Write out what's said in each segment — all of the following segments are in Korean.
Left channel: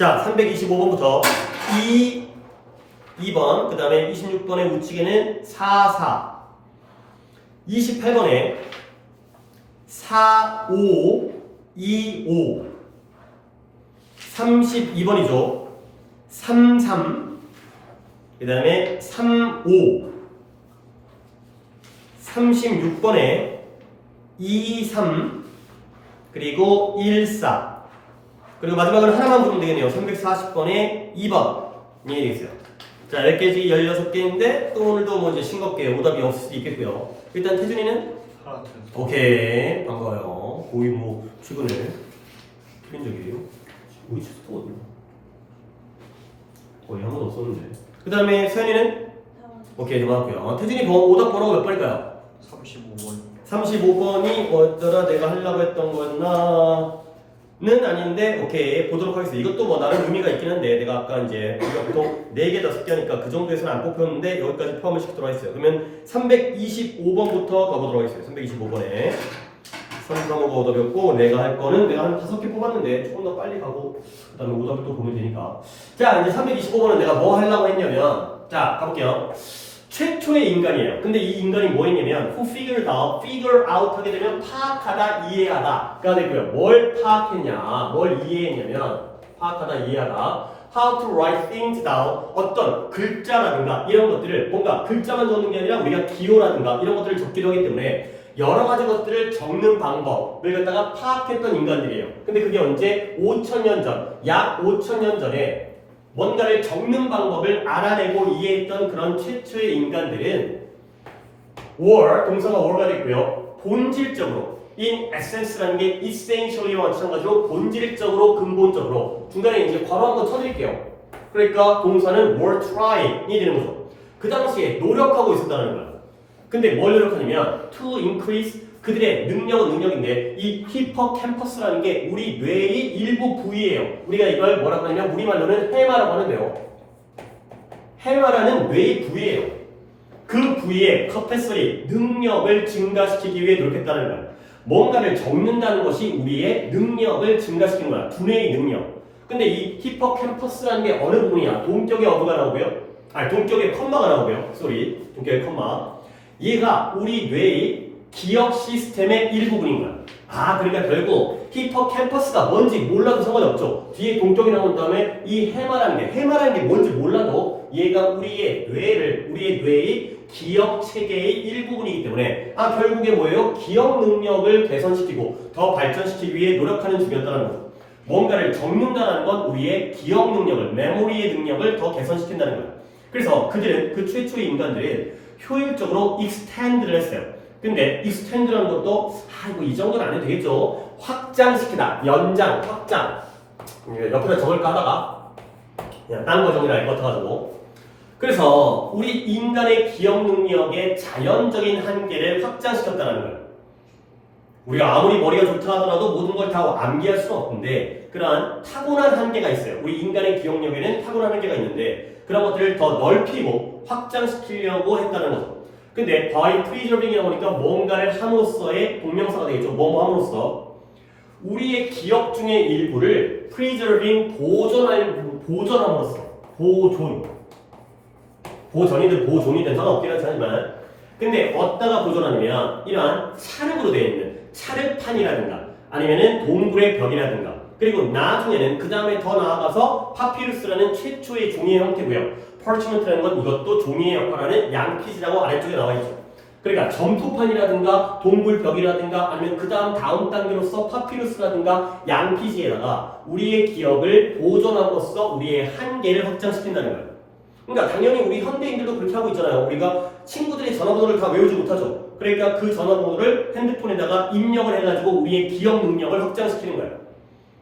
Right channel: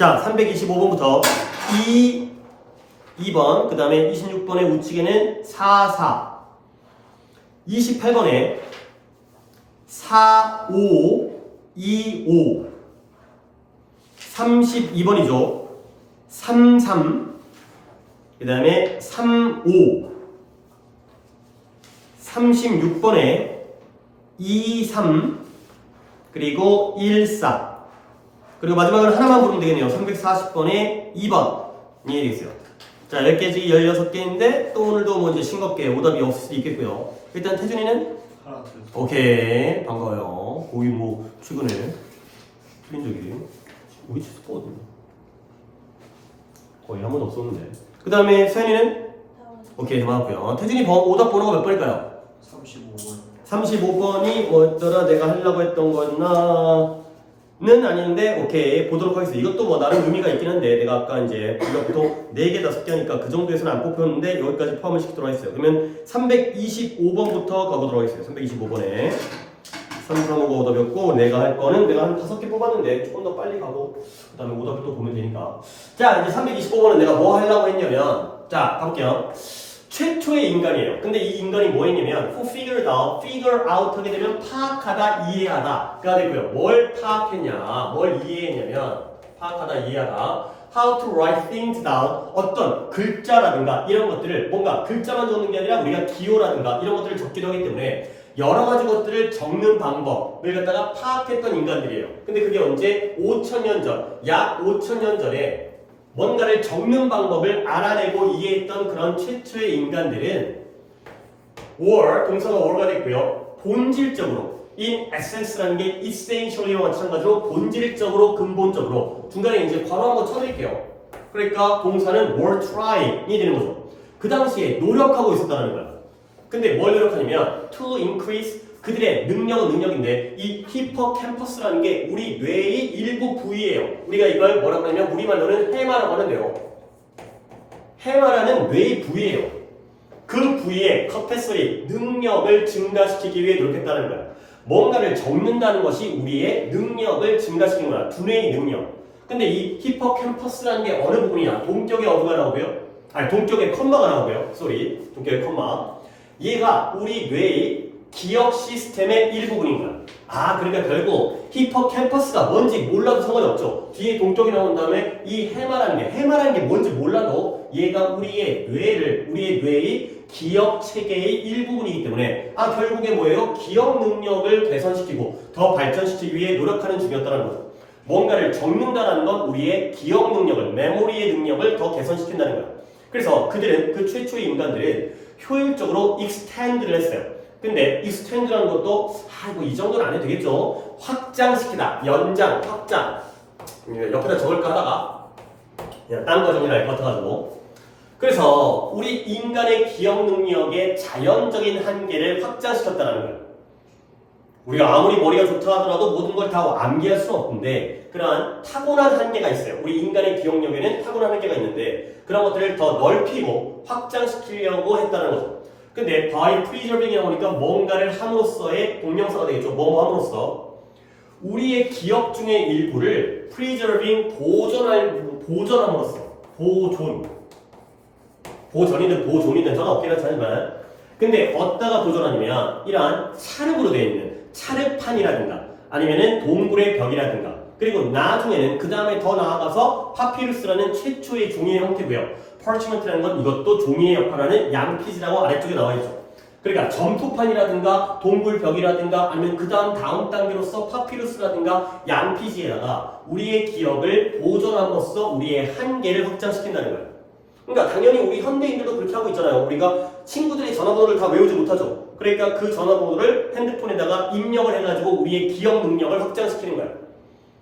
자, 325번부터 2번, 그 다음에 26번의 우측에는 4, 4. 28번에 4, 5, 2, 5. 32번이죠. 3, 3. 그 다음에 3, 5. 36번에 2, 3. 그리고 1, 4. 그리고 마지막으로 하나만 부르면 되겠네요. 340번에 2번. 이 얘기했어요. 자, 10개지 16개인데 또 오늘도 뭐 이제 싱겁게 오답이 없을 수도 있겠고요. 일단 태준이는? 오케이. 반가워요. 거의 뭐 최근에 틀린 적이 우리 치스거든요. 거의 한 번도 없었는데. 그 다음에 서현이는? 오케이. 맞았고요. 태준이 오답 번호가 몇 번일까요? 35번. 35번이 뭐였더라? 내가 하려고 했던 거였나? 는 아닌데 오케이 보도록 하겠습니다. 이것도 뭐 나름 의미가 있긴 한데 내가 아까 이제 우리가 보통 4개 5개 하니까 그 정도에서는 안 뽑혔는데 여기까지 포함을 시키도록 하겠어요. 그러면 325번부터 가보도록 하겠습니다. 325번에 335가 오답이었고 내가 할 거는 내가 한 5개 뽑았는데 조금 더 빨리 가고 그 다음에 오답을 또 보면 되니까. 자, 이제 325번은 내가 뭐 하려고 했냐면 자 가볼게요. 최초의 인간이에요. 근데 이 인간이 뭐 했냐면 who figured out, figure out 하게 되면 파악하다, 이해하다가 되고요. 뭘 파악했냐, 뭘 이해했냐면 파악하다, 이해하다. how to write things down, 어떤 글자라든가 이런 것들을 뭔가 글자만 적는 게 아니라 우리가 기호라든가 이런 것들을 적기도 하기 때문에 여러 가지 것들을 적는 방법을 갖다가 파악했던 인간들이에요. 근데 그게 언제? 5,000년 전, 약 5,000년 전에 뭔가를 적는 방법을 알아내고 이해했던 그런 최초의 인간들은 or, 동사가 or가 됐고요. 본질적으로 in essence라는 게 essentially와 마찬가지로 본질적으로, 근본적으로 중간에 이제 괄호 한번 쳐드릴게요. 그러니까 동사는 were trying이 되는 거죠. 그 당시에 노력하고 있었다는 거야. 근데 뭘 노력하냐면 to increase 그들의 능력은 능력인데 이 히포캠퍼스라는 게 우리 뇌의 일부 부위예요. 우리가 이걸 뭐라고 하냐면 우리말로는 해마라고 하는데요. 해마라는 뇌의 부위예요. 그 부위의 커패서리 능력을 증가시키기 위해 노력했다는 거야. 뭔가를 적는다는 것이 우리의 능력을 증가시키는 거야. 두뇌의 능력. 근데 이 히포캠퍼스라는 게 어느 부분이야? 동격의 어부가 나오고요. 아니 동격의 컴마가 나오고요. 쏘리. 동격의 컴마. 얘가 우리 뇌의 기억 시스템의 일부분인 거야. 아, 그러니까 결국 히포캠퍼스가 뭔지 몰라도 상관이 없죠. 뒤에 동격이 나온 다음에 이 해마라는 게 뭔지 몰라도 얘가 우리의 뇌의 기억 체계의 일부분이기 때문에 아, 결국에 뭐예요? 기억 능력을 개선시키고 더 발전시키기 위해 노력하는 중이었다는 거죠. 뭔가를 적는다는 건 우리의 기억 능력을, 메모리의 능력을 더 개선시킨다는 거예요. 그래서 그들은, 그 최초의 인간들은 효율적으로 extend를 했어요. 근데 extend라는 것도 뭐 이 정도는 안 해도 되겠죠. 확장시키다, 연장, 확장. 옆에다 적을까 하다가 그냥 딴 거 정리를 할 것 같아가지고. 그래서 우리 인간의 기억 능력의 자연적인 한계를 확장시켰다는 거예요. 우리가 아무리 머리가 좋다 하더라도 모든 걸 다 암기할 수는 없는데 그러한 타고난 한계가 있어요. 우리 인간의 기억력에는 타고난 한계가 있는데 그런 것들을 더 넓히고 확장시키려고 했다는 거죠. 근데 by preserving이라고 하니까 뭔가를 함으로써의 동명사가 되겠죠. 뭐뭐 함으로써 우리의 기억 중의 일부를 preserving 보존함으로써 보존이든 보존이든 상관없긴 하지만 근데 어디다가 보존하냐면 이러한 찰흙으로 되어 있는 찰흙판이라든가 아니면은 동굴의 벽이라든가 그리고 나중에는 그 다음에 더 나아가서 파피루스라는 최초의 종이의 형태고요. parchment라는 건 이것도 종이의 역할을 하는 양피지라고 아래쪽에 나와 있죠. 그러니까 점토판이라든가 동굴벽이라든가 아니면 그 다음 단계로서 파피루스라든가 양피지에다가 우리의 기억을 보존함으로써 우리의 한계를 확장시킨다는 거예요. 그러니까 당연히 우리 현대인들도 그렇게 하고 있잖아요. 우리가 친구들의 전화번호를 다 외우지 못하죠. 그러니까 그 전화번호를 핸드폰에다가 입력을 해가지고 우리의 기억 능력을 확장시키는 거예요.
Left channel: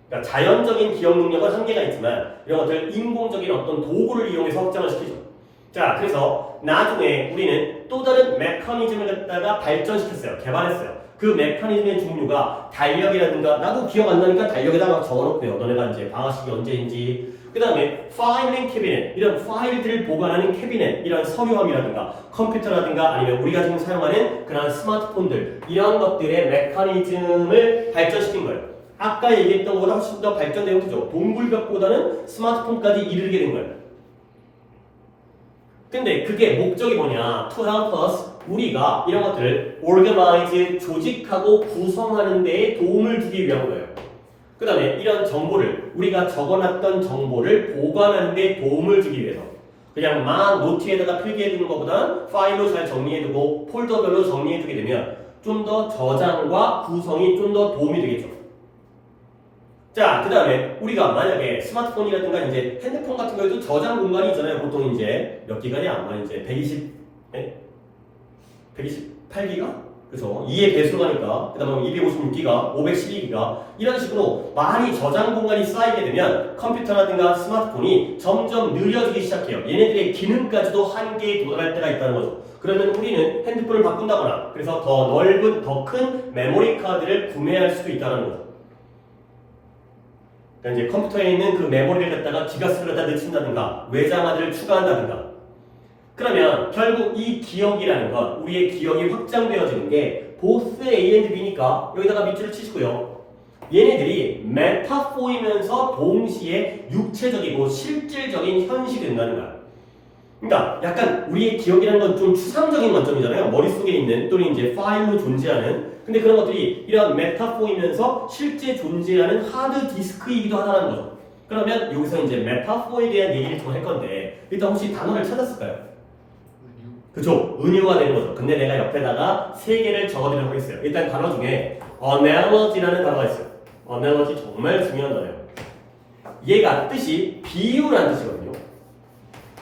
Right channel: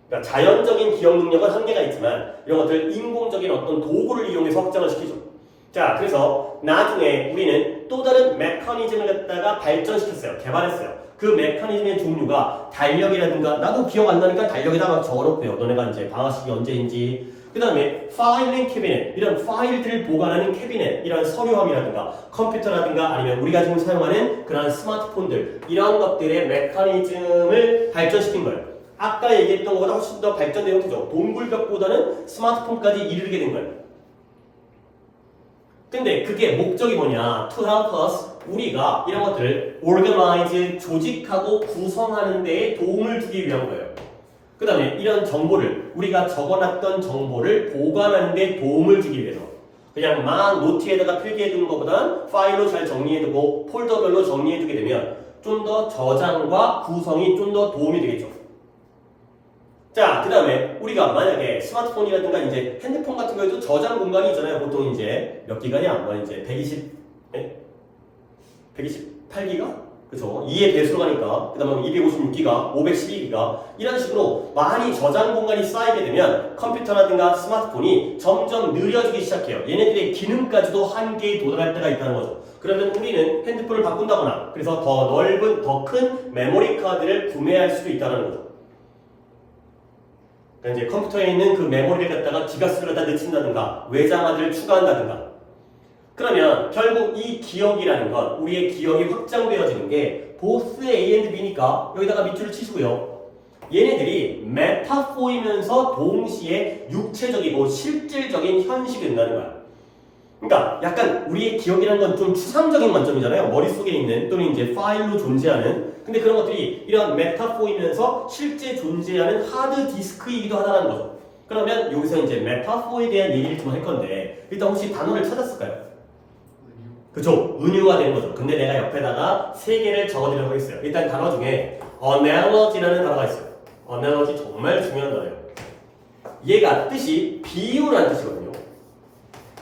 그러니까 자연적인 기억 능력은 한계가 있지만 이런 것들 인공적인 어떤 도구를 이용해서 확장을 시키죠. 자, 그래서 나중에 우리는 또 다른 메커니즘을 갖다가 발전시켰어요. 개발했어요. 그 메커니즘의 종류가 달력이라든가 나도 기억 안 나니까 달력에다 막 적어놓고요. 너네가 이제 방학식이 언제인지 그 다음에 파일 앤 캐비넷 이런 파일들을 보관하는 캐비넷 이런 서류함이라든가 컴퓨터라든가 아니면 우리가 지금 사용하는 그런 스마트폰들 이런 것들의 메커니즘을 발전시킨 거예요. 아까 얘기했던 것보다 훨씬 더 발전된 형태죠. 동굴벽보다는 스마트폰까지 이르게 된 거예요. 근데 그게 목적이 뭐냐? To help us, 우리가 이런 것들을 organize, 조직하고 구성하는 데에 도움을 주기 위한 거예요. 그 다음에 이런 정보를, 우리가 적어놨던 정보를 보관하는 데 도움을 주기 위해서. 그냥 막 노트에다가 필기해두는 것보다 파일로 잘 정리해두고 폴더별로 정리해두게 되면 좀 더 저장과 구성이 좀 더 도움이 되겠죠. 자, 그 다음에 우리가 만약에 스마트폰이라든가 이제 핸드폰 같은 거에도 저장 공간이 있잖아요. 보통 이제 몇 기가냐? 아마 이제 128기가? 그래서 2의 배수로 가니까 그 다음에 256기가, 512기가 이런 식으로 많이 저장 공간이 쌓이게 되면 컴퓨터라든가 스마트폰이 점점 느려지기 시작해요. 얘네들의 기능까지도 한계에 도달할 때가 있다는 거죠. 그러면 우리는 핸드폰을 바꾼다거나 그래서 더 넓은, 더 큰 메모리 카드를 구매할 수도 있다는 거죠. 그러니까 이제 컴퓨터에 있는 그 메모리를 갖다가 기가수를 갖다 넣친다든가 외장하드를 추가한다든가 그러면 결국 이 기억이라는 건 우리의 기억이 확장되어지는 게 both A and B니까 여기다가 밑줄을 치시고요. 얘네들이 메타포이면서 동시에 육체적이고 실질적인 현실이 된다는 거야. 그러니까 약간 우리의 기억이라는 건 좀 추상적인 관점이잖아요. 머릿속에 있는 또는 이제 파일로 존재하는 근데 그런 것들이 이런 메타포이면서 실제 존재하는 하드 디스크이기도 하다는 거죠. 그러면 여기서 이제 메타포에 대한 얘기를 좀 할 건데 일단 혹시 단어를 찾았을까요? 그죠? 은유가 되는 거죠. 근데 내가 옆에다가 3개를 적어드리도록 하겠어요. 일단 단어 중에 analogy라는 단어가 있어요. analogy 정말 중요한 단어예요. 얘가 뜻이 비유라는 뜻이거든요.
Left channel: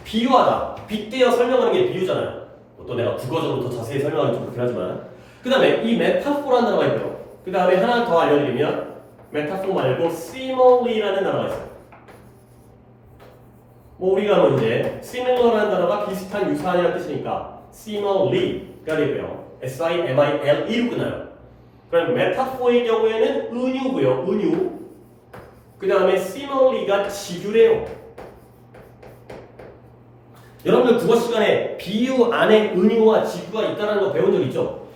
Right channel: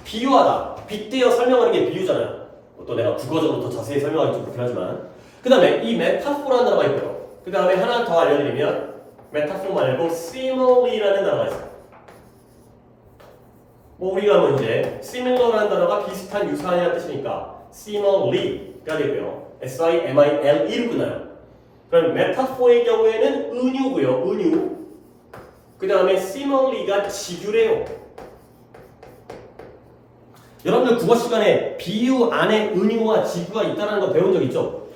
비유하다. 빗대어 설명하는 게 비유잖아요. 또 내가 국어적으로 더 자세히 설명하기 좀 그렇긴 하지만 그 다음에 이 메타포라는 단어가 있고요. 그 다음에 하나 더 알려드리면 메타포 말고 similarly라는 단어가 있어요. 뭐 우리가 뭐 이제 similar라는 단어가 비슷한 유사한이라는 뜻이니까 similarly가 되고요. S-I-M-I-L-E로 끝나요. 그럼 메타포의 경우에는 은유고요. 은유. 그 다음에 similarly가 지규래요. 여러분들 국어 시간에 비유 안에 은유와 지구가 있다는 거 배운 적 있죠?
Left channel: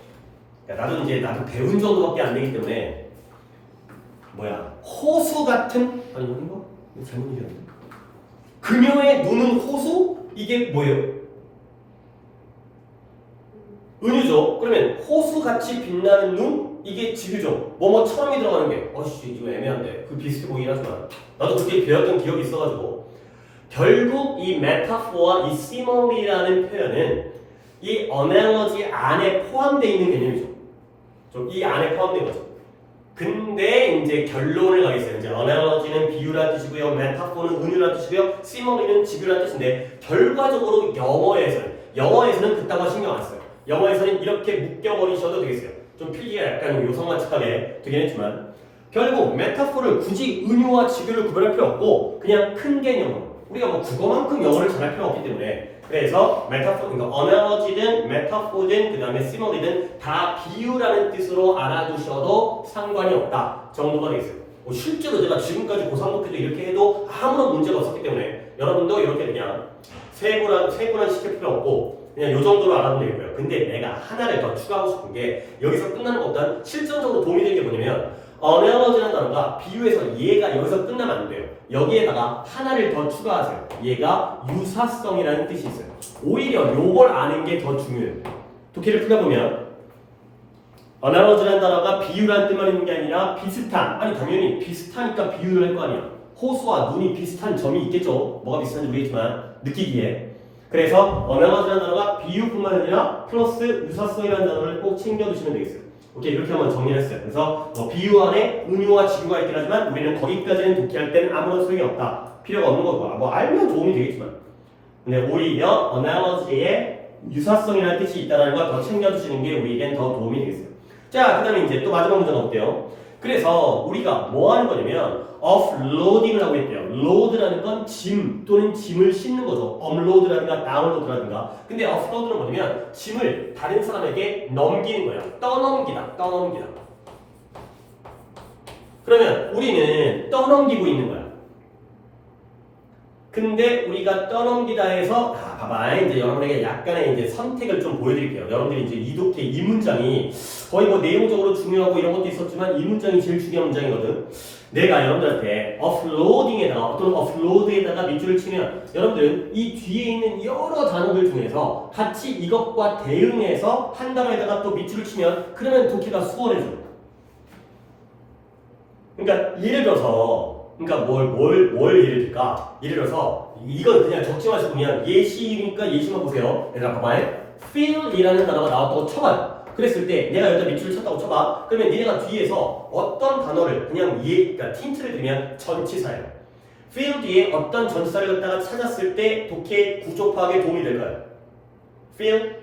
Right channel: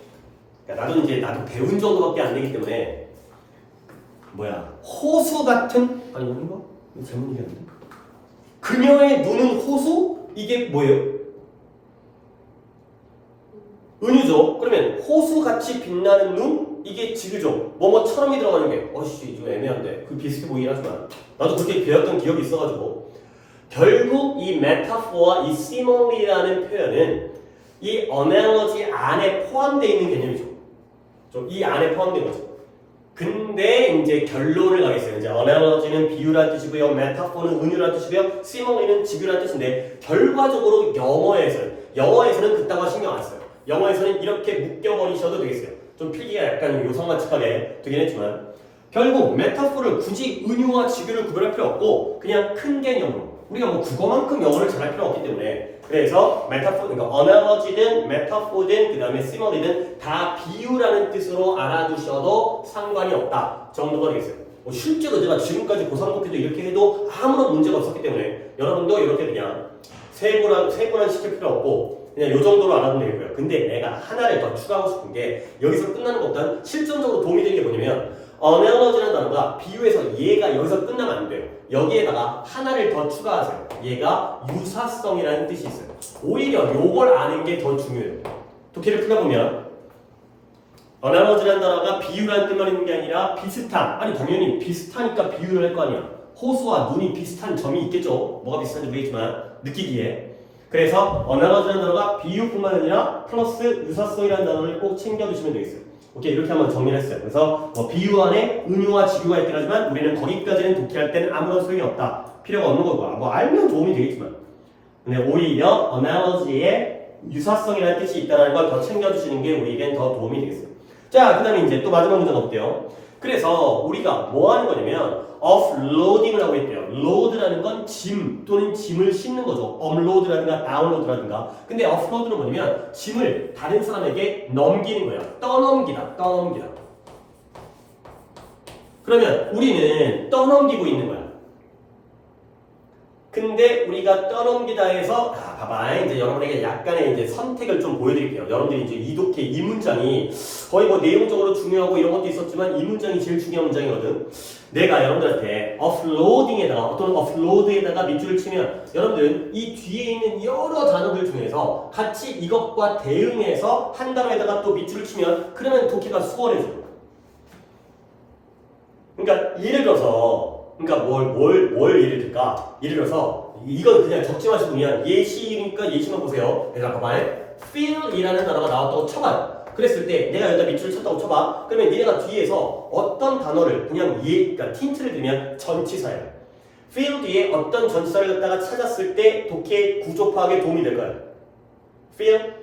나도 배운 정도밖에 안 되기 때문에 호수 같은 아니 뭔가 잘못 얘기했나? 그녀의 눈은 호수? 이게 뭐예요? 은유죠. 그러면 호수같이 빛나는 눈? 이게 지구죠. 뭐뭐처럼이 들어가는 게 좀 애매한데 그 비슷해 보이긴 하지만 나도 그렇게 배웠던 기억이 있어가지고 결국 이 메타포와 이 similarly라는 표현은 이 analogy 안에 포함되어 있는 개념이죠. 이 안에 포함된 거죠. 근데 이제 결론을 가겠어요. 이제 analogy는 비유란 뜻이고요, 메타포는 은유란 뜻이고요, similarly는 지구란 뜻인데 결과적으로 영어에서는 그딴 거 신경 안 써요. 영어에서는 이렇게 묶여버리셔도 되겠어요. 좀 필기가 약간 요성마측하게 되긴 했지만 결국 메타포를 굳이 은유와 지구를 구별할 필요 없고 그냥 큰 개념으로 우리가 뭐 국어만큼 영어를 잘할 필요 없기 때문에 그래서 메타포, 그러니까 analogy든 메타포든 그 다음에 similarly든 다 비유라는 뜻으로 알아두셔도 상관이 없다 정도가 되겠어요. 실제로 제가 지금까지 고3목표도 이렇게 해도 아무런 문제가 없었기 때문에 여러분도 이렇게 그냥 세분한 시킬 필요 없고 그냥 요 정도로 알아두면 되고요. 근데 내가 하나를 더 추가하고 싶은 게 여기서 끝나는 것보다는 실전적으로 도움이 되는 게 뭐냐면 analogy라는 단어가 비유해서 얘가 여기서 끝나면 안 돼요. 여기에다가 하나를 더 추가하세요. 얘가 유사성이라는 뜻이 있어요. 오히려 요걸 아는 게 더 중요해요. 독해를 풀다 보면 analogy라는 단어가 비유라는 뜻만 있는 게 아니라 비슷한, 아니 당연히 비슷하니까 비유를 할 거 아니에요. 호수와 눈이 비슷한 점이 있겠죠. 뭐가 비슷한지 모르겠지만 느끼기에. 그래서 analogy라는 단어가 비유뿐만 아니라 플러스 유사성이라는 단어를 꼭 챙겨두시면 되겠어요. 오케이, 이렇게 한번 정리를 했어요. 그래서 비유 안에 은유와 지구가 있긴 하지만 우리는 거기까지는 독해할 때는 아무런 소용이 없다. 필요가 없는 거고 알면 도움이 되겠지만 근데 오히려 analogy에 유사성이라는 뜻이 있다는 걸 더 챙겨주시는 게 우리에겐 더 도움이 되겠어요. 자, 그 다음에 이제 또 마지막 문제 가볼게요. 그래서 우리가 뭐 하는 거냐면 offloading을 하고 있대요. load라는 건 짐 또는 짐을 싣는 거죠. upload라든가 download라든가. 근데 offload는 뭐냐면 짐을 다른 사람에게 넘기는 거예요. 떠넘기다. 그러면 우리는 떠넘기고 있는 거야. 근데 우리가 떠넘기다 해서 봐봐 이제 여러분에게 약간의 이제 선택을 좀 보여드릴게요. 여러분들이 이제 이독해 이 문장이 거의 뭐 내용적으로 중요하고 이런 것도 있었지만 이 문장이 제일 중요한 문장이거든. 내가 여러분들한테 offloading에다가 또는 offload에다가 밑줄을 치면 여러분들은 이 뒤에 있는 여러 단어들 중에서 같이 이것과 대응해서 한 단어에다가 또 밑줄을 치면 그러면 독해가 수월해져. 그러니까 예를 들어서 그러니까 뭘 예를 들까? 예를 들어서 이건 그냥 적지 마시고 그냥 예시니까 예시만 보세요. 얘들아 봐봐. feel이라는 단어가 나왔다고 쳐봐. 그랬을 때 내가 여기다 밑줄을 쳤다고 쳐봐. 그러면 얘네가 뒤에서 어떤 단어를 그냥 그러니까 틴트를 들면 전치사예요. feel 뒤에 어떤 전치사를 갖다가 찾았을 때 독해 구조 파악에 도움이 될까요? feel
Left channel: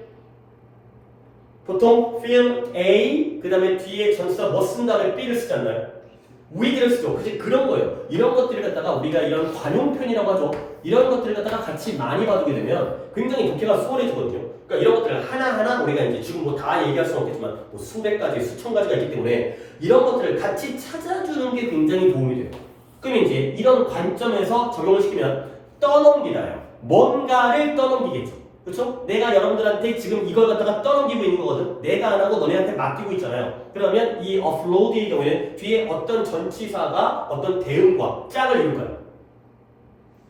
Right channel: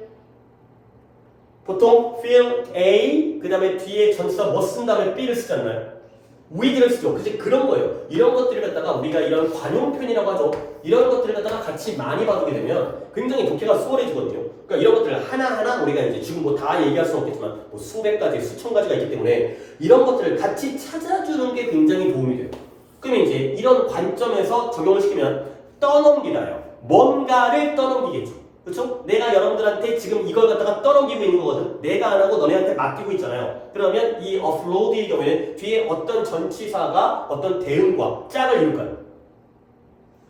보통 feel A 그 다음에 뒤에 전치사 뭐 쓴 다음에 B를 쓰지 않나요? with를 쓰죠. 그치? 그런 거예요. 이런 것들을 갖다가 우리가 이런 관용편이라고 하죠. 이런 것들을 갖다가 같이 많이 봐두게 되면 굉장히 독해가 수월해지거든요. 그러니까 이런 것들을 하나하나 우리가 이제 지금 뭐 다 얘기할 수는 없겠지만 뭐 수백 가지, 수천 가지가 있기 때문에 이런 것들을 같이 찾아주는 게 굉장히 도움이 돼요. 그러면 이제 이런 관점에서 적용을 시키면 떠넘기다요. 뭔가를 떠넘기겠죠. 그렇죠? 내가 여러분들한테 지금 이걸 갖다가 떠넘기고 있는 거거든. 내가 안 하고 너네한테 맡기고 있잖아요. 그러면 이 offload의 경우에는 뒤에 어떤 전치사가 어떤 대응과 짝을 이룰까요?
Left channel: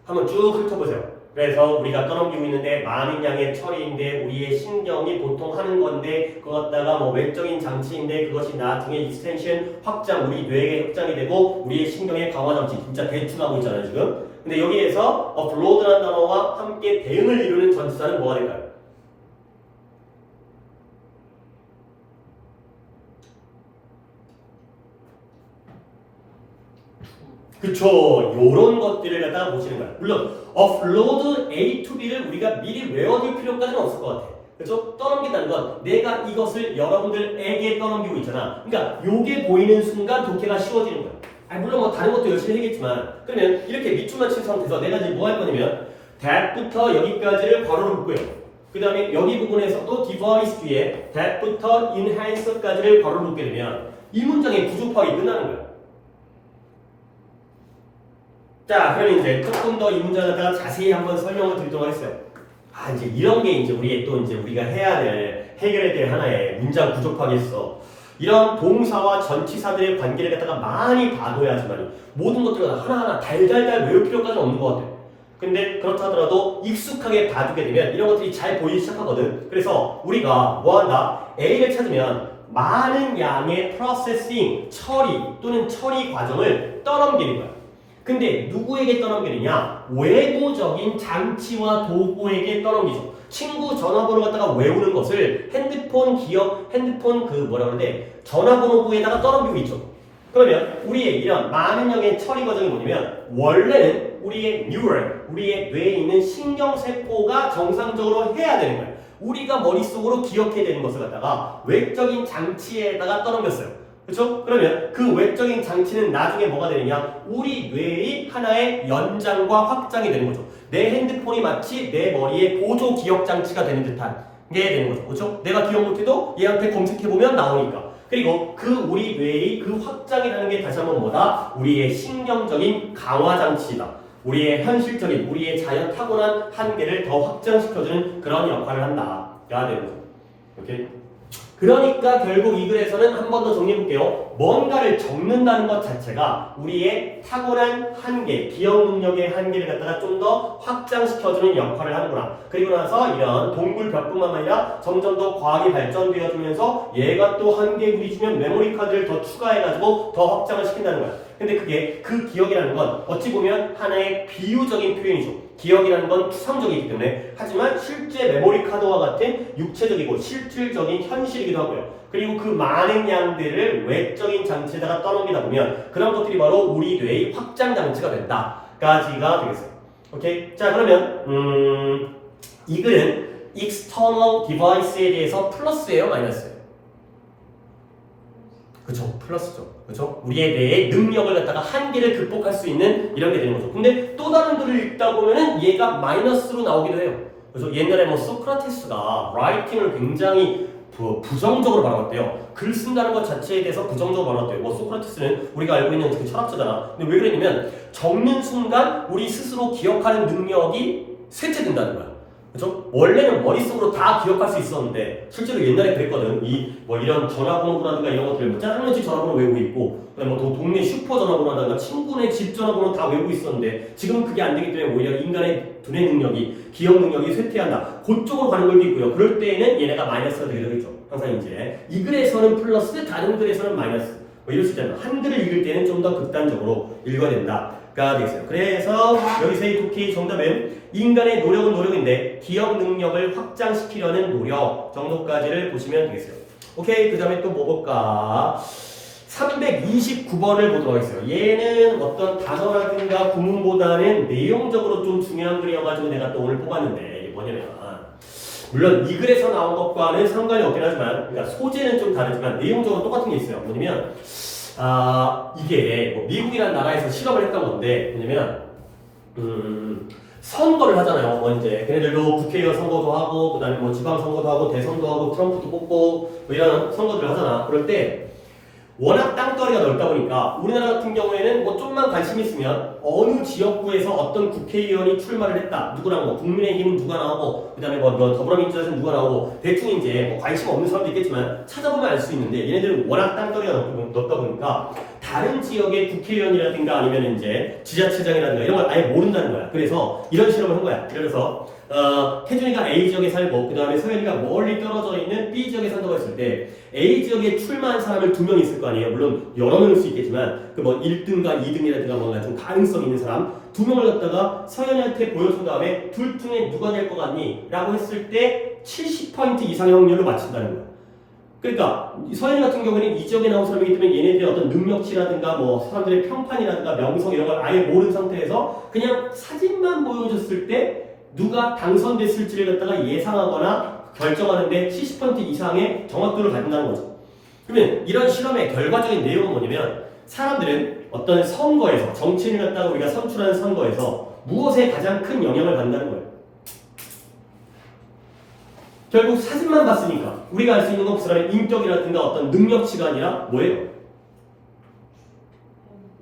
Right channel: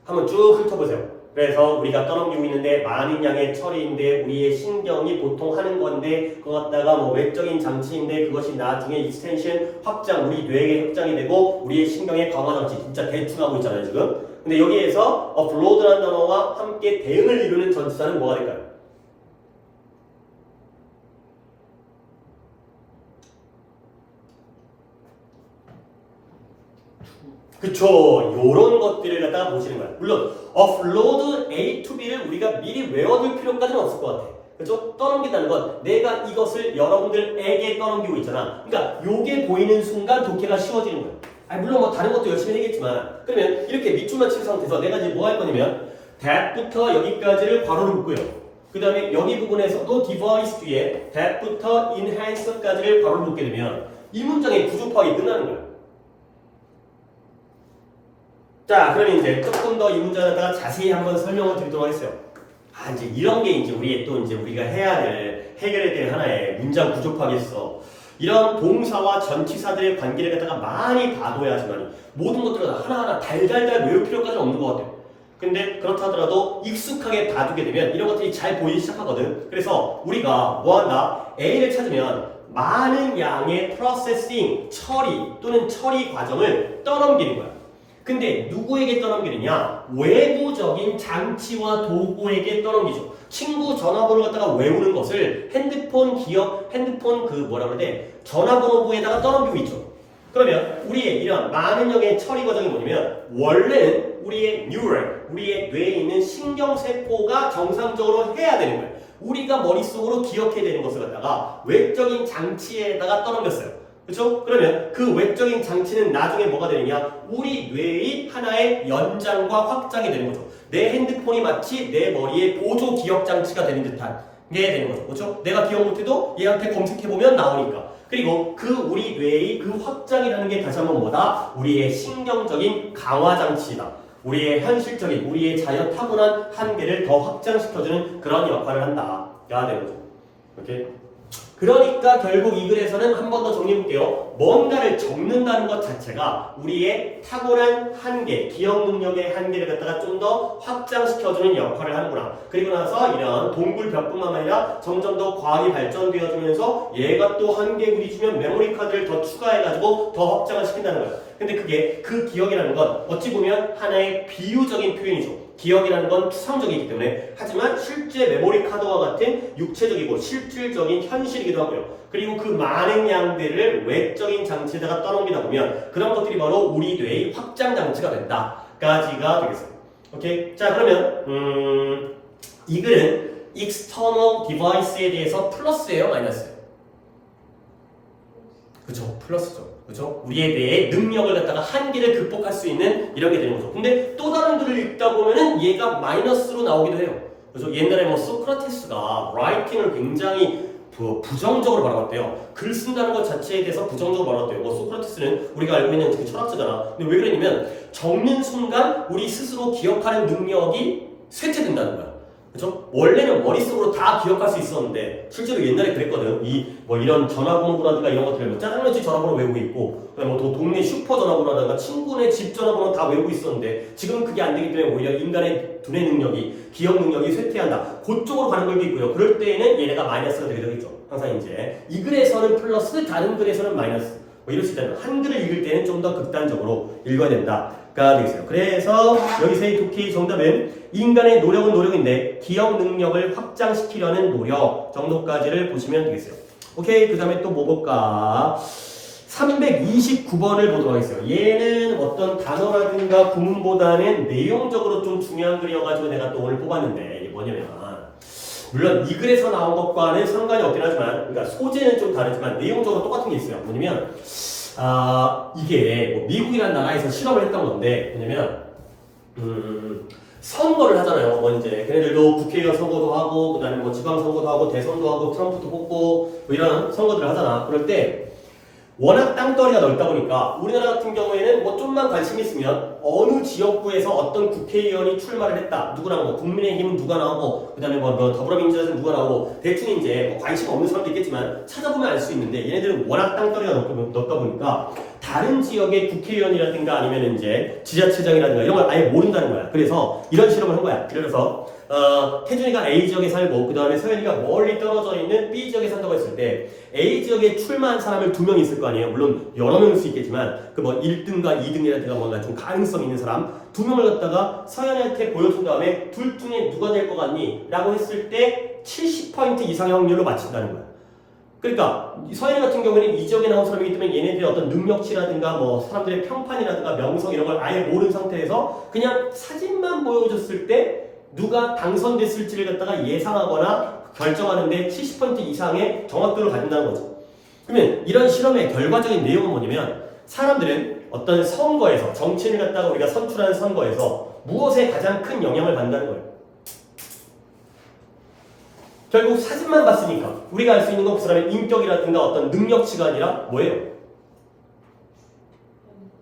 한번 쭉 훑어보세요. 그래서 우리가 떠넘기고 있는데 많은 양의 처리인데 우리의 신경이 보통 하는 건데 그거 갖다가 뭐 외적인 장치인데 그것이 나중에 익스텐션 확장 우리 뇌의 확장이 되고 우리의 신경의 강화 장치 진짜 대충 하고 있잖아요 지금. 근데 여기에서 offload라는 단어와 함께 대응을 이루는 전치사는 뭐가 될까요? 그쵸. 요런 것들을 갖다가 보시는 거야. 물론 offload A to B를 우리가 미리 외워둘 필요까지는 없을 것 같아. 그렇죠? 떠넘긴다는 건 내가 이것을 여러분들에게 떠넘기고 있잖아. 그러니까 요게 보이는 순간 독해가 쉬워지는 거야. 아니 물론 뭐 다른 것도 열심히 하겠지만 그러면 이렇게 밑줄만 친 상태에서 내가 이제 뭐 할 거냐면 that부터 여기까지를 괄호로 묶고요. 그 다음에 여기 부분에서도 device 뒤에 that부터 enhance까지를 괄호로 묶게 되면 이 문장의 구조 파악이 끝나는 거야. 자, 그러면 이제 조금 더 이 문장을 갖다가 자세히 한번 설명을 드리도록 하겠어요. 이제 이런 게 이제 우리의 또 이제 우리가 해야 될 해결해야 될 하나의 문장 구조 파악이 있어. 이런 동사와 전치사들의 관계를 갖다가 많이 봐둬야지만 모든 것들을 하나하나 달달달 외울 필요까지는 없는 것 같아요. 근데 그렇다 하더라도 익숙하게 봐두게 되면 이런 것들이 잘 보이기 시작하거든. 그래서 우리가 뭐 한다? A를 찾으면 많은 양의 프로세싱, 처리 또는 처리 과정을 떠넘기는 거야. 근데 누구에게 떠넘기느냐? 외부적인 장치와 도구에게 떠넘기죠. 친구 전화번호 갖다가 외우는 것을 핸드폰 핸드폰 전화번호부에다가 떠넘기고 있죠. 그러면 우리의 이런 많은 양의 처리 과정이 뭐냐면 원래는 우리의 뉴럴, 우리의 뇌에 있는 신경세포가 정상적으로 해야 되는 거예요. 우리가 머릿속으로 기억해야 되는 것을 갖다가 외적인 장치에다가 떠넘겼어요. 그렇죠? 그러면 그 외적인 장치는 나중에 뭐가 되느냐? 우리 뇌의 하나의 연장과 확장이 되는 거죠. 내 핸드폰이 마치 내 머리의 보조 기억 장치가 되는 듯한 게 되는 거죠. 그렇죠? 내가 기억 못해도 얘한테 검색해보면 나오니까. 그리고 그 우리 뇌의 그 확장이라는 게 다시 한번 뭐다? 우리의 신경적인 강화 장치다. 우리의 현실적인, 우리의 자연 타고난 한계를 더 확장시켜주는 그런 역할을 한다. 야 되는 거죠. 오케이? 그러니까 결국 이 글에서는 한 번 더 정리해볼게요. 뭔가를 적는다는 것 자체가 우리의 타고난 한계, 기억 능력의 한계를 갖다가 좀 더 확장시켜주는 역할을 하는구나. 그리고 나서 이런 동굴벽뿐만 아니라 점점 더 과학이 발전되어지면서 얘가 또 한계물이 주면 메모리 카드를 더 추가해가지고 더 확장을 시킨다는 거야. 근데 그게 그 기억이라는 건 어찌 보면 하나의 비유적인 표현이죠. 기억이라는 건 추상적이기 때문에 하지만 실제 메모리 카드와 같은 육체적이고 실질적인 현실이기도 하고요. 그리고 그 많은 양들을 외적인 장치에다가 떠넘기다 보면 그런 것들이 바로 우리 뇌의 확장 장치가 된다까지가 되겠습니다. 오케이? 자 그러면 이 글은 external device에 대해서 플러스예요, 마이너스예요? 그쵸, 플러스죠. 그쵸? 우리의 뇌의 능력을 갖다가 한계를 극복할 수 있는 이런 게 되는 거죠. 근데 또 다른 글을 읽다 보면은 얘가 마이너스로 나오기도 해요. 그래서 옛날에 뭐 소크라테스가 라이팅을 굉장히 부정적으로 바라봤대요. 글 쓴다는 것 자체에 대해서 부정적으로 바라봤대요. 뭐 소크라테스는 우리가 알고 있는 특히 철학자잖아. 근데 왜 그러냐면 적는 순간 우리 스스로 기억하는 능력이 쇠퇴된다는 거야. 그죠? 원래는 머릿속으로 다 기억할 수 있었는데 실제로 옛날에 그랬거든. 뭐 이런 전화번호라든가 이런 것들 뭐 짜장면 집 전화번호 외우고 있고 뭐 동네 슈퍼 전화번호라든가 친구네 집 전화번호 다 외우고 있었는데 지금 그게 안 되기 때문에 오히려 인간의 두뇌 능력이 기억 능력이 쇠퇴한다. 그쪽으로 가는 걸도 있고요. 그럴 때에는 얘네가 마이너스가 되게 되겠죠. 항상 이제 이 글에서는 플러스 다른 글에서는 마이너스 뭐 이럴 수 있잖아요. 한 글을 읽을 때는 좀 더 극단적으로 읽어야 된다가 되겠어요. 그래서 여기서 이 독해의 정답은 인간의 노력은 노력인데 기억 능력을 확장시키려는 노력 정도까지를 보시면 되겠어요. 오케이, 그 다음에 또 뭐 볼까? 329번을 보도록 하겠어요. 얘는 어떤 단어라든가 구문보다는 내용적으로 좀 중요한 글이어가지고 내가 또 오늘 뽑았는데 이게 뭐냐면 물론 이 글에서 나온 것과는 상관이 없긴 하지만 그러니까 소재는 좀 다르지만 내용적으로 똑같은 게 있어요. 뭐냐면 이게 뭐 미국이라는 나라에서 실험을 했던 건데 뭐냐면 선거를 하잖아요. 뭐 이제 걔네들도 국회의원 선거도 하고 그다음에 뭐 지방 선거도 하고 대선도 하고 트럼프도 뽑고 뭐 이런 선거들을 하잖아. 그럴 때 워낙 땅덩어리가 넓다 보니까 우리나라 같은 경우에는 뭐 좀만 관심이 있으면 어느 지역구에서 어떤 국회의원이 출마를 했다. 누구랑 뭐 국민의힘은 누가 나오고 그다음에 뭐 더불어민주당에서 누가 나오고 대충 이제 뭐 관심 없는 사람도 있겠지만 찾아보면 알 수 있는데 얘네들은 워낙 땅덩어리가 넓다 보니까 다른 지역의 국회의원이라든가 아니면 이제 지자체장이라든가 이런 걸 아예 모른다는 거야. 그래서 이런 실험을 한 거야. 그래서 태준이가 A 지역에 살고 그 다음에 서현이가 멀리 떨어져 있는 B 지역에 산다고 했을 때 A 지역에 출마한 사람을 2명 있을 거 아니에요. 물론 여러 명일 수 있겠지만 그 뭐 1등과 2등이라든가 뭔가 좀 가능성 있는 사람 2명을 갖다가 서현이한테 보여준 다음에 둘 중에 누가 될 것 같니? 라고 했을 때 70% 이상의 확률로 맞춘다는 거야. 그러니까 서현이 같은 경우는 이 지역에 나온 사람이기 때문에 얘네들의 어떤 능력치라든가 뭐 사람들의 평판이라든가 명성 이런 걸 아예 모르는 상태에서 그냥 사진만 보여줬을 때 누가 당선됐을지를 갖다가 예상하거나 결정하는데 70% 이상의 정확도를 갖는다는 거죠. 그러면 이런 실험의 결과적인 내용은 뭐냐면 사람들은 어떤 선거에서 정치인을 갖다가 우리가 선출하는 선거에서 무엇에 가장 큰 영향을 받는다는 거예요. 결국 사진만 봤으니까 우리가 알 수 있는 건 그 사람의 인격이라든가 어떤 능력치가 아니라 뭐예요?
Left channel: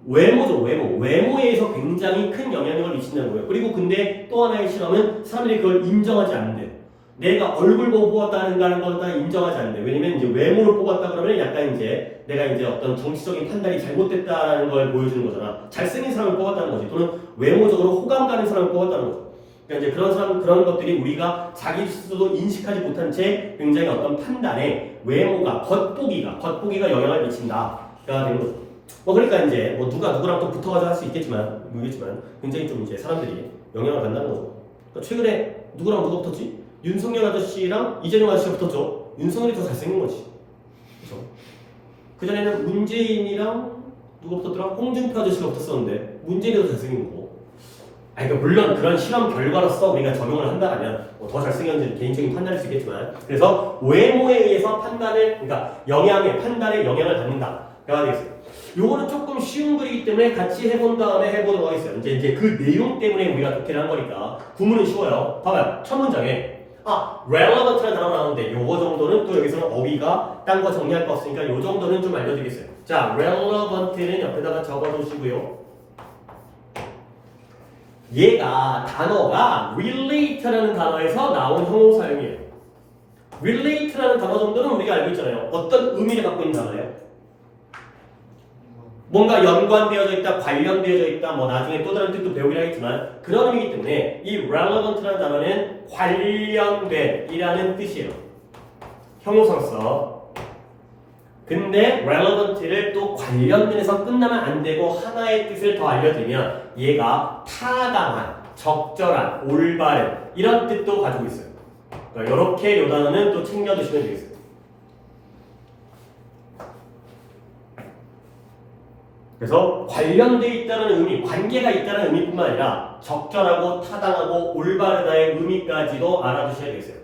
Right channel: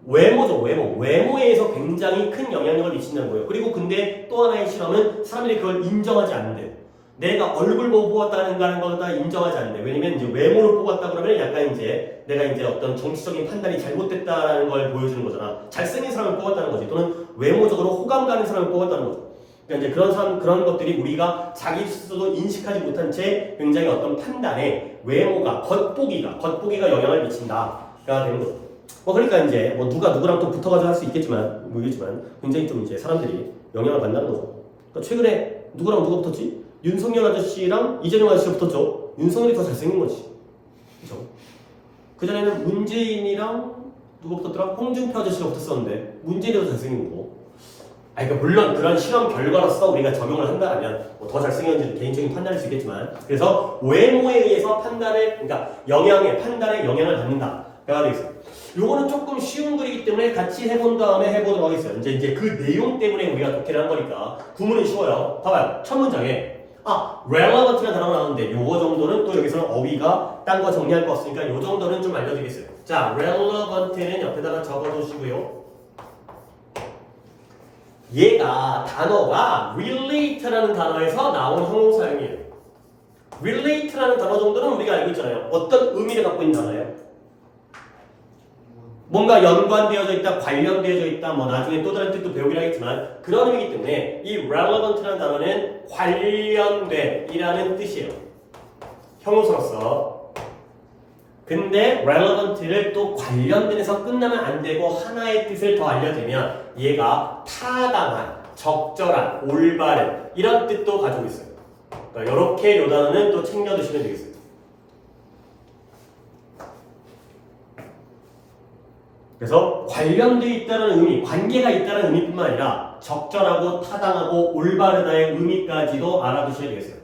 외모죠, 외모. 외모에 의해서 굉장히 큰 영향력을 미친다는 거예요. 그리고 근데 또 하나의 실험은 사람들이 그걸 인정하지 않는데 내가 얼굴 보고 뽑았다는 걸 인정하지 않는데 왜냐면 이제 외모를 뽑았다 그러면 약간 이제 내가 이제 어떤 정치적인 판단이 잘못됐다라는 걸 보여주는 거잖아. 잘생긴 사람을 뽑았다는 거지. 또는 외모적으로 호감 가는 사람을 뽑았다는 거죠. 그러니까 이제 그런 것들이 우리가 자기 스스로도 인식하지 못한 채 굉장히 어떤 판단에 외모가 겉보기가 영향을 미친다가 되는 거죠. 그러니까 이제 뭐 누가 누구랑 또 붙어가지고 할 수 있겠지만 굉장히 좀 이제 사람들이 영향을 받는다는 거죠. 그러니까 최근에 누구랑 누가 붙었지? 윤석열 아저씨랑 이재명 아저씨가 붙었죠. 윤석열이 더 잘생긴 거지. 그죠? 그 전에는 문재인이랑 누가 붙었더라? 홍준표 아저씨가 붙었었는데 문재인이 더 잘생긴 거고. 그러니까 물론 그런 실험 결과로서 우리가 적용을 한다면 더 잘생겼는지 개인적인 판단일 수 있겠지만 그래서 외모에 의해서 그러니까 판단에 영향을 받는다가 되겠어요. 요거는 조금 쉬운 글이기 때문에 같이 해본 다음에 해보도록 하겠어요. 이제 그 내용 때문에 우리가 독해를 한 거니까 구문은 쉬워요. 봐봐요. 첫 문장에 relevant라는 단어가 나오는데 요거 정도는 또 여기서는 어휘가 딴 거 정리할 거 없으니까 요 정도는 좀 알려드리겠어요. 자, relevant는 옆에다가 적어두시고요. 단어가 relate라는 단어에서 나온 형용사형이에요. relate라는 단어 정도는 우리가 알고 있잖아요. 어떤 의미를 갖고 있는 단어예요? 뭔가 연관되어져 있다, 관련되어져 있다, 뭐 나중에 또 다른 뜻도 배우긴 하겠지만 그런 의미이기 때문에 이 relevant라는 단어는 관련된이라는 뜻이에요. 형용사로서. 근데 relevant를 또 관련된에서 끝나면 안 되고 하나의 뜻을 더 알려드리면 얘가 타당한, 적절한, 올바른 이런 뜻도 가지고 있어요. 그러니까 이렇게 이 단어는 또 챙겨두시면 되겠어요. 그래서 관련되어 있다는 의미, 관계가 있다는 의미뿐만 아니라 적절하고 타당하고 올바르다의 의미까지도 알아두셔야 되겠어요.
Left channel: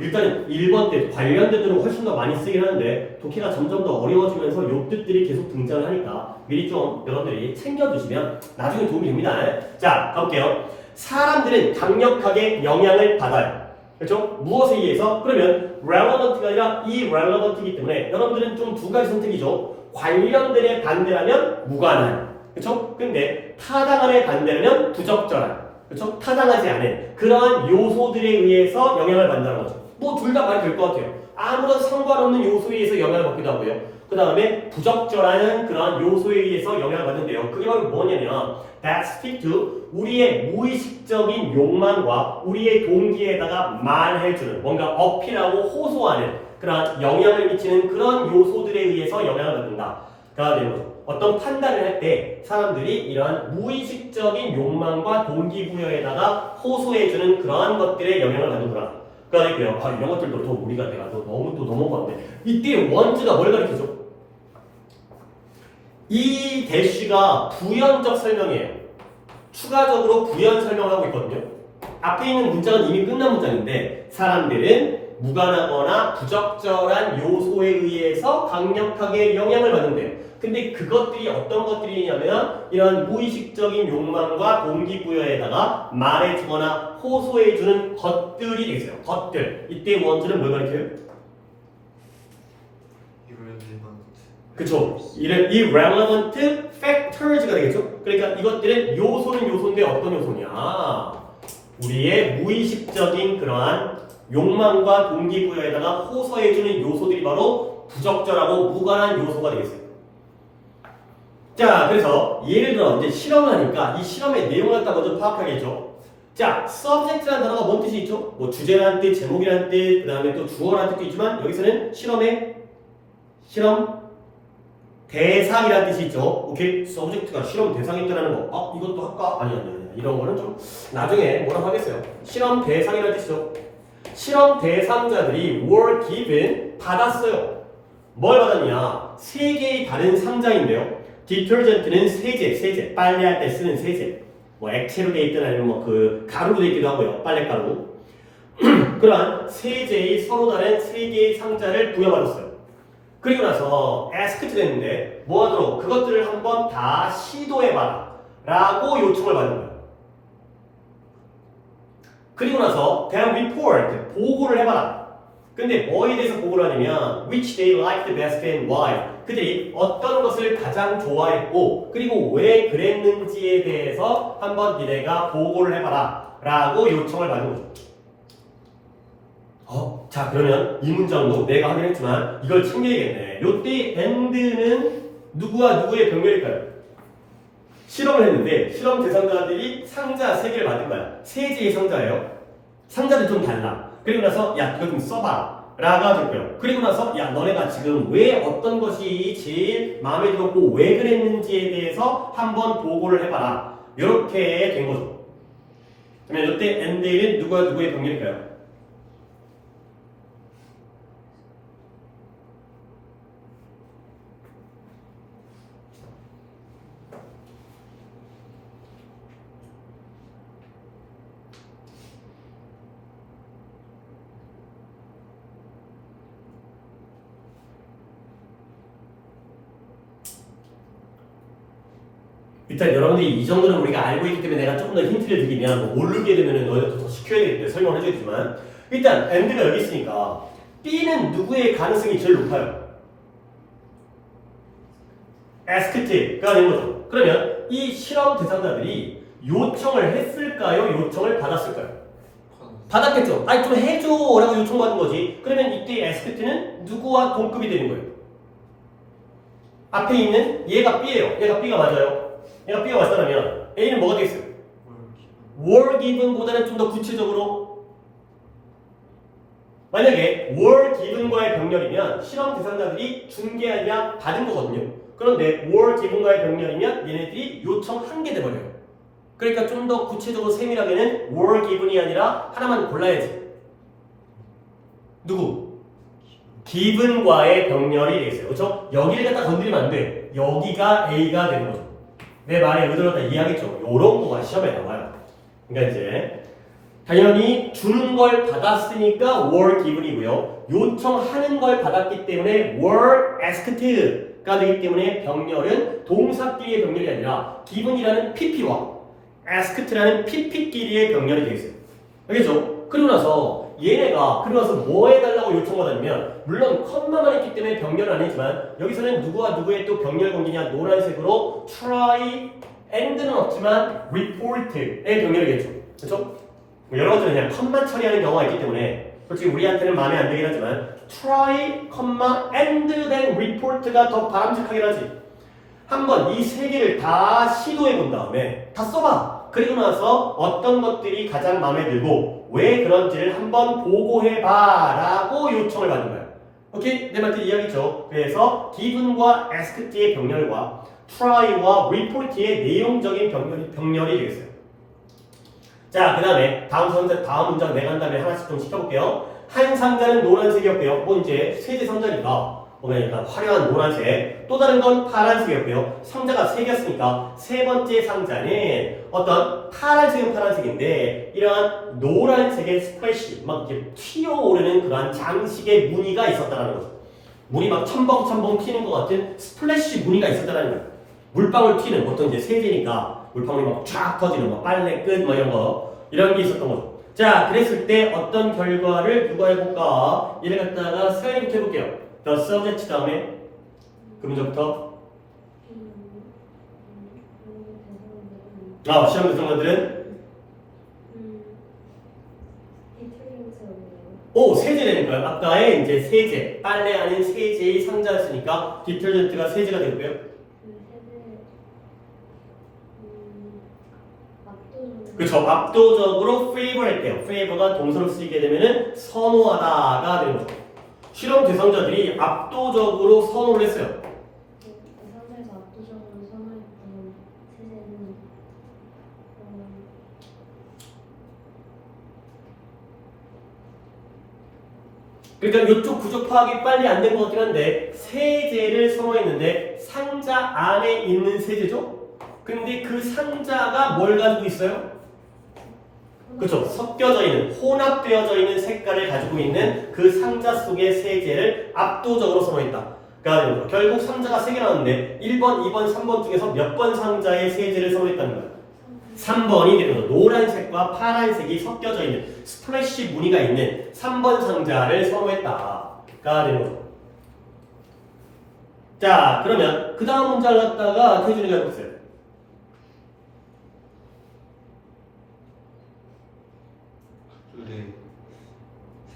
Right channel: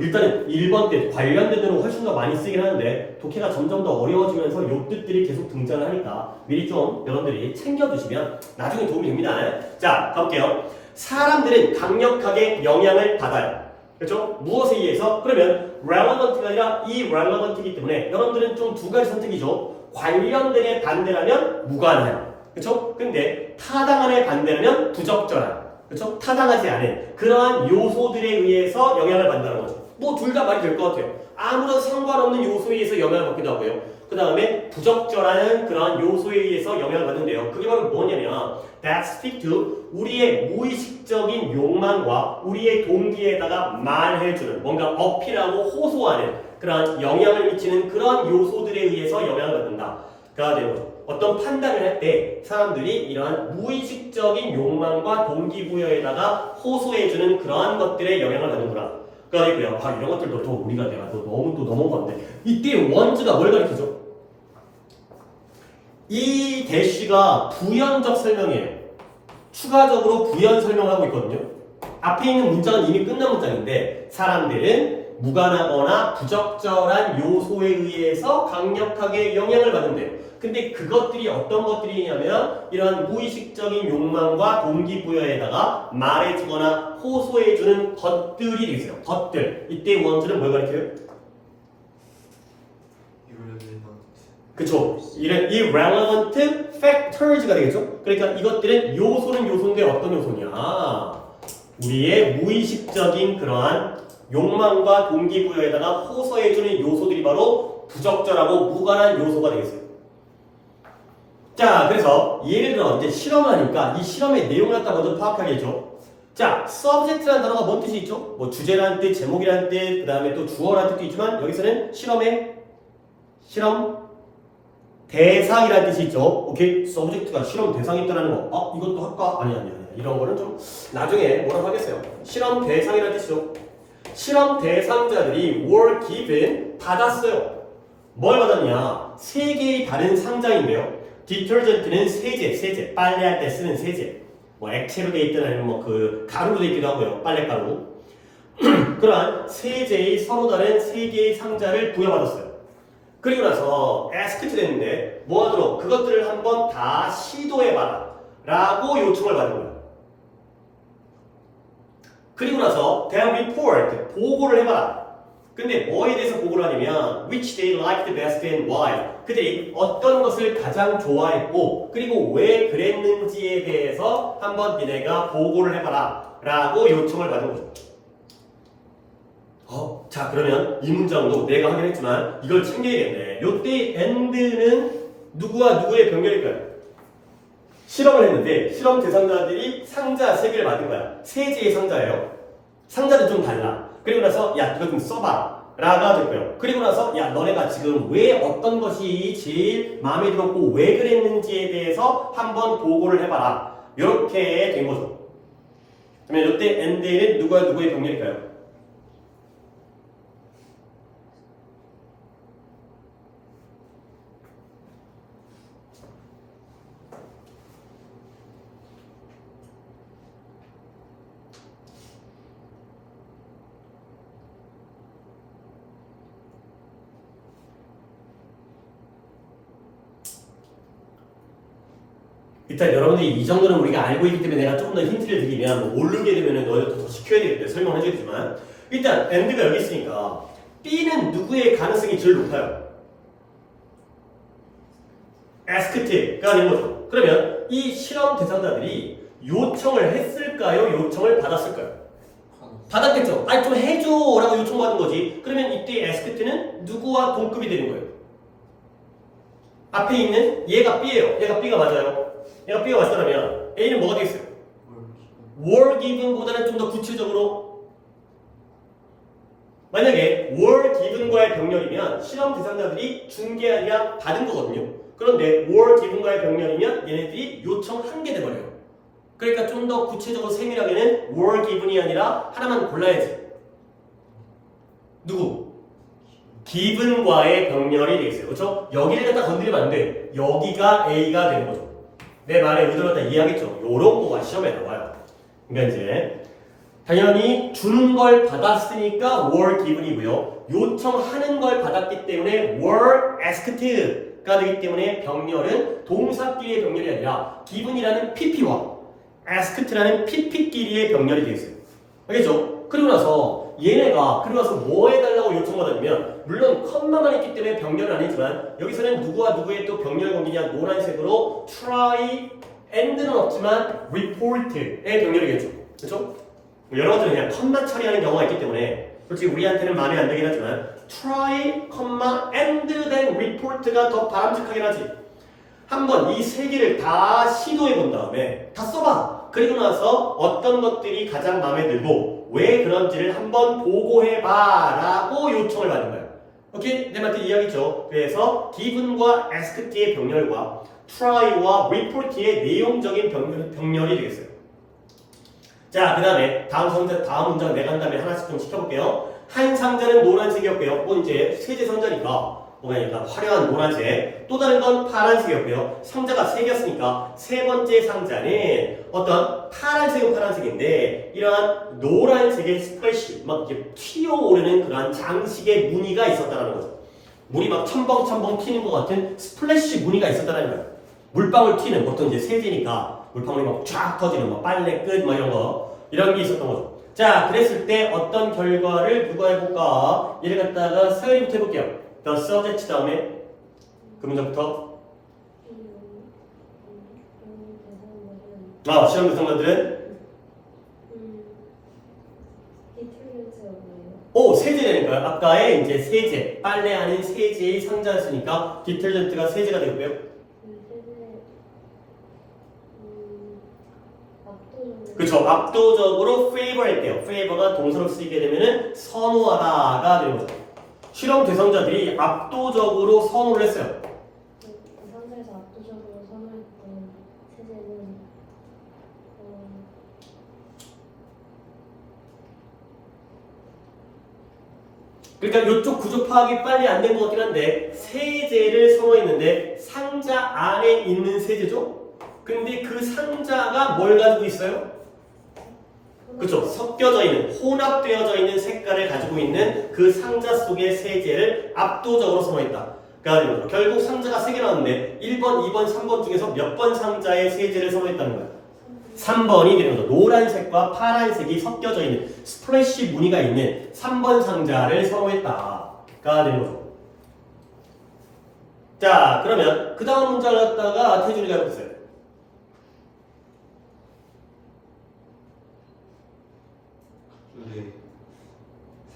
일단 1번 때 관련된으로 훨씬 더 많이 쓰긴 하는데 독해가 점점 더 어려워지면서 요 뜻들이 계속 등장을 하니까 미리 좀 여러분들이 챙겨두시면 나중에 도움이 됩니다. 자, 가볼게요. 사람들은 강력하게 영향을 받아요. 그렇죠? 무엇에 의해서? 그러면 relevant가 아니라 irrelevant이기 때문에 여러분들은 좀 두 가지 선택이죠. 관련된의 반대라면 무관한. 그렇죠? 근데 타당한의 반대라면 부적절한. 그렇죠? 타당하지 않은 그러한 요소들에 의해서 영향을 받는다는 거죠. 뭐 둘 다 말이 될 것 같아요. 아무런 상관없는 요소에 의해서 영향을 받기도 하고요. 그 다음에 부적절한 그러한 요소에 의해서 영향을 받는데요. 그게 바로 뭐냐면 that speak to 우리의 무의식적인 욕망과 우리의 동기에다가 말해주는 뭔가 어필하고 호소하는 그러한 영향을 미치는 그런 요소들에 의해서 영향을 받는다가 되는 거죠. 어떤 판단을 할 때 사람들이 이러한 무의식적인 욕망과 동기부여에다가 호소해주는 그러한 것들에 영향을 받는구나. 가 되고요. 이런 것들도 더 우리가 내가 너무 또 넘어갔는데 이때 원주가 뭘 가리키죠? 이 대시가 부연적 설명이에요. 추가적으로 부연 설명하고 있거든요. 앞에 있는 문장은 이미 끝난 문장인데 사람들은 무관하거나 부적절한 요소에 의해서 강력하게 영향을 받는데요. 근데 그것들이 어떤 것들이냐면 이런 무의식적인 욕망과 동기부여에다가 말해주거나 호소해주는 것들이 되겠어요. 것들. 이때 원주는 뭘 가리켜요? 그쵸. irrelevant factors가 되겠죠. 그러니까 이것들은 요소는 요소인데 어떤 요소냐? 우리의 무의식적인 그러한 욕망과 동기부여에다가 호소해주는 요소들이 바로 부적절하고 무관한 요소가 되겠어요. 자, 그래서 예를 들어 이제 실험을 하니까 이 실험의 내용을 갖다 먼저 파악하겠죠. 자, subject라는 단어가 뭔 뜻이 있죠? 뭐 주제라는 뜻, 제목이라는 뜻, 그 다음에 또 주어라는 뜻도 있지만 여기서는 실험 대상이라는 뜻이 있죠. 오케이, subject가 실험 대상이 있다는 거. 이것도 할까? 아니. 이런 거는 좀 나중에 뭐라고 하겠어요. 실험 대상이라는 뜻이죠. 실험 대상자들이 were given 받았어요. 뭘 받았냐? 세 개의 다른 상자인데요. 디터전트는 세제, 빨래할 때 쓰는 세제. 뭐 액체로 돼 있든 아니면 뭐 그 가루로 돼 있기도 하고요. 빨래가루. 그러한 세제의 서로 다른 세 개의 상자를 부여받았어요. 그리고 나서 asked 됐는데 뭐 하도록 그것들을 한번 다 시도해봐라 라고 요청을 받은 거예요. 그리고 나서 then report 보고를 해봐라. 근데 뭐에 대해서 보고를 하냐면 which they liked best and why 그들이 어떤 것을 가장 좋아했고 그리고 왜 그랬는지에 대해서 한번 니네가 보고를 해봐라 라고 요청을 받은 거죠. 자 그러면 이 문장도 내가 하긴 했지만 이걸 챙겨야겠네. 요때 and는 누구와 누구의 병렬일까요? 실험을 했는데 실험 대상자들이 상자 3개를 받은 거야. 세제의 상자예요. 상자는 좀 달라. 그리고 나서 야 이거 좀 써봐 라고 하는 거예요. 그리고 나서 야 너네가 지금 왜 어떤 것이 제일 마음에 들었고 왜 그랬는지에 대해서 한번 보고를 해봐라. 이렇게 된 거죠. 그러면 이때 and는 누구와 누구의 병렬일까요? 일단 여러분들이 이 정도는 우리가 알고 있기 때문에 내가 조금 더 힌트를 드리면 모르게 되면 너희도 더 시켜야 되기 때문에 설명을 해주겠지만 일단 and가 여기 있으니까 B는 누구의 가능성이 제일 높아요? asked가 되는 거죠. 그러면 이 실험 대상자들이 요청을 했을까요? 요청을 받았을까요? 받았겠죠. 아니 좀 해줘 라고 요청받은 거지. 그러면 이때 asked는 누구와 동급이 되는 거예요? 앞에 있는 얘가 B예요. 얘가 B가 맞아요. 얘가 B가 맞다면 A는 뭐가 되겠어요? were given보다는 좀 더 구체적으로 만약에 were given과의 병렬이면 실험 대상자들이 준 게 아니라 받은 거거든요. 그런데 were given과의 병렬이면 얘네들이 요청한 게 돼버려요. 그러니까 좀 더 구체적으로 세밀하게는 were given이 아니라 하나만 골라야지. 누구? given과의 병렬이 되겠어요. 그렇죠? 여기를 갖다 건드리면 안 돼. 여기가 A가 되는 거죠. 내 말에 의도를 다 이해하겠죠? 요런 거가 시험에 나와요. 그러니까 이제 당연히 주는 걸 받았으니까 were given이고요. 요청하는 걸 받았기 때문에 were asked가 되기 때문에 병렬은 동사끼리의 병렬이 아니라 given이라는 pp와 asked라는 pp끼리의 병렬이 되겠어요. 알겠죠? 그리고 나서 얘네가 그러면서 뭐 해달라고 요청받았냐면 물론 컴마만 있기 때문에 병렬은 아니지만 여기서는 누구와 누구의 또 병렬 관계냐 노란색으로 try and는 없지만 report의 병렬이겠죠. 그렇죠? 여러 가지 그냥 컴마 처리하는 경우가 있기 때문에 솔직히 우리한테는 마음에 안 들긴 하지만 try, and then report가 더 바람직하긴 하지. 한번 이 세 개를 다 시도해 본 다음에 다 써봐. 그리고 나서 어떤 것들이 가장 마음에 들고 왜 그런지를 한번 보고해봐 라고 요청을 받는 거야. 오케이? 내 말뜻 이야기죠. 그래서 given과 asked의 병렬과 try와 report의 내용적인 병렬이 되겠어요. 자, 그 다음에 다음 문장 내간 다음에 하나씩 좀 시켜볼게요. 한 상자는 노란색이었고요. 뭐 이제 세제 상자니까 보면 약간 화려한 노란색. 또 다른 건 파란색이었고요. 상자가 세 개였으니까 세 번째 상자는 어떤 파란색인데 이러한 노란색의 스플래시 막 이렇게 튀어오르는 그러한 장식의 무늬가 있었다는 거죠. 물이 막 첨벙첨벙 튀는 것 같은 스플래시 무늬가 있었다는 거야. 물방울 튀는 보통 이제 세제니까 물방울이 막 쫙 터지는 뭐 빨래 끝 뭐 이런 게 있었던 거죠. 자, 그랬을 때 어떤 결과를 누가 해볼까? 얘를 갖다가 사연이부터 해볼게요. The subject 다음에 그 문장부터 시험 구성관들은 세제라니까요. 아까의 이제 세제, 빨래하는 세제의 상자였으니까 디터전트가 세제가 되고요. 그렇죠. 압도적으로 favor 했대요. favor가 동사로 쓰이게 되면은 선호하다가 되는 거죠. 실험 대상자들이 압도적으로 선호를 했어요. 그 상태에서 압도적으로 선호했던 세제는 그러니까 이쪽 구조 파악이 빨리 안 된 것 같긴 한데 세제를 선호했는데 상자 안에 있는 세제죠? 근데 그 상자가 뭘 가지고 있어요? 그렇죠. 섞여져 있는, 혼합되어져 있는 색깔을 가지고 있는 그 상자 속의 세제를 압도적으로 선호했다. 그러니까 결국 상자가 3개 나왔는데 1번, 2번, 3번 중에서 몇 번 상자의 세제를 선호했다는 거야. 3번이 되는 거죠. 노란색과 파란색이 섞여져 있는 스프레쉬 무늬가 있는 3번 상자를 선호했다가 되는 거죠. 자, 그러면 그 다음 문장을 갖다가 태준이가 해보세요.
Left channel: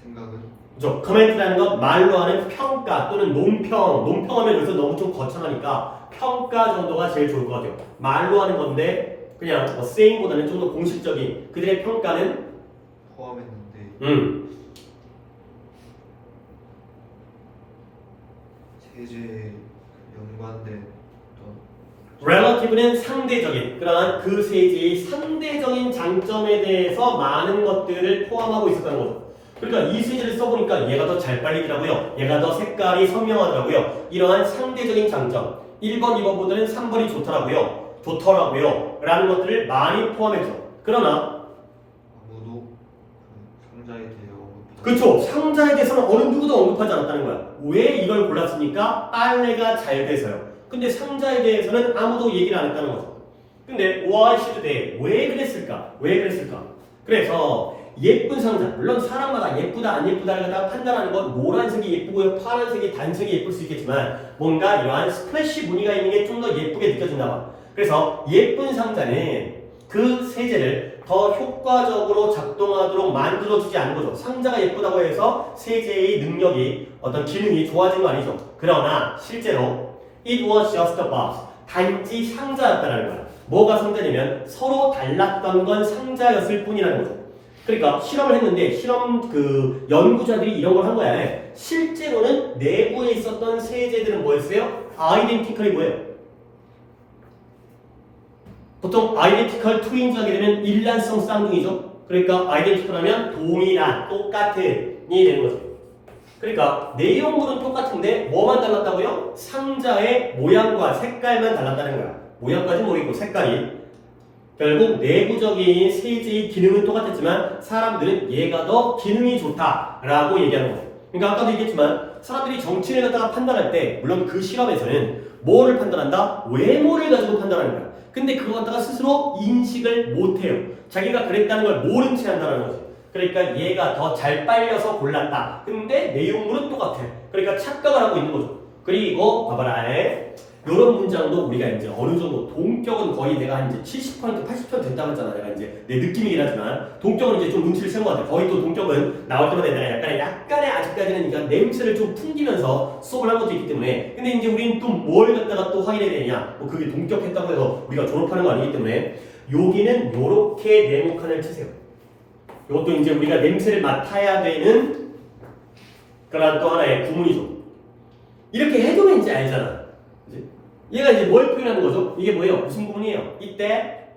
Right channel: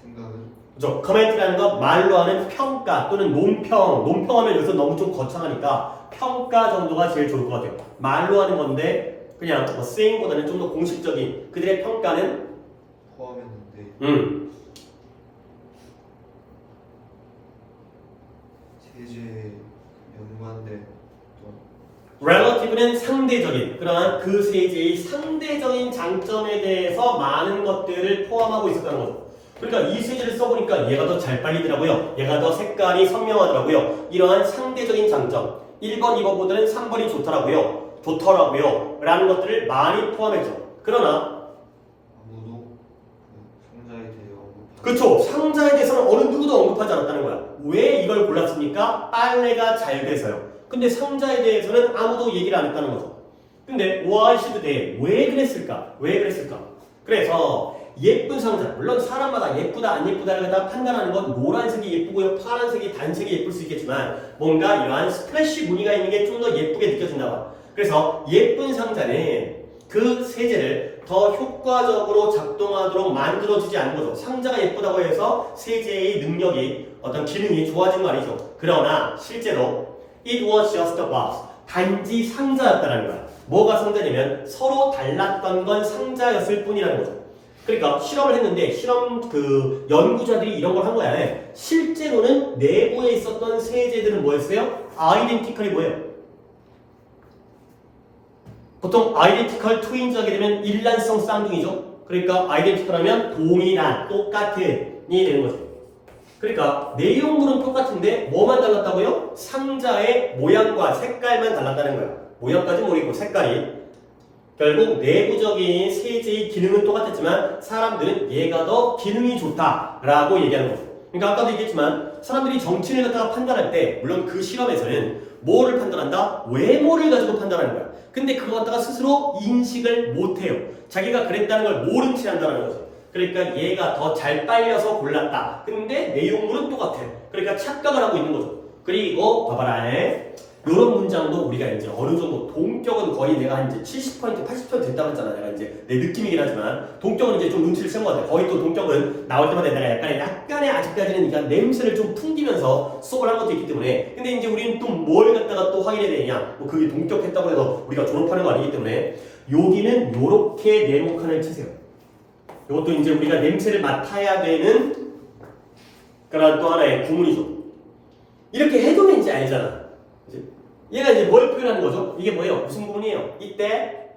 생각은? 그렇죠. 커멘트라는 건 말로 하는 평가 또는 논평하면 여기서 너무 좀 거창하니까 평가 정도가 제일 좋을 것 같아요. 말로 하는 건데 그냥 saying보다는 좀 더 공식적인 그들의 평가는 포함했는데 세제에 연관된 relative는 상대적인 그러한 그 세제의 상대적인 장점에 대해서 많은 것들을 포함하고 있었다는 거죠. 그러니까 이 세제를 써보니까 얘가 더 잘 빨리더라고요. 얘가 더 색깔이 선명하더라고요. 이러한 상대적인 장점 1번, 2번보다는 3번이 좋더라고요 라는 것들을 많이 포함했죠. 그러나 아무도 상자에 대해 그렇죠. 상자에 대해서는 어느 누구도 언급하지 않았다는 거야. 왜 이걸 골랐습니까? 빨래가 잘 돼서요. 근데 상자에 대해서는 아무도 얘기를 안 했다는 거죠. 근데 why should they? 왜 그랬을까? 그래서 예쁜 상자, 물론 사람마다 예쁘다 안 예쁘다를 다 판단하는 건 노란색이 예쁘고요, 파란색이 단색이 예쁠 수 있겠지만 뭔가 이러한 스플래시 무늬가 있는 게 좀 더 예쁘게 느껴진다 봐. 그래서 예쁜 상자는 그 세제를 더 효과적으로 작동하도록 만들어주지 않는 거죠. 상자가 예쁘다고 해서 세제의 능력이 어떤 기능이 좋아진 거 아니죠. 그러나 실제로 it was just a box. 단지 상자였다라는 거야. 뭐가 상자냐면 서로 달랐던 건 상자였을 뿐이라는 거죠. 그러니까 실험을 했는데 실험 그 연구자들이 이런 걸 한 거야. 실제로는 내부에 있었던 세제들은 뭐였어요? 아이덴티컬이 뭐예요? 보통 아이덴티컬 트윈즈 하게 되면 일란성 쌍둥이죠. 그러니까 아이덴티컬 하면 동일한, 똑같은이 되는 거죠. 그러니까 내용물은 똑같은데 뭐만 달랐다고요? 상자의 모양과 색깔만 달랐다는 거야. 모양까지는 모르겠고 색깔이. 결국 내부적인 세제의 기능은 똑같았지만 사람들은 얘가 더 기능이 좋다라고 얘기하는 거죠. 그러니까 아까도 얘기했지만 사람들이 정치를 갖다가 판단할 때 물론 그 실험에서는 뭐를 판단한다? 외모를 가지고 판단하는 거야. 근데 그거 갖다가 스스로 인식을 못해요. 자기가 그랬다는 걸 모른 채 한다는 거지. 그러니까 얘가 더 잘 빨려서 골랐다. 근데 내용물은 똑같아. 그러니까 착각을 하고 있는 거죠. 그리고 봐봐라. 이런 문장도 우리가 이제 어느 정도 동격은 거의 내가 한 이제 70% 80% 됐다고 했잖아. 내가 이제 내 느낌이긴 하지만 동격은 이제 좀 눈치를 챈 것 같아. 거의 또 동격은 나올 때마다 내가 약간의 아직까지는 그러니까 냄새를 좀 풍기면서 수업을 한 것도 있기 때문에 근데 이제 우리는 또 뭘 갖다가 또 확인해야 되냐? 뭐 그게 동격했다고 해서 우리가 졸업하는 거 아니기 때문에 여기는 요렇게 네모칸을 치세요. 이것도 이제 우리가 냄새를 맡아야 되는 그런 또 하나의 구문이죠. 이렇게 해두면 이제 알잖아. 그치? 얘가 이제 뭘 표현하는 거죠? 이게 뭐예요? 무슨 구문이에요? 이때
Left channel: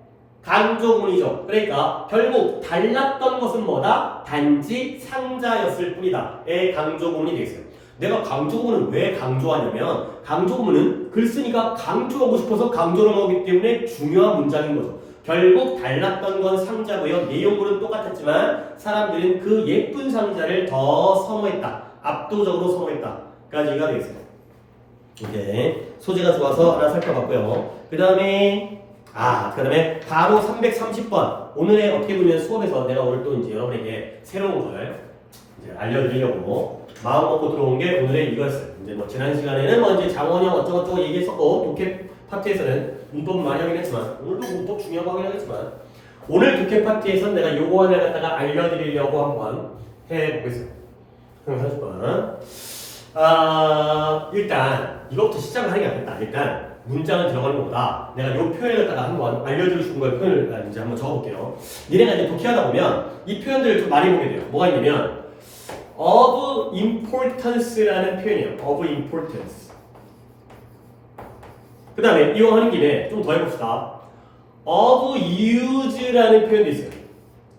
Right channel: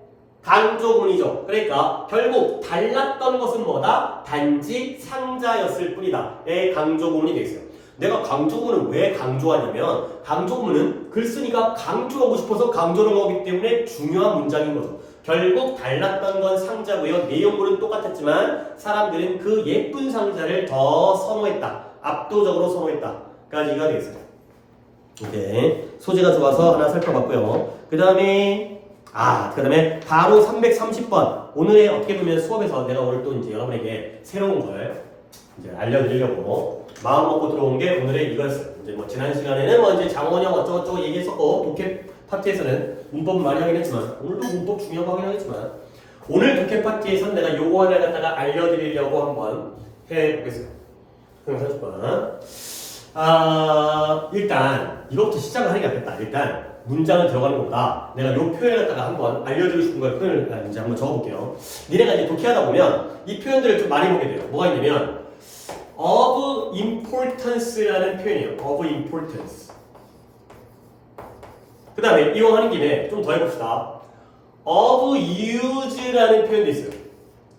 강조문이죠. 그러니까 결국 달랐던 것은 뭐다? 단지 상자였을 뿐이다. 의 강조문이 되겠어요. 내가 강조문을 왜 강조하냐면 강조문은 글 쓰니까 강조하고 싶어서 강조를 하기 때문에 중요한 문장인 거죠. 결국 달랐던 건 상자고요. 내용물은 똑같았지만 사람들은 그 예쁜 상자를 더 선호했다. 압도적으로 선호했다. 까지가 이가 되겠어요. 이제 소재가 좋아서 하나 살펴봤고요. 그 다음에 바로 330번. 오늘의 어떻게 보면 수업에서 내가 오늘 또 이제 여러분에게 새로운 걸 이제 알려드리려고 마음 먹고 들어온 게 오늘의 이거였어요. 이제 뭐 지난 시간에는 뭐 이제 장원영 어쩌고저쩌고 얘기했었고 독해 파트에서는 문법 많이 하긴 했지만 오늘도 문법 중요하고 하긴 하겠지만 오늘 독해 파트에서는 내가 요거 하나 갖다가 알려드리려고 한번 해보겠습니다. 330번. 일단 이것부터 시작을 하는 게 낫겠다. 일단 문장을 들어가는 것보다 내가 요 표현을 갖다가 한번 알려드리고 싶은 걸 표현을 이제 한번 적어볼게요. 니네가 이제 독해하다 보면 이 표현들을 좀 많이 보게 돼요. 뭐가 있냐면 of importance라는 표현이에요. of importance. 그 다음에 이용하는 김에 좀 더 해봅시다. of use라는 표현도 있어요.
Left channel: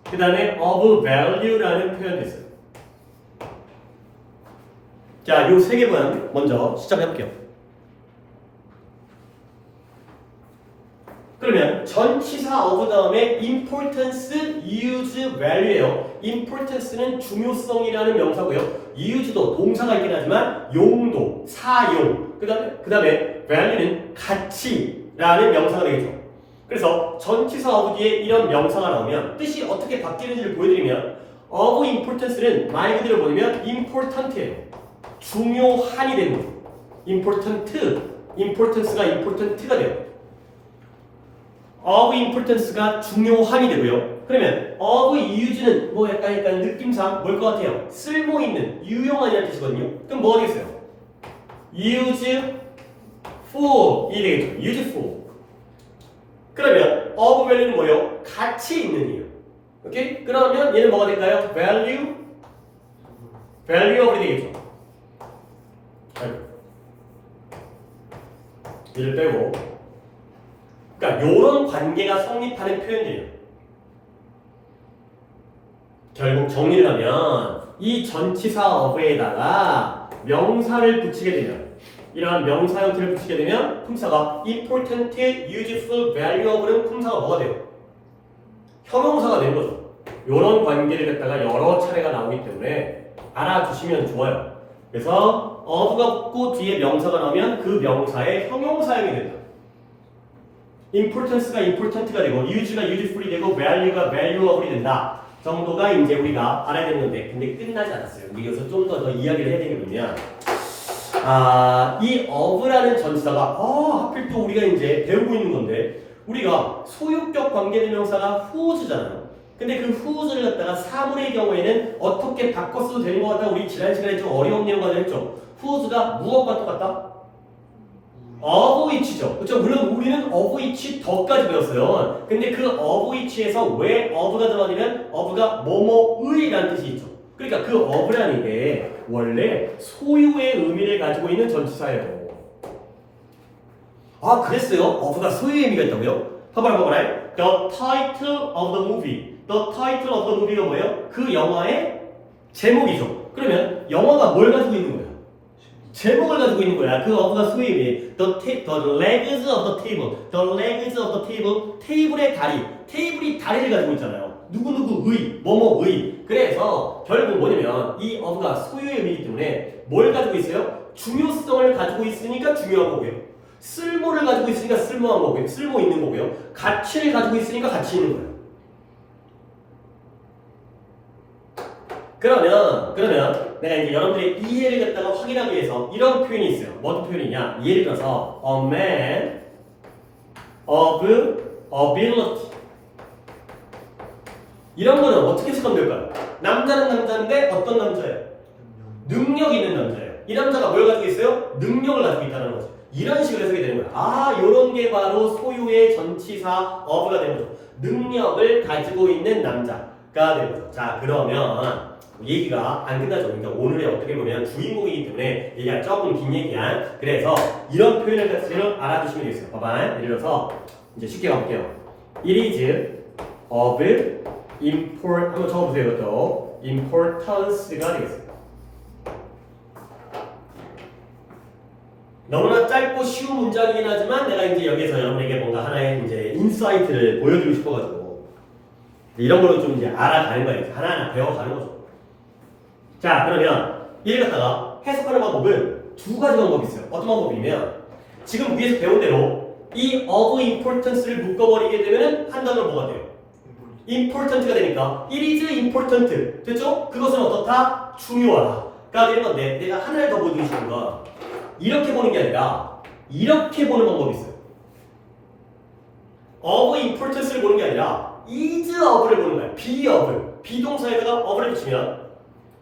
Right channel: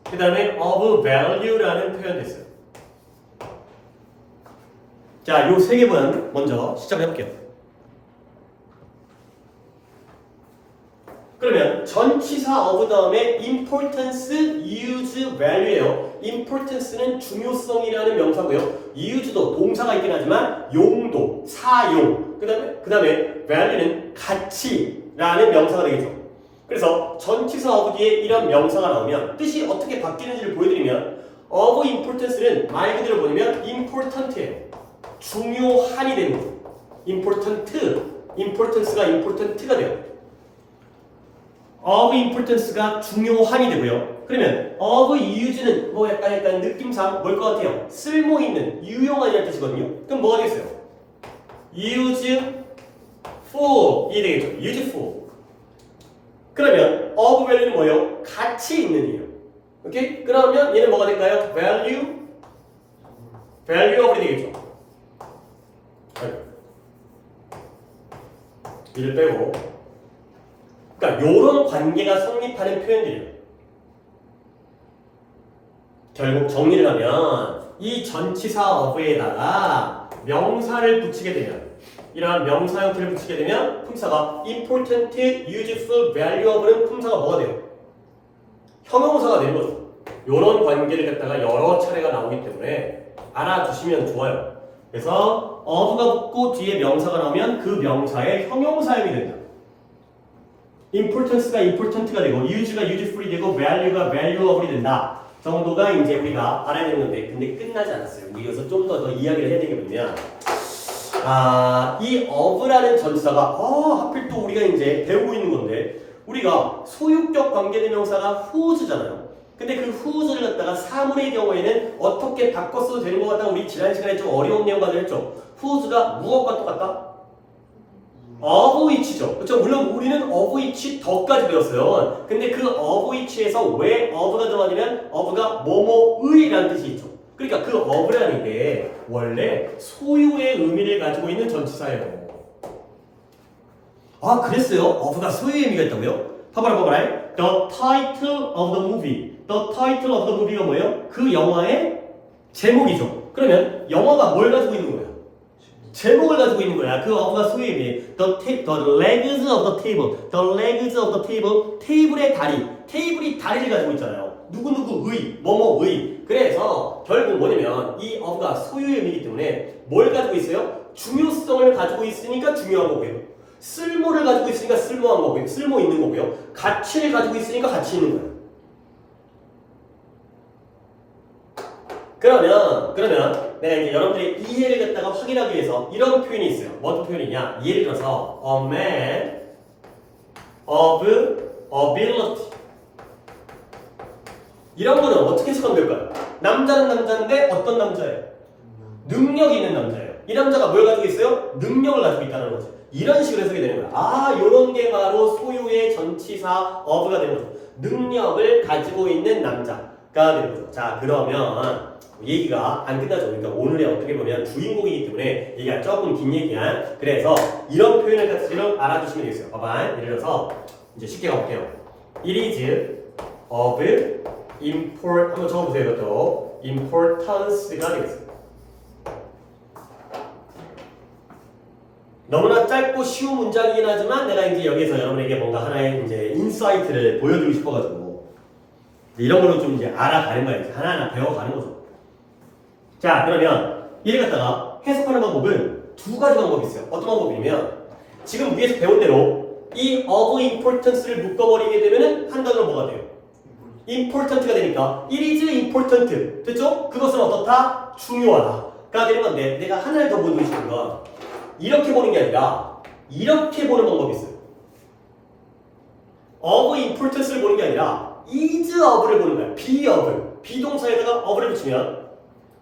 그 다음에 of value라는 표현도 있어요. 자, 요 세 개만 먼저 시작해볼게요. 그러면 전치사 of 다음에 importance, use, value예요. importance는 중요성이라는 명사고요. use도 동사가 있긴 하지만 용도, 사용. 그 다음에 value는 가치라는 명사가 되겠죠. 그래서 전치사 of 뒤에 이런 명사가 나오면 뜻이 어떻게 바뀌는지를 보여드리면 of importance는 말 그대로 뭐냐면 important예요. 중요한이 되는 거죠. importance가 important가 돼요. of importance가 중요한이 되고요. 그러면 of use는 뭐 약간 느낌상 뭘 것 같아요? 쓸모 있는, 유용한이라는 뜻이거든요. 그럼 뭐가 되겠어요? useful이 되겠죠. useful. 그러면 of value는 뭐예요? 가치 있는이에요. 오케이? 그러면 얘는 뭐가 될까요? valuable이 되겠죠. 얘를 빼고 그러니까 요런 관계가 성립하는 표현들이에요. 결국 정리를 하면 이 전치사 of에다가 명사를 붙이게 되면 이러한 명사 형태를 붙이게 되면 품사가 important, useful, valuable은 품사가 뭐가 돼요? 형용사가 되는 거죠. 요런 관계를 갖다가 여러 차례가 나오기 때문에 알아두시면 좋아요. 그래서 of가 붙고 뒤에 명사가 나오면 그 명사의 형용사형이 된다. importance가 important가 되고 use가 useful이 되고 value가 valuable이 된다. 정도가 이제 우리가 알아야 되는 건데 근데 끝나지 않았어요. 여기서 좀 더 이야기를 해야 되는 게 뭐냐. 이 of라는 전치사가 하필 또 우리가 이제 배우고 있는 건데 우리가 소유격 관계대명사가 whose잖아요. 근데 그 whose를 갖다가 사물의 경우에는 어떻게 바꿨어도 되는 것 같다. 우리 지난 시간에 좀 어려운 내용을 했죠. whose가 무엇과 똑같다? of which죠. 그렇죠? 물론 우리는 of which 더까지 배웠어요. 근데 그 of which에서 왜 of가 들어가냐면 of가 뭐뭐의라는 뜻이 있죠. 그러니까 그 of라는 게 원래 소유의 의미를 가지고 있는 전치사예요. 그랬어요? of가 소유의 의미가 있다고요? 봐봐라. The title of the movie. The title of the movie가 뭐예요? 그 영화의 제목이죠. 그러면 영화가 뭘 가지고 있는 거예요? 제목을 가지고 있는 거야. 그 of가 소유의 의미. The legs of the table. The legs of the table. 테이블의 다리. 테이블이 다리를 가지고 있잖아요. 누구누구의, 뭐뭐의. 그래서 결국 뭐냐면 이 of가 소유의 의미이기 때문에 뭘 가지고 있어요? 중요성을 가지고 있으니까 중요한 거고요. 쓸모를 가지고 있으니까 쓸모한 거고요. 쓸모 있는 거고요. 가치를 가지고 있으니까 가치 있는 거예요. 그러면 내가 이제 여러분들의 이해를 갖다가 확인하기 위해서 이런 표현이 있어요. 어떤 표현이냐? 예를 들어서 a man of ability 이런 거는 어떻게 해석하면 될까요? 남자는 남자인데 어떤 남자예요? 능력 있는 남자예요. 이 남자가 뭘 가지고 있어요? 능력을 가지고 있다는 거죠. 이런 식으로 해석이 되는 거야. 아, 요런 게 바로 소유의 전치사 of가 되는 거죠. 능력을 가지고 있는 남자가 되는 거죠. 자, 그러면 얘기가 안 끝나죠. 그러니까 오늘의 어떻게 보면 주인공이기 때문에 얘기가 조금 긴 얘기야. 그래서 이런 표현을 가지고 알아두시면 되겠어요. 봐봐. 예를 들어서 이제 쉽게 가볼게요. It is of import 한번 적어보세요. 이것도 importance가 되겠습니다. 너무나 짧고 쉬운 문장이긴 하지만 내가 이제 여기서 여러분에게 뭔가 하나의 이제 인사이트를 보여주고 싶어가지고 이런 걸로 좀 이제 알아가는 거예요. 하나하나 배워가는 거죠. 자, 그러면 이를 갖다가 해석하는 방법은 두 가지 방법이 있어요. 어떤 방법이냐면 지금 위에서 배운 대로 이 of importance를 묶어버리게 되면은 한 단어로 뭐가 돼요? important가 되니까 it is important 됐죠? 그것은 어떻다? 중요하다가 되는 건데 내가 하나를 더 보여주고 싶은 건 이렇게 보는 게 아니라 이렇게 보는 방법이 있어요. of importance를 보는 게 아니라 is of를 보는 거야. be of 비동사에다가 of를 붙이면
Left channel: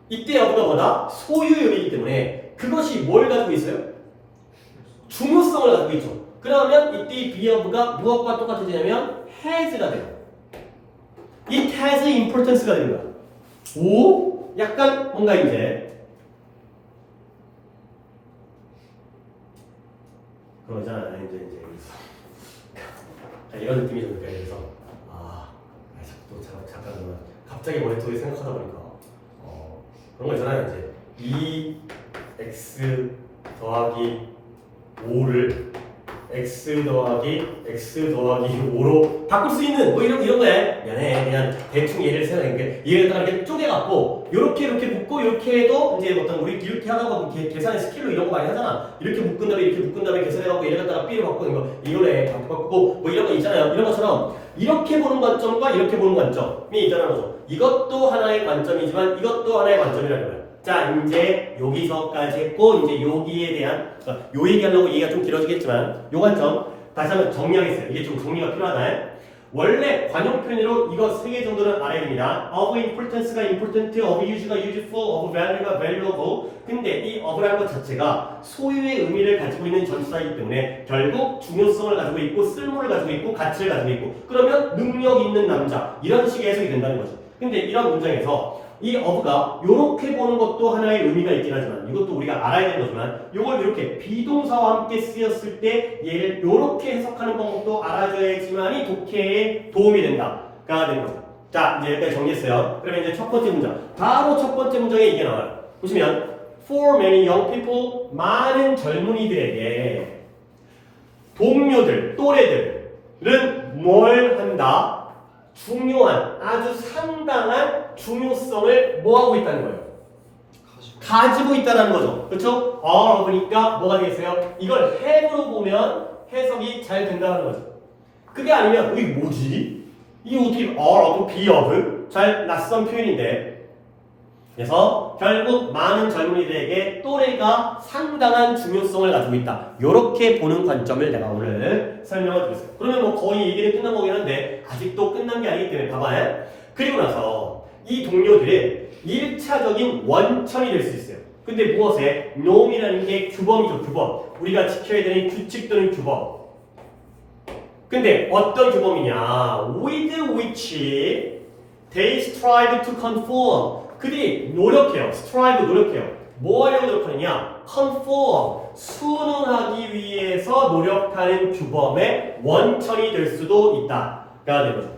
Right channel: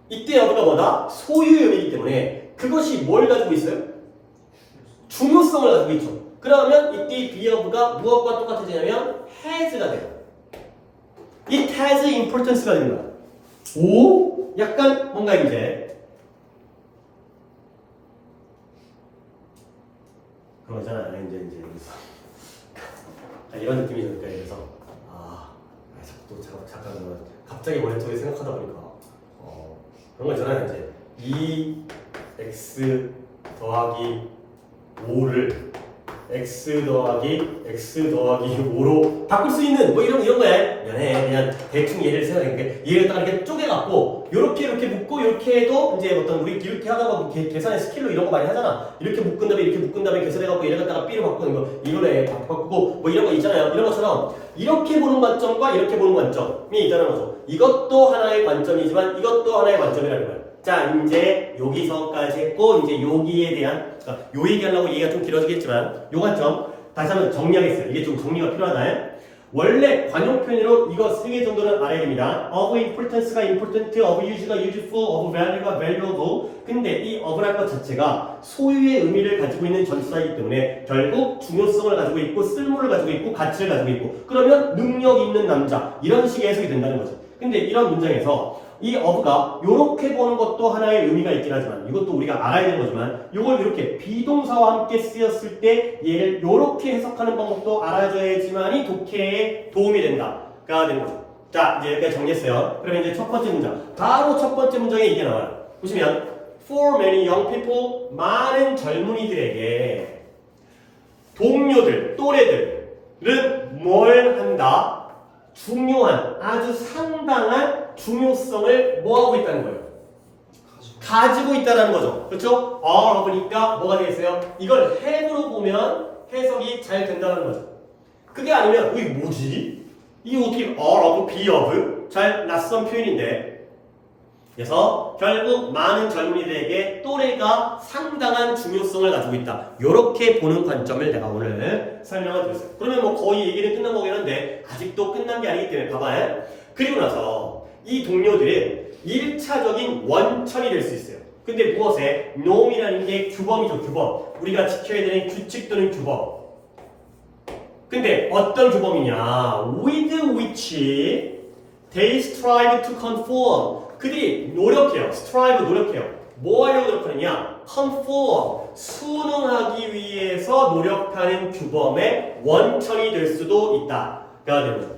이때 of가 뭐다? 소유의 의미이기 때문에 그것이 뭘 가지고 있어요? 중요성을 가지고 있죠. 그러면 이때 be of가 무엇과 똑같아지냐면 has가 돼요. It has importance가 되는 거야. 오? 약간 뭔가 이제 그러잖아. 이제 여기서 이런 느낌이죠. 그러니까 그래서 또 잠깐만 갑자기 머릿속에 생각하다 보니까 그런 거 있잖아요. 이제 2x 더하기 5를 x 더하기 5로 바꿀 수 있는 뭐 이런 거야. 그냥 대충 얘를 생각했는데 얘를 딱 이렇게 쪼개갖고 이렇게 묶고 이렇게 해도 이제 어떤 우리 이렇게 하는 거 계산의 스킬로 이런 거 많이 하잖아. 이렇게 묶은 다음에 이렇게 묶은 다음에 계산해갖고 얘를 갖다가 B로 바꾸는 거 이걸로 바꾸고 뭐 이런 거 있잖아요. 이런 것처럼 이렇게 보는 관점과 이렇게 보는 관점이 있다는 거죠. 이것도 하나의 관점이지만 이것도 하나의 관점이라는 거예요. 자, 이제 여기서까지 했고 이제 여기에 대한 그러니까 요 얘기하려고 얘기가 좀 길어지겠지만 요 관점 다시 한번 정리하겠어요. 이게 좀 정리가 필요하다. 원래 관용 표현으로 이거 3개 정도는 알아야 됩니다. of importance가 important, of use가 useful, of value가 valuable. 근데 이 of라는 것 자체가 소유의 의미를 가지고 있는 전치사이기 때문에 결국 중요성을 가지고 있고 쓸모를 가지고 있고 가치를 가지고 있고 그러면 능력 있는 남자 이런 식의 해석이 된다는 거죠. 근데 이런 문장에서 이 of가 이렇게 보는 것도 하나의 의미가 있긴 하지만 이것도 우리가 알아야 되는 거지만 이걸 이렇게 비동사와 함께 쓰였을 때 얘를 이렇게 해석하는 방법도 알아줘야지만이 독해에 도움이 된다가 되는 거죠. 자, 이제 여기까지 정리했어요. 그러면 이제 첫 번째 문장 바로 첫 번째 문장에 이게 나와요. 보시면 For many young people 많은 젊은이들에게 동료들, 또래들은 뭘 한다? 중요한 아주 상당한 중요성을 뭐하고 있다는 거예요? 가지고 있다는 거죠. 그렇죠? of니까 뭐가 되겠어요? 이걸 have로 보면 해석이 잘 된다는 거죠. 그게 아니면 이게 뭐지? 이게 어떻게 are of, be of? 잘 낯선 표현인데 그래서 결국 많은 젊은이들에게 또래가 상당한 중요성을 가지고 있다. 이렇게 보는 관점을 내가 오늘 설명을 드렸어요. 그러면 뭐 거의 얘기는 끝난 거긴 한데 아직도 끝난 게 아니기 때문에 봐봐요. 그리고 나서 이 동료들은 1차적인 원천이 될 수 있어요. 근데 무엇에? norm이라는 게 규범이죠. 규범. 우리가 지켜야 되는 규칙 또는 규범. 근데 어떤 규범이냐? with which they strive to conform. 그들이 노력해요. strive 노력해요. 뭐 하려고 노력하느냐? conform 순응하기 위해서 노력하는 규범의 원천이 될 수도 있다가 되는 거죠.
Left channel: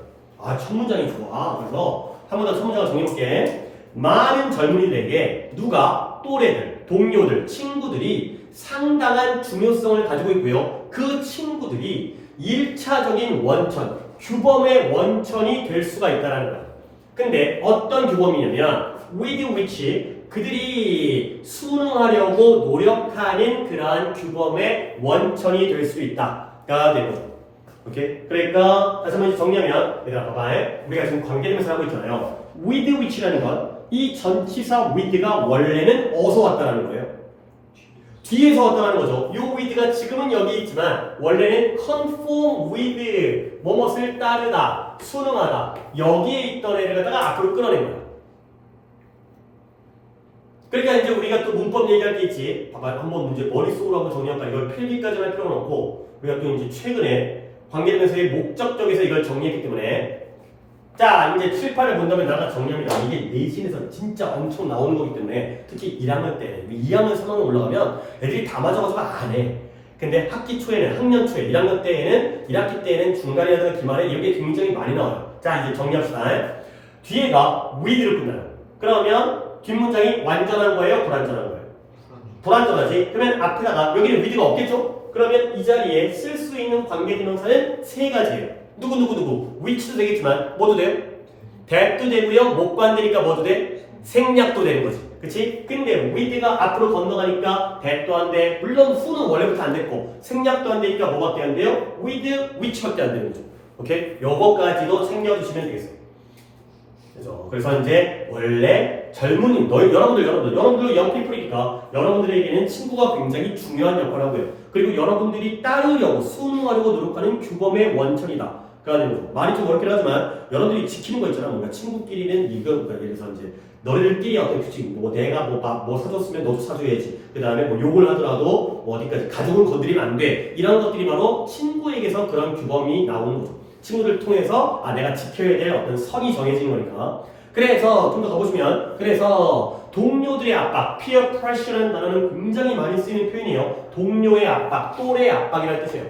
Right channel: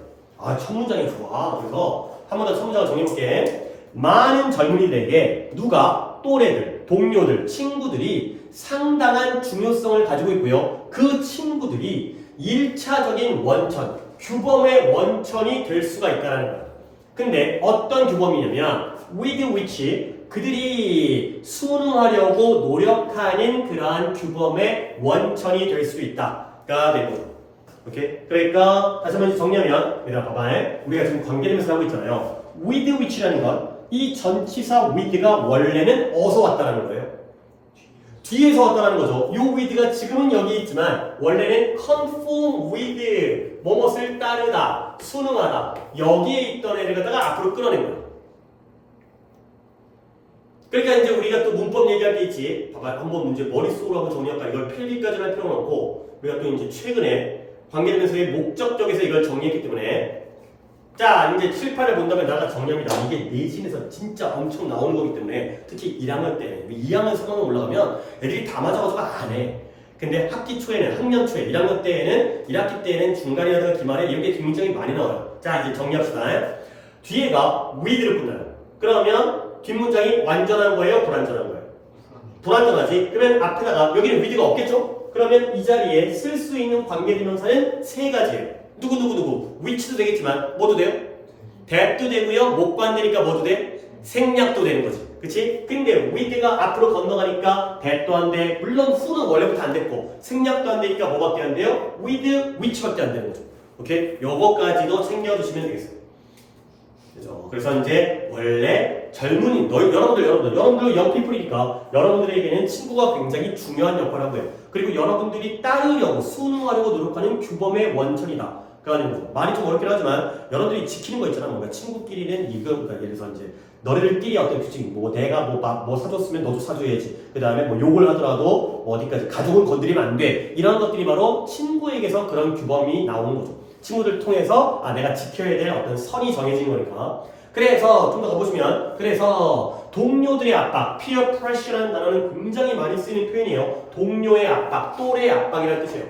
첫 문장이 좋아. 그래서 한 번 더 첫 문장을 정리해볼게. 많은 젊은이들에게 누가 또래들, 동료들, 친구들이 상당한 중요성을 가지고 있고요. 그 친구들이 1차적인 원천, 규범의 원천이 될 수가 있다는 거야. 근데 어떤 규범이냐면 with which 그들이 순응하려고 노력하는 그러한 규범의 원천이 될 수 있다가 되는 거죠. 오케이? 그러니까 다시 한번 정리하면 얘들아 봐봐. 우리가 지금 관계대명사 하고 있잖아요. with which라는 건 이 전치사 with가 원래는 어디서 왔다라는 거예요? 뒤에서 왔다라는 거죠. 요 with가 지금은 여기 있지만 원래는 conform with 뭐뭇을 따르다, 순응하다 여기에 있던 애를 갖다가 앞으로 끌어낸 거야. 그러니까 이제 우리가 또 문법 얘기할 때 있지. 봐봐, 한번 문제 머릿속으로 한번 정리할까? 이걸 필기까지는 할 필요는 없고 우리가 또 이제 최근에 관계대명사의 목적격에서 이걸 정리했기 때문에 자 이제 7, 8을 본다면 나가 정리합니다. 이게 내신에서 진짜 엄청 나오는 거기 때문에 특히 1학년 때 2학년 3학년 올라가면 애들이 다 맞아가지고 안 해. 근데 학기 초에는 학년 초에 1학년 때에는 1학기 때에는 중간이라든가 기말에 이렇게 굉장히 많이 나와요. 자 이제 정리합시다. 뒤에가 with로 끝나요. 그러면 긴 문장이 완전한 거예요? 불완전한 거예요? 불완전하지? 그러면 앞에다가 여기는 with가 없겠죠? 그러면 이 자리에 쓸 수 있는 관계대명사는 세 가지예요. 누구 which도 되겠지만 뭐도 돼요? that도 되고요. 목관되니까 뭐도 돼? 생략도 되는 거지. 그치? 근데 with가 앞으로 건너가니까 that도 안 돼. 물론 who는 원래부터 안 됐고 생략도 안 되니까 뭐밖에 안 돼요? with, which밖에 안 되는 거죠. 오케이? 요거까지도 챙겨주시면 되겠어요. 그래서 이제 원래 젊은이 여러분들 영피플이니까 여러분들에게는 친구가 굉장히 중요한 역할을 한 거예요. 그리고 여러분들이 따르려고 순응하려고 노력하는 규범의 원천이다. 그러니까 말이 좀 어렵긴 하지만 여러분들이 지키는 거 있잖아. 뭔가 친구끼리는 이거 그러니까 예를 들어서 이제 너희들끼리 어떤 규칙 뭐 내가 뭐 사줬으면 너도 사줘야지. 그 다음에 뭐 욕을 하더라도 뭐 어디까지 가족은 건드리면 안 돼. 이런 것들이 바로 친구에게서 그런 규범이 나오는 거죠. 친구들 통해서 내가 지켜야 될 어떤 선이 정해진 거니까. 그래서 좀 더 가보시면 그래서 동료들의 압박, peer pressure라는 단어는 굉장히 많이 쓰이는 표현이에요. 동료의 압박, 또래의 압박이라는 뜻이에요.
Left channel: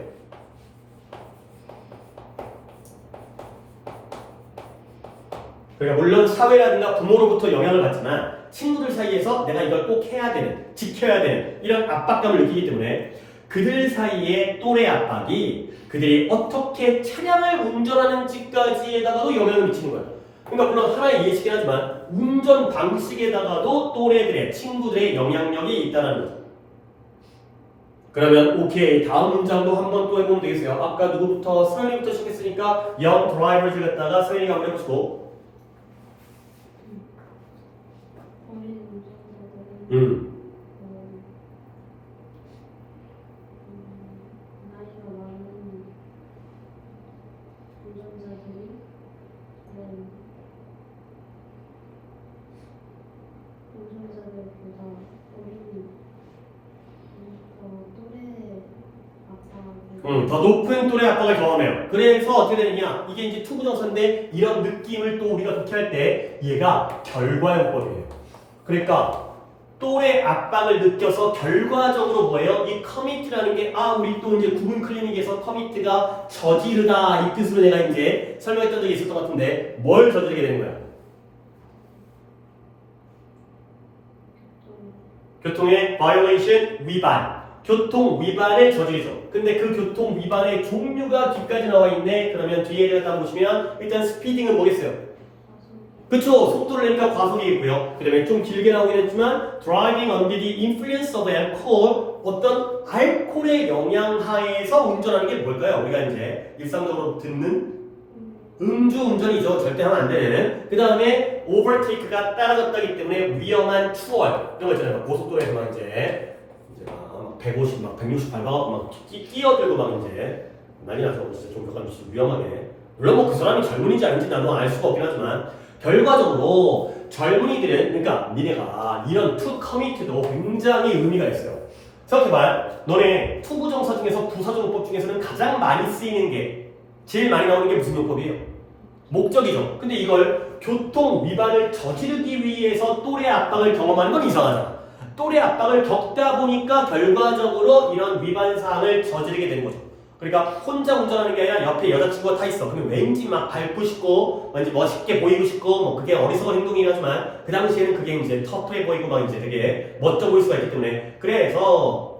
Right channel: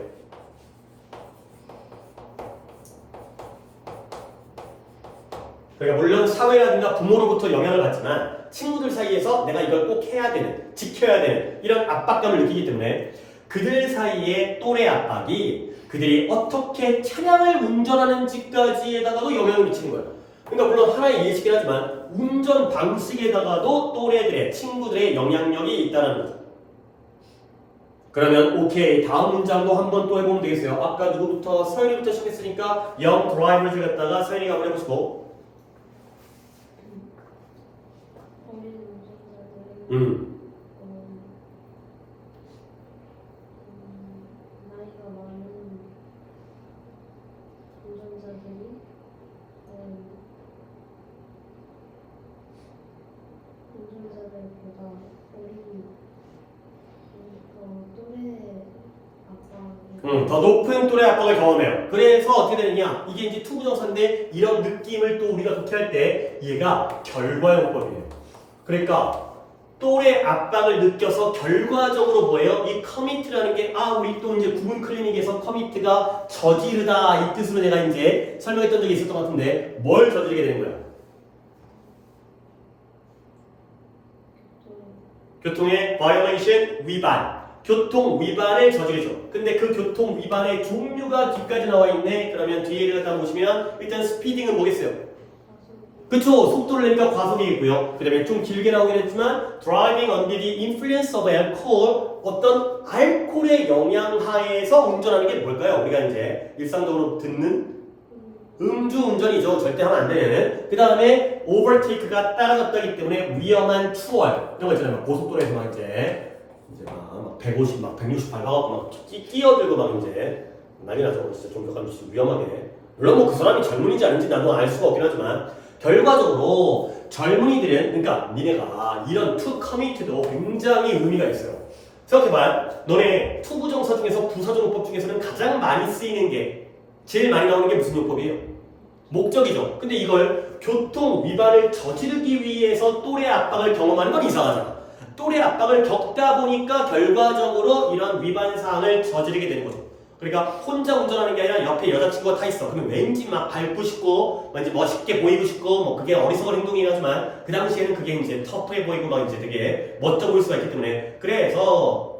그러니까 물론 사회라든가 부모로부터 영향을 받지만 친구들 사이에서 내가 이걸 꼭 해야 되는, 지켜야 되는 이런 압박감을 느끼기 때문에 그들 사이의 또래 압박이 그들이 어떻게 차량을 운전하는지까지에다가도 영향을 미치는 거예요. 그러니까 물론 하나의 예시긴 하지만 운전 방식에다가도 또래들의 친구들의 영향력이 있다는 거죠. 그러면 오케이 다음 문장도 한번 또 해보면 되겠어요. 아까 누구부터 서연이부터 시작했으니까 young drivers를 갖다가 서연이가 한번 해보시고 어린 운전자들은 나이가 많은 운전자들이 운전자들보다 또래 더 높은 또래 압박을 경험해요. 그래서 어떻게 되느냐? 이게 이제 투부정사인데 이런 느낌을 또 우리가 독해할 때 얘가 결과용법이에요. 그러니까 또래 압박을 느껴서 결과적으로 뭐예요? 이 commit라는 게 우리 또 이제 구분 클리닉에서 commit가 저지르다 이 뜻으로 내가 이제 설명했던 적이 있었던 것 같은데 뭘 저지르게 되는 거야? 교통의 violation 위반. 교통 위반을 저지르죠. 근데 그 교통 위반의 종류가 뒤까지 나와 있네. 그러면 뒤에를 갖다 보시면 일단 스피딩은 뭐겠어요? 그쵸. 속도를 내니까 과속이겠고요. 그 다음에 좀 길게 나오긴 했지만 driving under the influence of alcohol 어떤 알코올의 영향 하에서 운전하는 게 뭘까요? 우리가 이제 일상적으로 듣는 음주운전이죠. 절대 하면 안 되는. 그 다음에 overtake가 따라졌다기 때문에 위험한 추월 이런 거 있잖아요. 고속도로에서 막 이제 막 150, 막 168 가갖고 막 끼어들고 막 이제 난리 나서 진짜 좀 약간 위험하게. 물론 뭐 그 사람이 젊은이인지 아닌지 나도 알 수가 없긴 하지만 결과적으로 젊은이들은 그러니까 니네가 이런 to commit도 굉장히 의미가 있어요. 생각해봐요. 너네 투부정사 중에서 부사적용법 중에서는 가장 많이 쓰이는 게 제일 많이 나오는 게 무슨 용법이에요? 목적이죠. 근데 이걸 교통 위반을 저지르기 위해서 또래 압박을 경험하는 건 이상하잖아. 또래 압박을 겪다 보니까 결과적으로 이런 위반 사항을 저지르게 되는 거죠. 그러니까 혼자 운전하는 게 아니라 옆에 여자친구가 타 있어. 그러면 왠지 막 밟고 싶고 왠지 멋있게 보이고 싶고 뭐 그게 어리석은 행동이라지만 그 당시에는 그게 이제 터프해 보이고 막 이제 되게 멋져 보일 수가 있기 때문에 그래서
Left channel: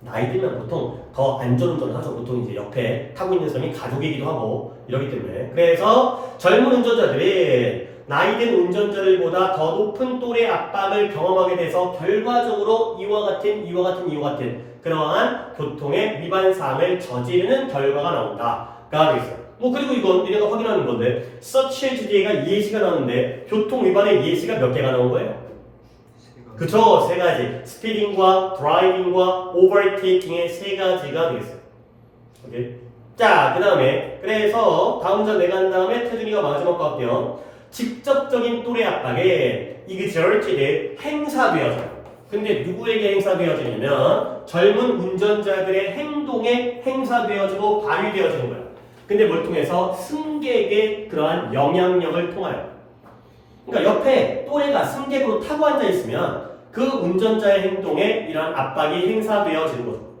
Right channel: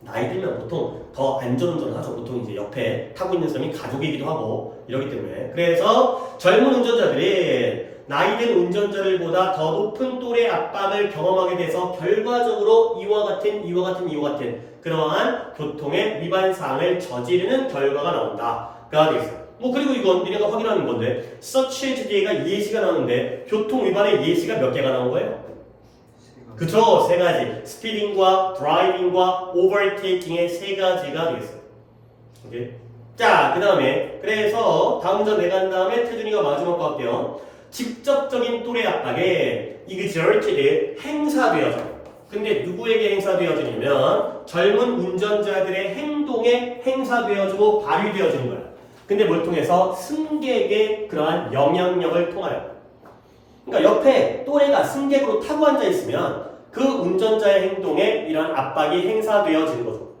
나이 들면 보통 더 안전운전을 하죠. 보통 이제 옆에 타고 있는 사람이 가족이기도 하고 이러기 때문에 그래서 젊은 운전자들이 나이든 운전자들보다 더 높은 또래 압박을 경험하게 돼서 결과적으로 이와 같은 그러한 교통의 위반 사항을 저지르는 결과가 나온다가 되겠어요. 뭐 그리고 이건 니네가 확인하는 건데 such as 뒤에가 예시가 나오는데 교통 위반의 예시가 몇 개가 나온 거예요? 그쵸, 세 가지. 스피딩과 드라이빙과 오버테이킹의 세 가지가 되겠어요. 오케이. 자, 그 다음에 그래서 다음 장 내가 한 다음에 태준이가 마지막 거 할게요. 직접적인 또래 압박에 exerted에 행사되어져. 근데 누구에게 행사되어지냐면 젊은 운전자들의 행동에 행사되어지고 발휘되어지는 거야. 근데 뭘 통해서 승객의 그러한 영향력을 통하여. 그러니까 옆에 또래가 승객으로 타고 앉아 있으면 그 운전자의 행동에 이런 압박이 행사되어지는 거죠.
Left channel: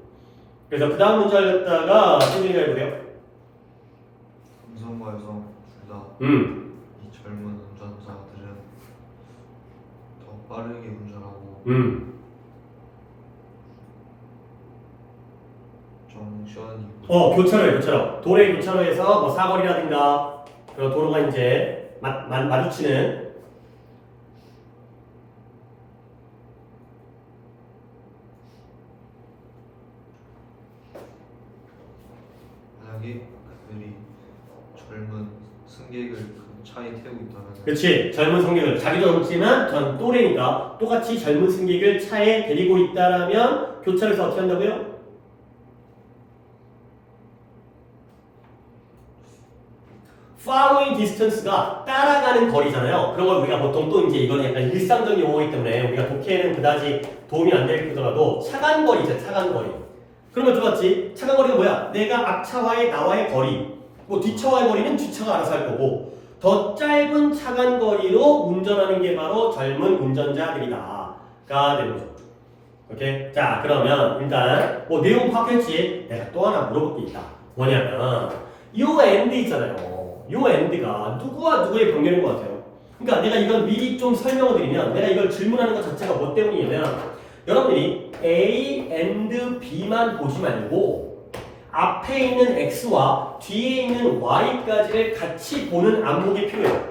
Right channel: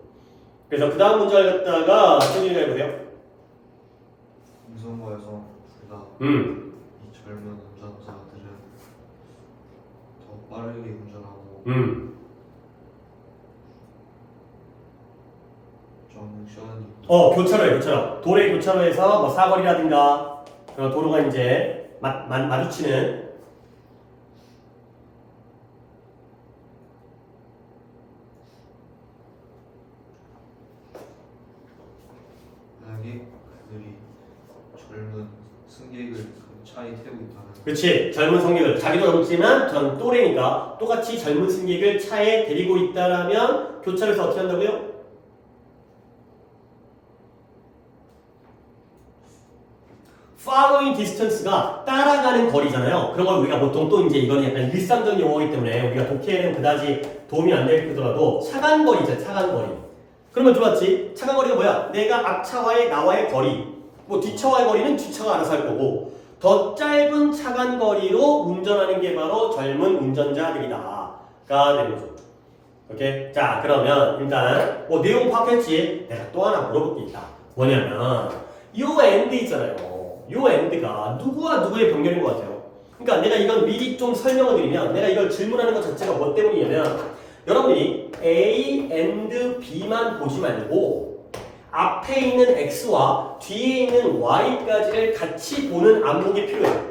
그래서 그 다음 문제를 갖다가 태준이가 해보세요. 남성과 여성 둘 다 이 젊은 운전자들은 더 빠르게 운전하고 정션이 교차로. 도로의 교차로에서 뭐 사거리라든가 도로가 이제 마주치는 만약에 그들이 젊은 승객을 그 차에 태우고 있다면 그렇지. 젊은 승객을 자기도 젊지만 전 또래니까 똑같이 젊은 승객을 차에 데리고 있다라면 교차로에서 어떻게 한다고요? following distance가 따라가는 거리잖아요. 그런 걸 우리가 보통 또 이제 이거는 약간 일상적인 용어이기 때문에 우리가 독해에는 그다지 도움이 안 되더라도 차간 거리죠. 차간 거리. 그러면 좋았지. 차간 거리가 뭐야? 내가 앞차와의 나와의 거리. 뭐 뒷차와의 거리는 뒷차가 알아서 할 거고 더 짧은 차간 거리로 운전하는 게 바로 젊은 운전자들이다가 되는 거죠. 오케이? 자, 그러면 일단 뭐 내용 파악했지? 내가 또 하나 물어볼 게 있다. 뭐냐면 요 엔드 있잖아요. 요 엔드가 누구와 누구의 병렬인 것 같아요? 그러니까 내가 이걸 미리 좀 설명을 드리면 내가 이걸 질문하는 것 자체가 뭐 때문이냐면 여러분이 A and B만 보지 말고 앞에 있는 X와 뒤에 있는 Y까지를 같이 보는 안목이 필요해요.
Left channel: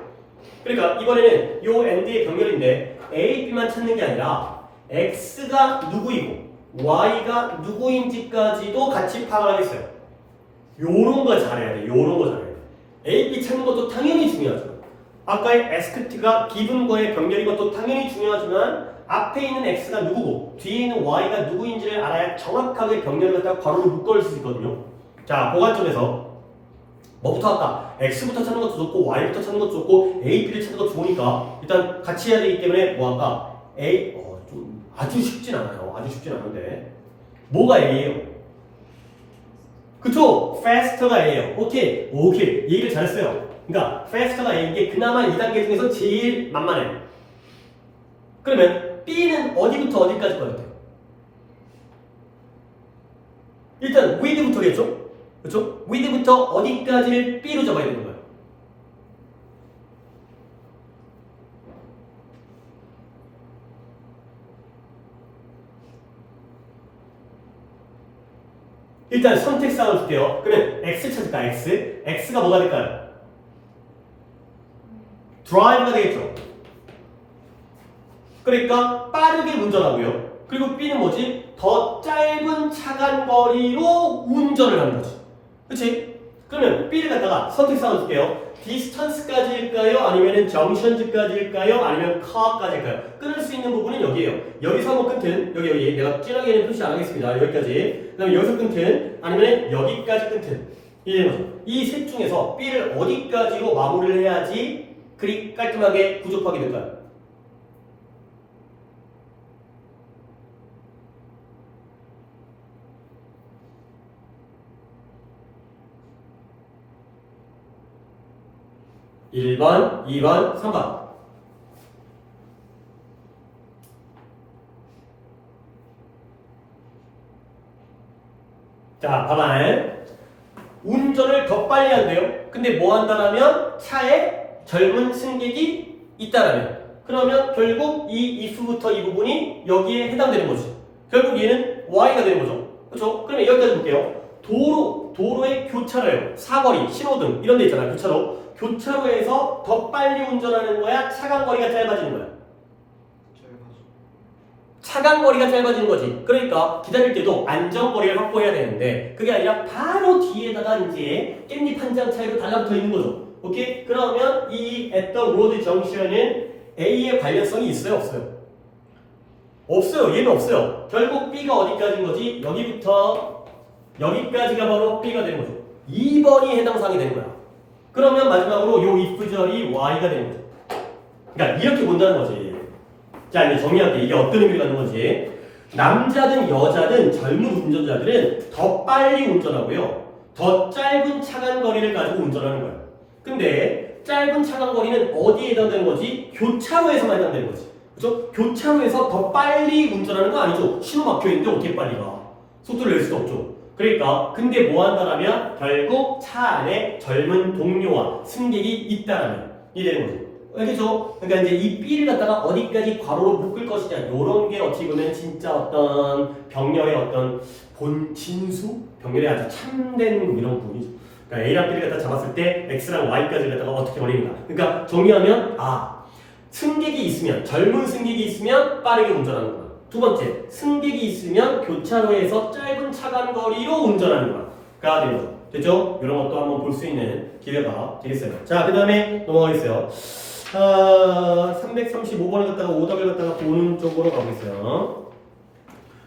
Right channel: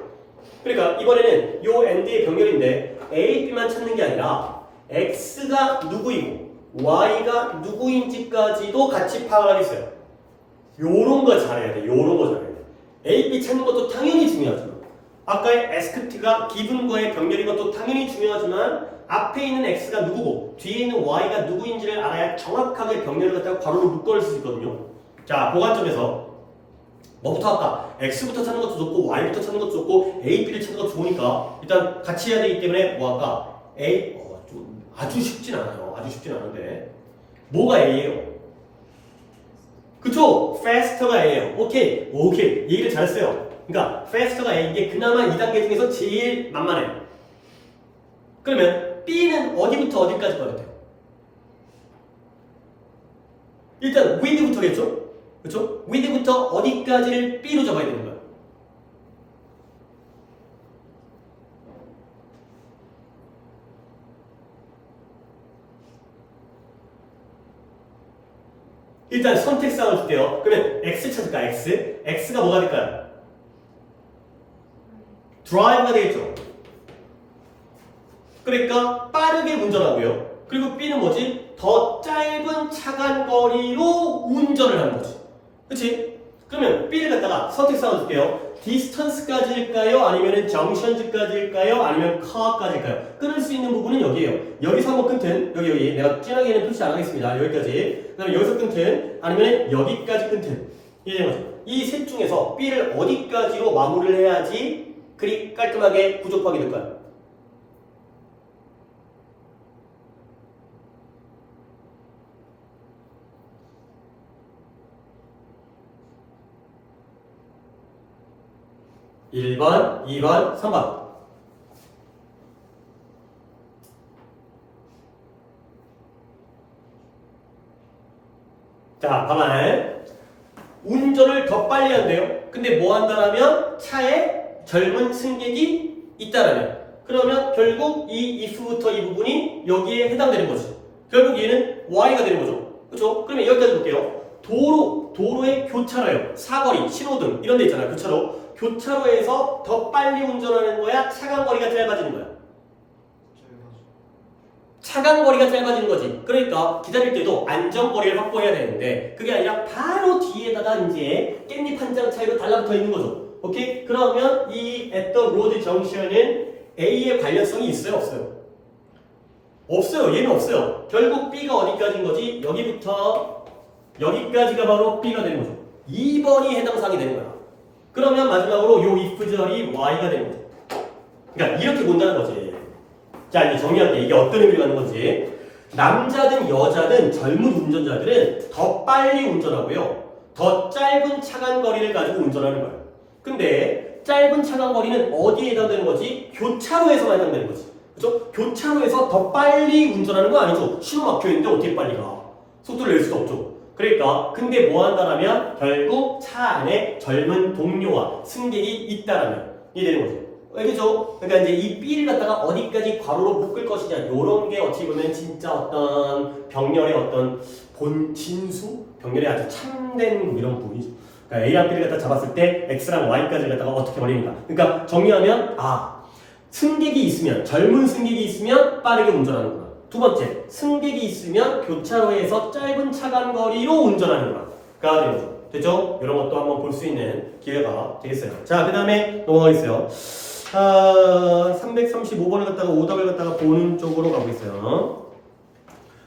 그러니까 이번에는 요 엔드의 병렬인데 A, B만 찾는 게 아니라 X가 누구이고 Y가 누구인지까지도 같이 파악하겠어요. 요런 거 잘해야 돼. 요런 거 잘해야 돼. A, B 찾는 것도 당연히 중요하죠. 아까의 asked가 given과의 병렬인 것도 당연히 중요하지만 앞에 있는 X가 누구고 뒤에 있는 Y가 누구인지를 알아야 정확하게 병렬을 갖다가 괄호로 묶을 수 있거든요. 자, 보관 쪽에서 뭐부터 할까? X부터 찾는 것도 좋고 Y부터 찾는 것도 좋고 A, B를 찾는 것도 좋으니까 일단 같이 해야 되기 때문에 뭐 할까? A, 좀 아주 쉽진 않아요. 아주 쉽진 않은데 뭐가 A예요? 그쵸? faster가 A예요. 오케이. 얘기를 잘했어요. 그러니까 faster가 A 이게 그나마 2단계 중에서 제일 만만해요. 그러면 B는 어디부터 어디까지 것 같아요? 일단 with부터겠죠? 그렇죠? with부터 어디까지를 B로 잡아야 되는 거예요. 일단 선택사항을 줄게요. 그러면 X 찾을까? X가 뭐가 될까요? 드라이브가 되겠죠. 그러니까 빠르게 운전하고요. 그리고 B는 뭐지? 더 짧은 차간 거리로 운전을 하는 거지. 그치? 그러면 B를 갖다가 선택사항을 줄게요. 디스턴스까지일까요? 아니면 정션즈까지일까요? 아니면 카까지일까요? 끊을 수 있는 부분은 여기에요. 여기서 한번 끊든 여기 내가 진하게는 표시 안 하겠습니다. 여기까지. 그 다음에 여기서 끊든 아니면 여기까지 끊든 이 셋 중에서 B를 어디까지로 마무리를 해야지 그리 깔끔하게 부족하게 될까요? (1번) (2번) (3번) 자, 봐봐요. 운전을 더 빨리 한대요. 근데 뭐 한다라면 차에 젊은 승객이 있다라면 그러면 결국 이 if부터 이 부분이 여기에 해당되는 거지. 결국 얘는 y가 되는 거죠. 그렇죠? 그러면 여기까지 볼게요. 도로의 교차로예요. 사거리, 신호등 이런 데 있잖아요. 교차로에서 더 빨리 운전하는 거야? 차간 거리가 짧아지는 거야? 차간거리가 짧아지는 거지. 그러니까 기다릴 때도 안전거리를 확보해야 되는데 그게 아니라 바로 뒤에다가 이제 깻잎 한 장 차이로 달라붙어 있는 거죠. 오케이? 그러면 이 at the road junction은 A의 관련성이 있어요? 없어요? 없어요. 얘는 없어요. 결국 B가 어디까지인 거지? 여기부터 여기까지가 바로 B가 되는 거죠. 2번이 해당 사항이 되는 거야. 그러면 마지막으로 요 if절이 Y가 되는 거죠. 그러니까 이렇게 본다는 거지. 자, 이제 정리할게. 이게 어떤 의미를 갖는 건지. 남자든 여자든 젊은 운전자들은 더 빨리 운전하고요. 더 짧은 차간거리를 가지고 운전하는 거야. 근데 짧은 차간거리는 어디에 해당되는 거지? 교차로에서만 해당되는 거지. 그렇죠? 교차로에서 더 빨리 운전하는 거 아니죠? 신호 막혀있는데 어떻게 빨리 가? 속도를 낼 수도 없죠. 그러니까 근데 뭐 한다라면 결국 차 안에 젊은 동료와 승객이 있다라면 이게 되는 거죠. 알겠죠? 그러니까 이제 이 B를 갖다가 어디까지 괄호로 묶을 것이냐 요런 게 어찌 보면 진짜 어떤 병렬의 어떤 본 진수? 병렬의 아주 참된 이런 부분이죠. 그러니까 A랑 B를 갖다 잡았을 때 X랑 Y까지 갖다가 어떻게 버리는가. 그러니까 정리하면 승객이 있으면 젊은 승객이 있으면 빠르게 운전하는구나. 두 번째, 승객이 있으면 교차로에서 짧은 차간거리로 운전하는구나. 가 되는 거죠. 됐죠? 이런 것도 한번 볼 수 있는 기회가 되겠어요. 자, 그 다음에 넘어가겠어요. 335번을 갖다가 오답을 갖다가 보는 쪽으로 가보겠어요.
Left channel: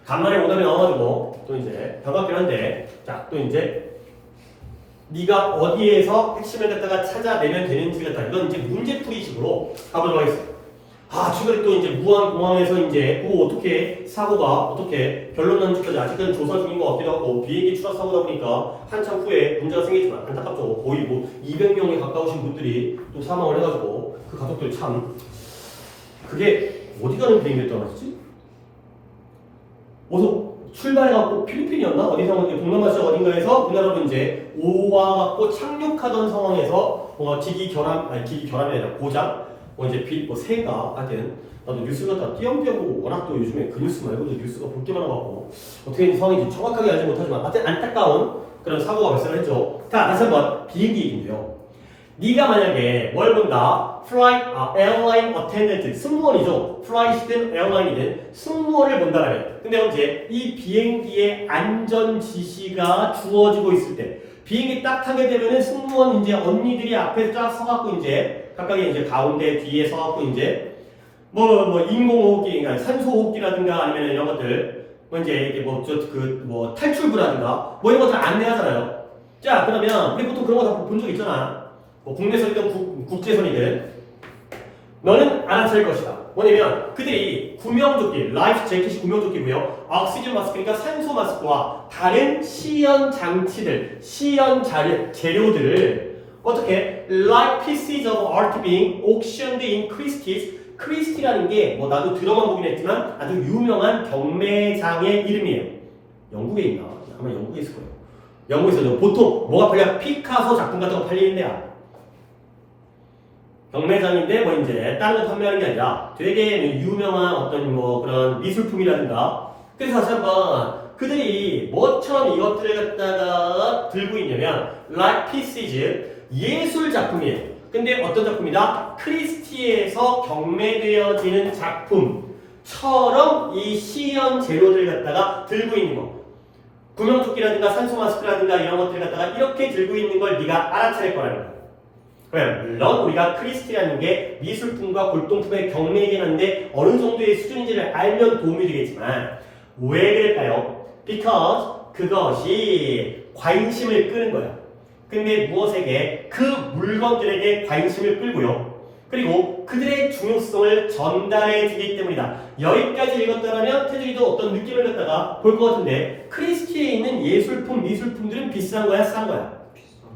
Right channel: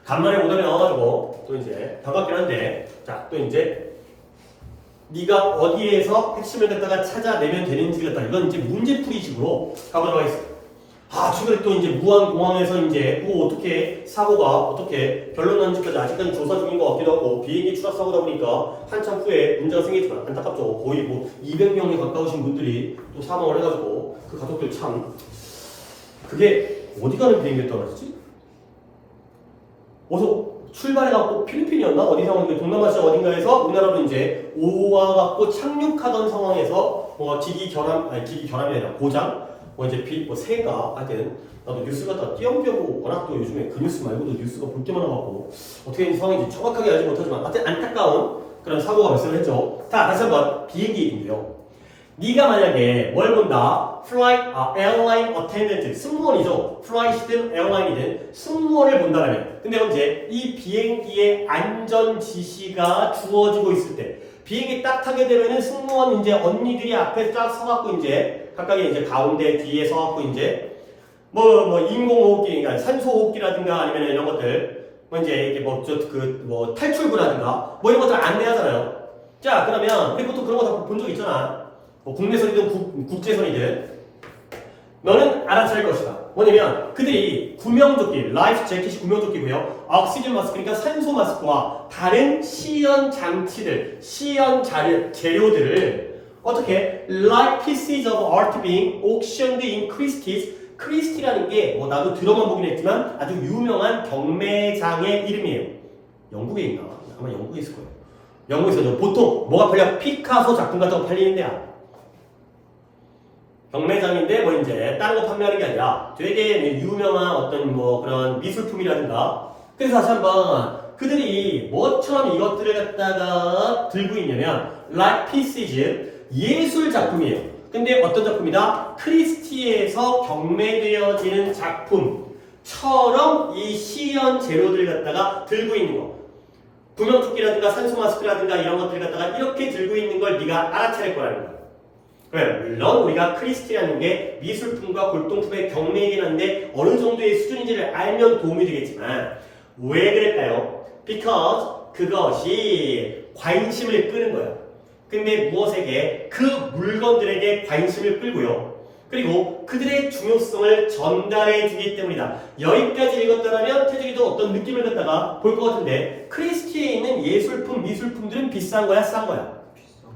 간만에 오답이 나와가지고 또 이제 반갑긴 한데, 자, 또 이제 네가 어디에서 핵심을 갖다가 찾아내면 되는지 갖다 이건 이제 문제풀이식으로 가보도록 하겠습니다. 최근에 또 이제 무안공항에서 이제 어떻게 사고가 어떻게 결론 난지까지 아직은 조사 중인 것 같기도 하고 비행기 추락 사고다 보니까 한참 후에 문제가 생기지만 안타깝죠. 거의 뭐 200명에 가까우신 분들이 또 사망을 해가지고 그 가족들 참 그게 어디 가는 비행기였던 거지? 어디서 출발해갖고 필리핀이었나? 어디서 동남아시아 어딘가에서 우리나라로 이제 오와갖고 착륙하던 상황에서 기기 결함이 아니라 고장 이제 새가 하여튼 나도 뉴스 갖다 띄엄띄엄 워낙 또 요즘에 그 뉴스 말고도 뉴스가 볼 때마다 갖고 어떻게 된 상황인지 정확하게 알지 못하지만 하여튼 안타까운 그런 사고가 발생을 했죠. 자, 다시 한번 비행기 얘기인데요. 네가 만약에 뭘 본다? airline attendant 승무원이죠. 플라이트든 에어라인이든 승무원을 본다라면 근데 언제 이 비행기의 안전 지시가 주어지고 있을 때 비행기 딱 타게 되면은 승무원 이제 언니들이 앞에 쫙 서갖고 이제 각각의 이제 가운데 뒤에 서갖고 이제 인공호흡기, 그러니까 산소호흡기라든가 아니면 이런 것들 이제 탈출구라든가 이런 것들 안내하잖아요. 자, 그러면 우리 보통 그런 거 다 본 적 있잖아. 국내선이든 국제선이든 너는 알아차릴 것이다. 뭐냐면 그들이 구명조끼, 라이프 재킷이 구명조끼고요. 옥시즌 마스크, 그러니까 산소 마스크와 다른 시연 장치들, 시연 재료들을 어떻게 like pieces of art being auctioned in Christie's. 크리스티라는 게 나도 들어만 보긴 했지만 아주 유명한 경매장의 이름이에요. 영국에 있나? 아마 영국에 있을 거예요. 영국에서 보통 뭐가 팔려? 피카소 작품 같은 거 팔리는 데야. 경매장인데 이제 다른 거 판매하는 게 아니라 되게 유명한 어떤 그런 미술품이라든가. 그래서 다시 한번 그들이 뭐처럼 이것들을 갖다가 들고 있냐면 like pieces 예술 작품이에요. 근데 어떤 작품이다? 크리스티에서 경매되어지는 작품처럼 이 시연 재료들 갖다가 들고 있는 거. 구명조끼라든가 산소 마스크라든가 이런 것들 갖다가 이렇게 들고 있는 걸 네가 알아차릴 거라는 거야. 그래, 물론 우리가 크리스티라는 게 미술품과 골동품의 경매이긴 한데 어느 정도의 수준인지를 알면 도움이 되겠지만 왜 그럴까요? Because 그것이 관심을 끄는 거야. 근데 무엇에게? 그 물건들에게 관심을 끌고요. 그리고 그들의 중요성을 전달해 주기 때문이다. 여기까지 읽었다면 태준이도 어떤 느낌을 갖다가 볼 것 같은데 크리스티에 있는 예술품, 미술품들은 비싼 거야? 싼 거야?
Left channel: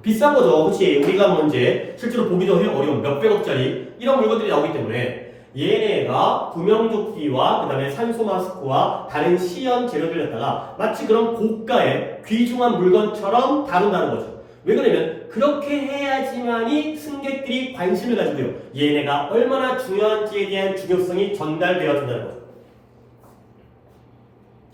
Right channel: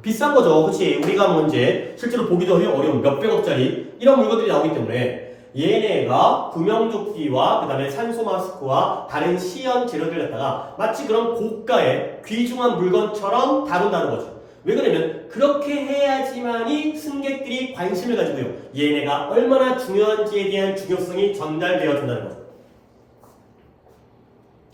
비싼 거죠. 그치? 우리가 이제 실제로 보기도 어려운 몇백억짜리 이런 물건들이 나오기 때문에 얘네가 구명조끼와 그 다음에 산소 마스크와 다른 시연 재료들 갖다가 마치 그런 고가의 귀중한 물건처럼 다룬다는 거죠. 왜 그러냐면 그렇게 해야지만이 승객들이 관심을 가지고요. 얘네가 얼마나 중요한지에 대한 중요성이 전달되어진다는 거죠.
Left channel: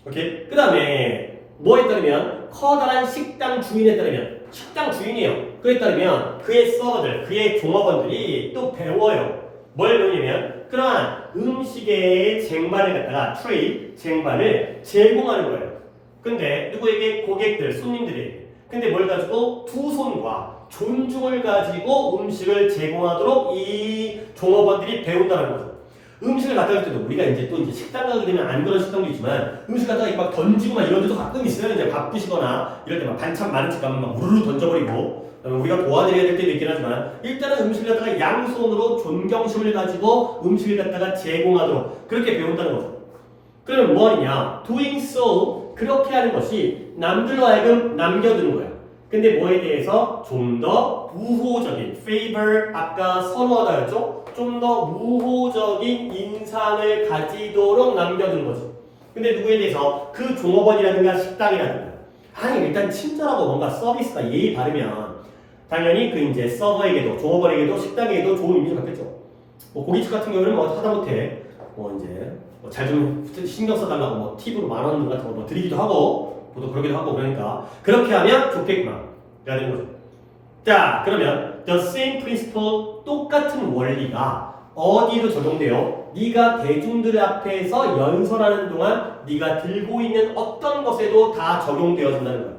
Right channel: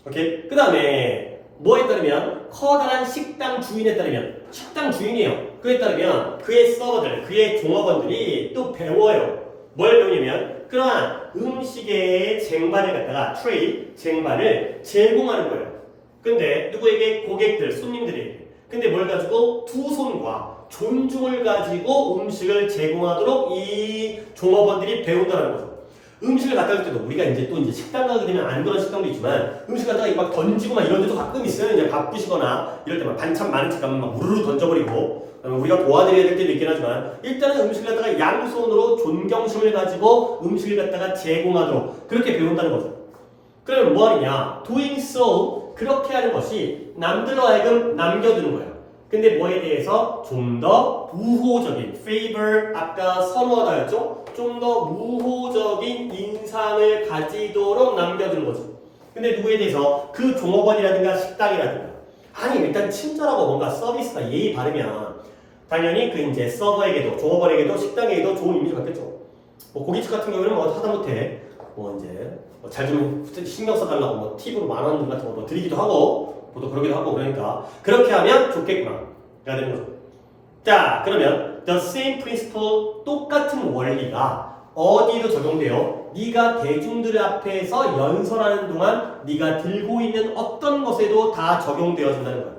오케이? 그 다음에 뭐에 따르면 커다란 식당 주인에 따르면 식당 주인이에요. 그에 따르면 그의 서버들, 그의 종업원들이 또 배워요. 뭘 배우냐면 그러한 음식의 쟁반을 갖다가 트레이, 쟁반을 제공하는 거예요. 근데 누구에게? 고객들, 손님들에게. 근데 뭘 가지고? 두 손과 존중을 가지고 음식을 제공하도록 이 종업원들이 배운다는 거죠. 음식을 갖다 줄 때도 우리가 이제 또 이제 식당 가게 되면 안 그런 식당도 있지만 음식 갖다가 막 던지고 막 이런 데도 가끔 있어요. 이제 바쁘시거나 이럴 때 막 반찬 많은 집 가면 막 우르르 던져버리고 우리가 도와드려야 될 때도 있긴 하지만 일단은 음식을 갖다가 양손으로 존경심을 가지고 음식을 갖다가 제공하도록 그렇게 배운다는 거죠. 그러면 뭐 하느냐? doing so 그렇게 하는 것이 남들로 하여금 남겨두는 거야. 근데 뭐에 대해서 좀 더 우호적인 favor 아까 선호하다였죠? 좀 더 우호적인 인상을 가지도록 남겨두는 거지. 근데 누구에 대해서? 그 종업원이라든가 식당이라든가 아니 일단 친절하고 뭔가 서비스가 예의 바르면 당연히 그 이제 서버에게도 종업원에게도 식당에게도 좋은 이미지가 받겠죠. 뭐 고깃집 같은 경우는 뭐 하다못해 뭐 이제 잘 좀 신경 써달라고 뭐 팁으로 10,000원 같은 거 뭐 드리기도 하고 또 그러기도 하고 그러니까 그렇게 하면 좋겠구나 해야 되는 거죠. 자 그러면 the same principle 똑같은 원리가 어디에도 적용돼요? 네가 대중들 앞에서 연설하는 동안 네가 들고 있는 어떤 것에도 다 적용되어진다는 거야.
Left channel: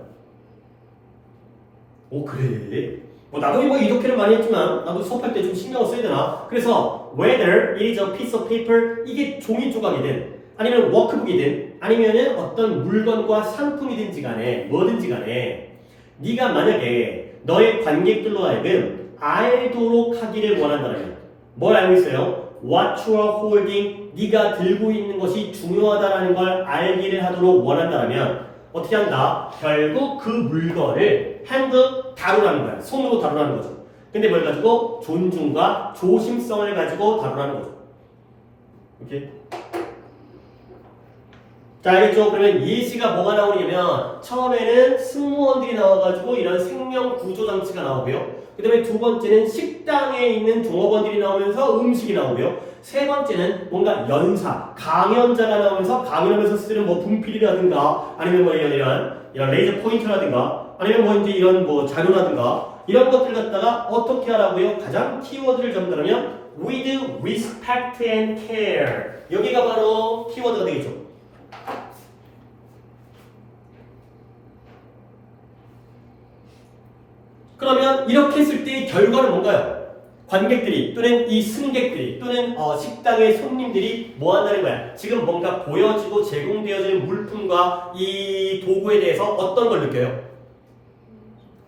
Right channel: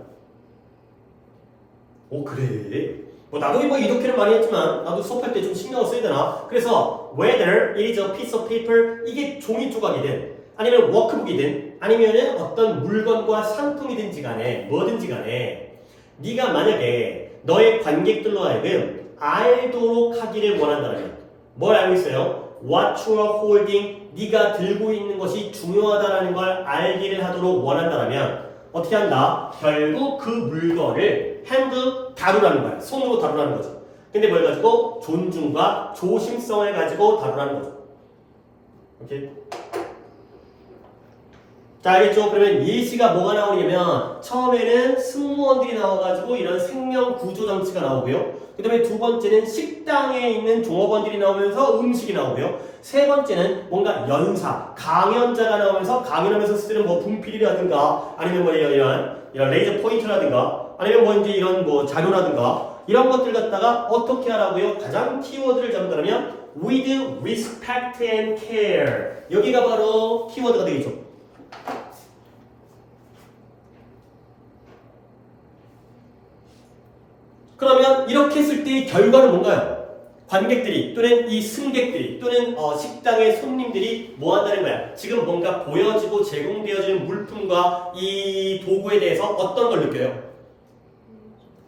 오 그래? 뭐 나도 뭐 이렇게는 많이 했지만 나도 수업할 때 좀 신경을 써야 되나? 그래서 whether it is a piece of paper 이게 종이 조각이든 아니면 워크북이든 아니면은 어떤 물건과 상품이든지 간에 뭐든지 간에 네가 만약에 너의 관객들로 하여금 알도록 하기를 원한다는 거야. 뭘 알고 있어요? What you are holding 네가 들고 있는 것이 중요하다는 걸 알기를 하도록 원한다면 어떻게 한다? 결국 그 물건을 handle 다루라는 거야. 손으로 다루라는 거죠. 근데 뭘 가지고? 존중과 조심성을 가지고 다루라는 거죠. 오케이? 자, 알겠죠? 그러면 예시가 뭐가 나오냐면 처음에는 승무원들이 나와가지고 이런 생명 구조 장치가 나오고요. 그 다음에 두 번째는 식당에 있는 종업원들이 나오면서 음식이 나오고요. 세 번째는 뭔가 연사, 강연자가 나오면서 강연하면서 쓰는 뭐 분필이라든가 아니면 뭐 이런 레이저 포인트라든가 아니면 뭐 이제 이런 뭐 자료라든가 이런 것들 갖다가 어떻게 하라고요? 가장 키워드를 잡는다면 with respect and care 여기가 바로 키워드가 되겠죠. 그러면 이렇게 했을 때의 결과는 뭔가요? 관객들이 또는 이 승객들이 또는 식당의 손님들이 뭐 한다는 거야? 지금 뭔가 보여지고 제공되어지는 물품과 이 도구에 대해서 어떤 걸 느껴요?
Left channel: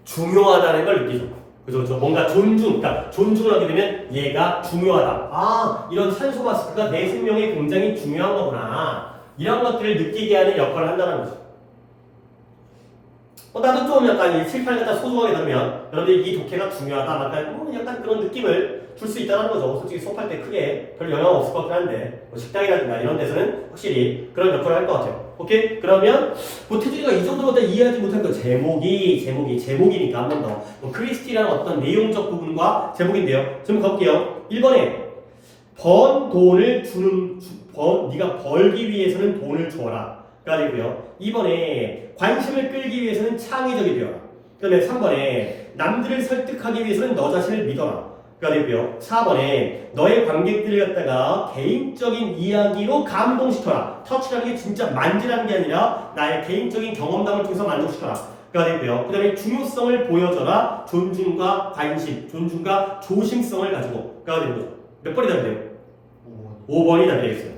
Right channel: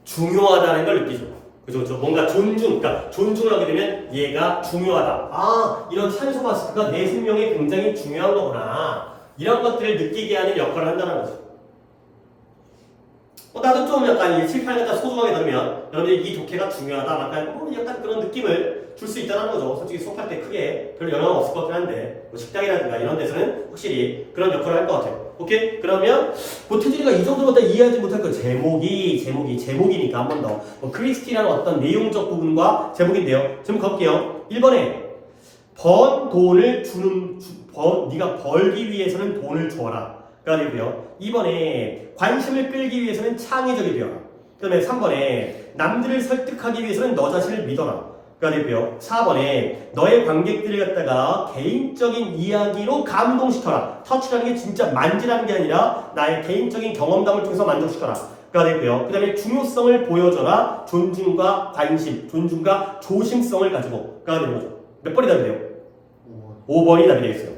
중요하다는 걸 느끼죠. 그죠? 뭔가 그러니까 존중을 하게 되면 얘가 중요하다. 아, 이런 산소 마스크가 내 생명에 굉장히 중요한 거구나. 이런 것들을 느끼게 하는 역할을 한다는 거죠. 나도 좀 약간 실패를 갖다 소중하게 들으면 여러분들이 이 독해가 중요하다 약간 그런 느낌을 줄 수 있다는 거죠. 솔직히 수업할 때 크게 별 영향 없을 것 같긴 한데 뭐 식당이라든가 이런 데서는 확실히 그런 역할을 할 것 같아요. 오케이? 그러면 뭐 태준이가 이 정도로 다 이해하지 못할 거 제목이니까 한 번 더 뭐 크리스티라는 어떤 내용적 부분과 제목인데요. 제목 가볼게요. 1번에 번 돈을 네가 벌기 위해서는 돈을 줘라. 그리고요. 2번에 관심을 끌기 위해서는 창의적이 되어라. 그 다음에 3번에 남들을 설득하기 위해서는 너 자신을 믿어라. 그리고요. 4번에 너의 관객들을 갖다가 개인적인 이야기로 감동시켜라. 터치라는 게 진짜 만지라는 게 아니라 나의 개인적인 경험담을 통해서 만족시켜라. 그리고요. 그 다음에 중요성을 보여줘라. 존중과 관심, 존중과 조심성을 가지고 가야 되는 거죠. 몇 번이 답이 돼요? 5번이 답이 되겠어요.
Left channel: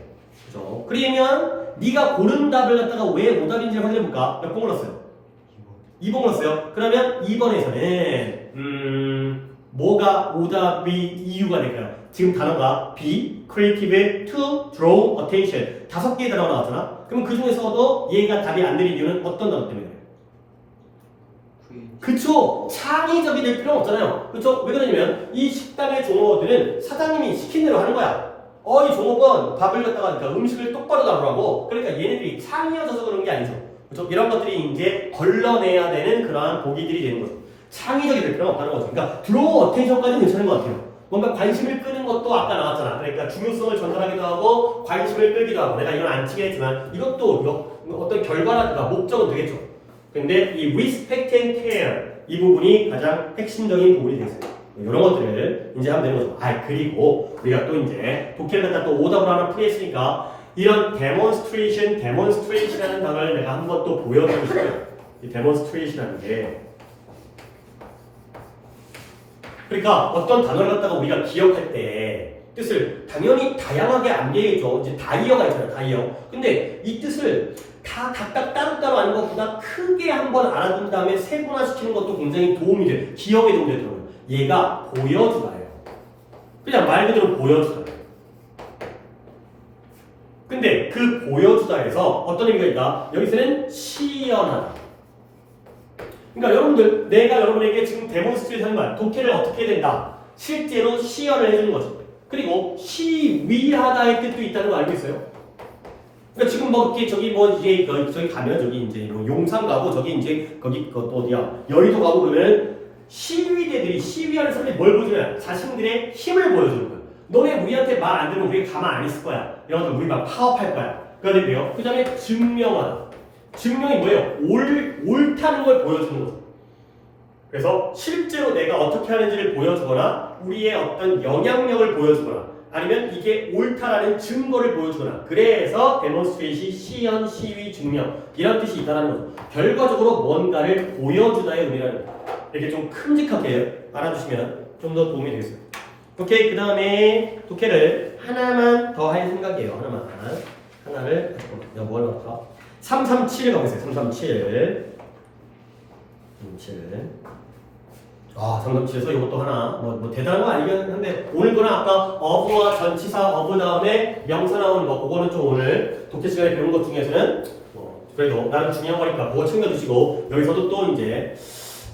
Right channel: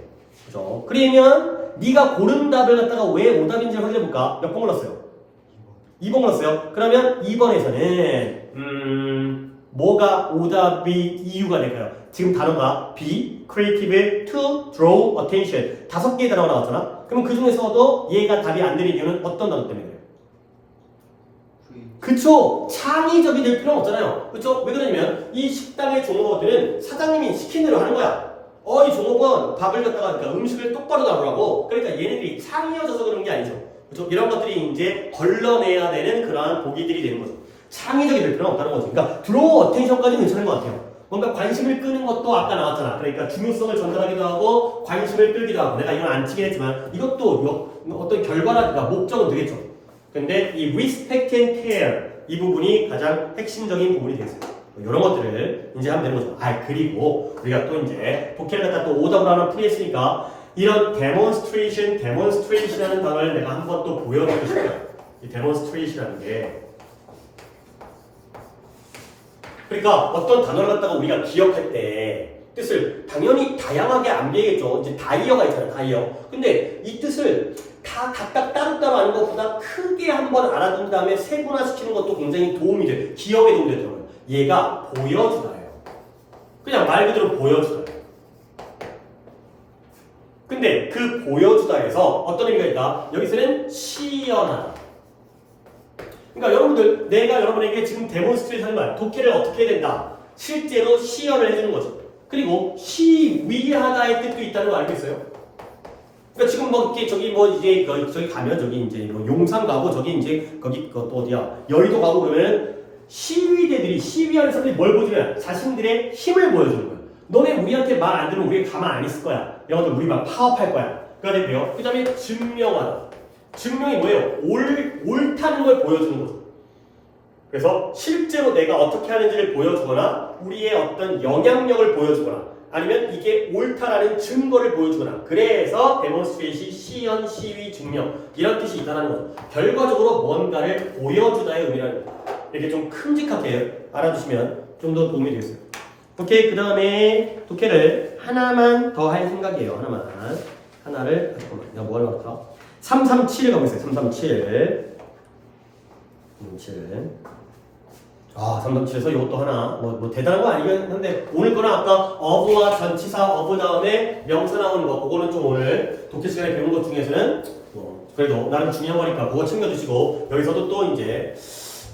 그죠? 그러면 네가 고른 답을 갖다가 왜 오답인지 확인해볼까? 몇 번 골랐어요? 2번 골랐어요. 그러면 2번에서는 뭐가 오답의 이유가 될까요? 지금 단어가 be creative to draw attention 5개의 단어가 나왔잖아. 그럼 그 중에서도 얘가 답이 안 되는 이유는 어떤 단어 때문에 그래요? 그쵸? 창의적이 될 필요는 없잖아요. 그쵸? 왜 그러냐면 이 식당의 종업원들은 사장님이 시킨 대로 하는 거야. 이 종업원 밥을 갖다가 그러니까 음식을 똑바로 나오라고. 그러니까 얘네들이 창의여져서 그런 게 아니죠. 그렇죠? 이런 것들이 이제 걸러내야 되는 그러한 보기들이 되는 거죠. 창의적이 될 필요는 없다는 거죠. 그러니까 드로우 어텐션까지는 괜찮은 것 같아요. 뭔가 관심을 끄는 것도 아까 나왔잖아. 그러니까 중요성을 전달하기도 하고 관심을 끌기도 하고 내가 이건 안 치긴 했지만 이것도 어떤 결과라든가 목적은 되겠죠. 근데 이 respect and care 이 부분이 가장 핵심적인 부분이 되겠어요. 이런 것들을 이제 하면 되는 거죠. 그리고 우리가 또 이제 독해를 갖다 또 오답을 하나 풀이했으니까 이런 demonstration이라는 단어를 내가 한번 또 보여드리고 싶어요. 이 demonstration이라는 게 그러니까 어떤 단어를 갖다가 우리가 기억할 때 뜻을 당연히 다양하게 안 배우죠. 이제 다이어가 있잖아요. 다이어. 근데 이 뜻을 다 각각 따로따로 아는 것보다 크게 한번 알아둔 다음에 세분화시키는 것도 굉장히 도움이 돼요. 기억에 도움이 되더라고요. 얘가 보여주다예요. 그냥 말 그대로 보여주다예요. 근데 그 보여주다에서 어떤 의미가 있다? 여기서는 시연하다. 그러니까 여러분들, 내가 여러분에게 지금 데몬스트레이트 하는 말, 독해를 어떻게 해야 된다? 실제로 시연을 해주는 거지. 그리고 시위하다의 뜻도 있다는 거 알고 있어요? 그러니까 지금 뭐 이렇게 저기 뭐 이제 저기 가면 저기 이제 뭐 용산 가고 저기 이제 거기 또 어디야 여의도 가고 그러면 시위대들이 시위하는 사람들이 뭘 보여주냐? 자신들의 힘을 보여주는 거야. 너네 우리한테 말 안 들으면 우리 가만 안 있을 거야. 여러분들 우리 막 파업할 거야. 그러는데요. 그 다음에 증명하다. 증명이 뭐예요? 옳다는 걸 보여주는 거죠. 그래서 실제로 내가 어떻게 하는지를 보여주거나 우리의 어떤 영향력을 보여주거나 아니면 이게 옳다라는 증거를 보여주거나 그래서 데몬스트레이시, 시연, 시위, 증명 이런 뜻이 있다는 거죠. 결과적으로 뭔가를 보여주다의 의미라는 거죠. 이렇게 좀 큼직하게 알아두시면 좀 더 도움이 되겠어요. 오케이, 그 다음에 독해를 하나만 더 할 생각이에요. 하나를 잠깐만 내가 뭘 할까? 337 가보세요. 337 337에서 이것도 하나 뭐 대단한 거 아니긴 한데 오늘 거는 아까 어부와 전치사 어부 다음에 명사 나오는 거 그거는 좀 오늘 독해 시간에 배운 것 중에서는 그래도 나름 중요한 거니까 그거 챙겨주시고 여기서도 또 이제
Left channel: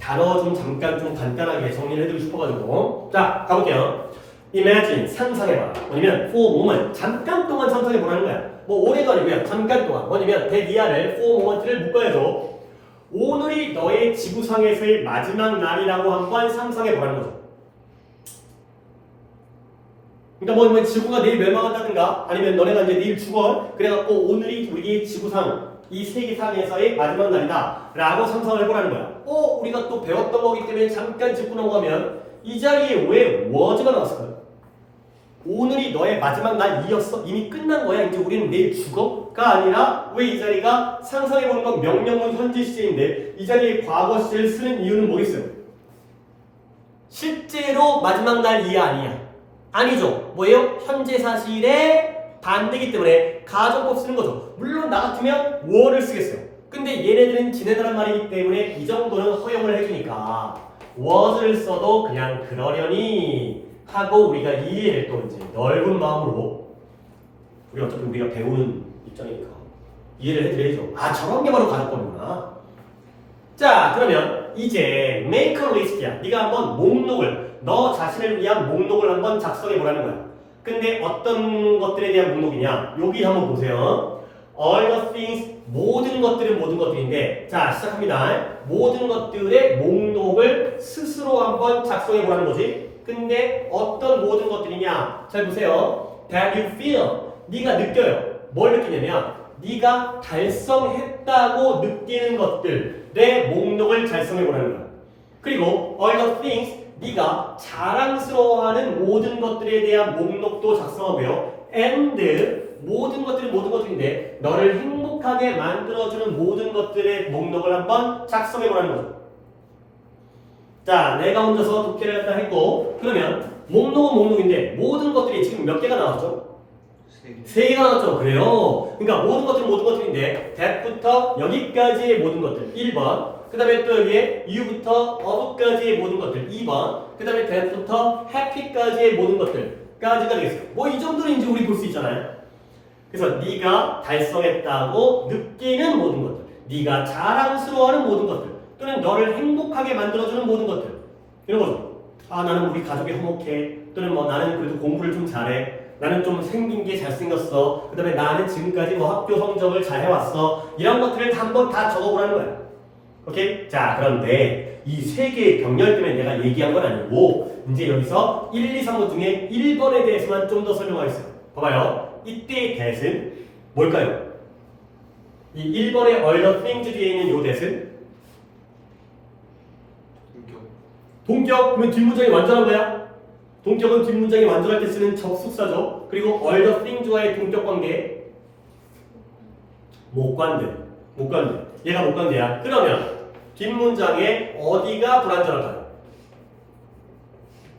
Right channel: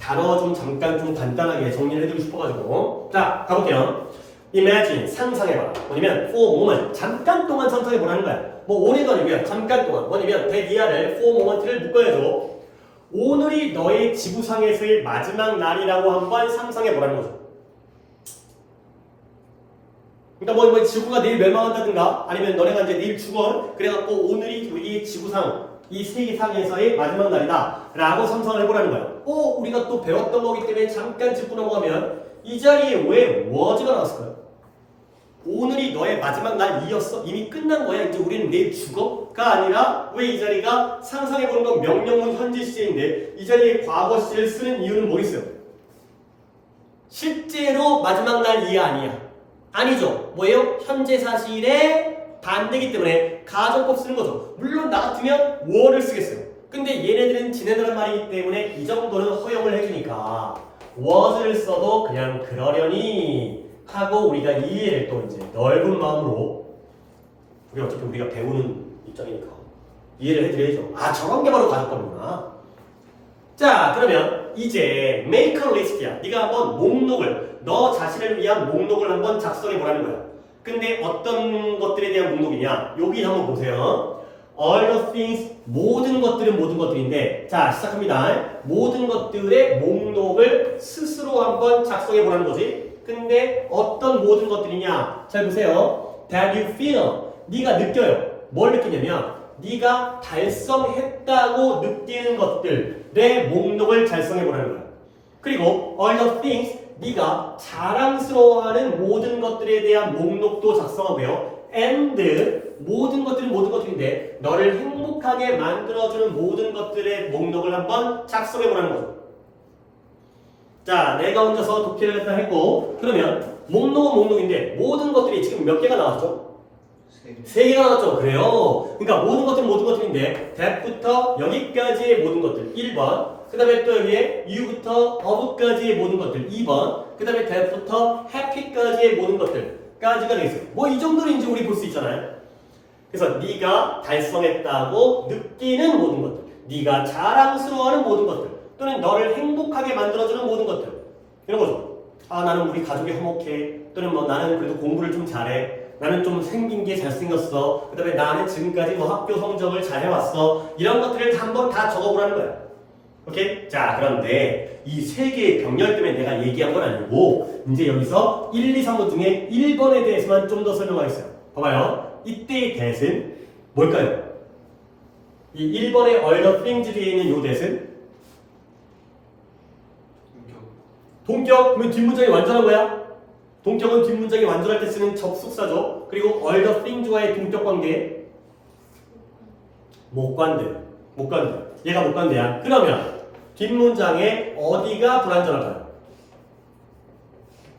단어 좀 잠깐 좀 간단하게 정리를 해드리고 싶어가지고 자 가볼게요. Imagine 상상해봐. 뭐냐면 for moment 잠깐 동안 상상해보라는 거야. 뭐 오래간이면 잠깐 동안 뭐냐면 대기하를 for moment를 묶어야죠. 오늘이 너의 지구상에서의 마지막 날이라고 한번 상상해보라는 거죠. 그러니까 뭐 지구가 내일 멸망한다든가 아니면 너네가 이제 내일 죽어 그래갖고 오늘이 우리 지구상 이 세계상에서의 마지막 날이다 라고 상상을 해보라는 거야. 우리가 또 배웠던 거기 때문에 잠깐 짚고 넘어가면 이 자리에 왜 was가 나왔을까요? 오늘이 너의 마지막 날이었어? 이미 끝난 거야. 이제 우리는 내일 죽어?가 아니라 왜 이 자리가 상상해보는 건 명령문 현재 시제인데 이 자리에 과거 시제를 쓰는 이유는 뭐겠어요? 실제로 마지막 날이 아니야. 아니죠. 뭐예요? 현재 사실의 반대이기 때문에 가정법 쓰는 거죠. 물론 나 같으면 were를 쓰겠어요. 근데 얘네들은 지내다란 말이기 때문에 이 정도는 허용을 해주니까 was를 써도 그냥 그러려니 하고 우리가 이해를 또 이제 넓은 마음으로 우리 어차피 우리가 배우는 입장이니까 이해를 해드려야죠. 저런 게 바로 가정법이구나. 자 그러면 이제 make a list야. 네가 한번 목록을 너 자신을 위한 목록을 한번 작성해 보라는 거야. 근데 어떤 것들에 대한 목록이냐? 여기 한번 보세요. all the things 모든 것들은 모든 것들인데 자 시작합니다. 모든 것들의 목록을 스스로 한번 작성해 보라는 거지. 근데 어떤 모든 것들이냐? 잘 보세요. that you feel 네가 느껴요. 뭘 느끼냐면 네가 달성했다고 느끼는 것들의 목록을 작성해 보라는 거야. 그리고 all the things 네가 자랑스러워하는 모든 것들에 대한 목록도 작성하고요. and 모든 것들은 모든 것들인데 너를 행복하게 만들어주는 모든 것들의 목록을 한번 작성해 보라는 거죠. 자, 내가 혼자서 독해를 갖다 했고 그러면 목록은 목록인데 모든 것들이 지금 몇 개가 나왔죠? 3개가 나왔죠. 그래요. 그러니까 모든 것들은 모든 것들인데 that부터 여기까지의 모든 것들 1번 그 다음에 또 여기에 you부터 of까지의 모든 것들 2번 그 다음에 that부터 happy까지의 모든 것들까지가 되겠어요. 뭐 이 정도는 이제 우리 볼 수 있잖아요. 그래서 네가 달성했다고 느끼는 모든 것들 네가 자랑스러워하는 모든 것들 또는 너를 행복하게 만들어주는 모든 것들 이런 거죠. 나는 우리 가족이 화목해 또는 뭐 나는 그래도 공부를 좀 잘해 나는 좀 생긴 게 잘생겼어 그 다음에 나는 지금까지 뭐 학교 성적을 잘 해왔어 이런 것들을 한번 다 적어보라는 거야. 오케이? 자 그런데 이 3개의 병렬 때문에 내가 얘기한 건 아니고 이제 여기서 1, 2, 3번 중에 1번에 대해서만 좀 더 설명하겠어요. 봐봐요. 이때의 that은 뭘까요? 이 1번의 all the things 뒤에 있는 이 that은 동격 그러면 뒷문장이 완전한 거야. 동격은 뒷문장이 완전할 때 쓰는 접속사죠. 그리고 all the things와의 동격 관계 목관대. 얘가 목관대야. 그러면 뒷문장에 어디가 불완전할까요?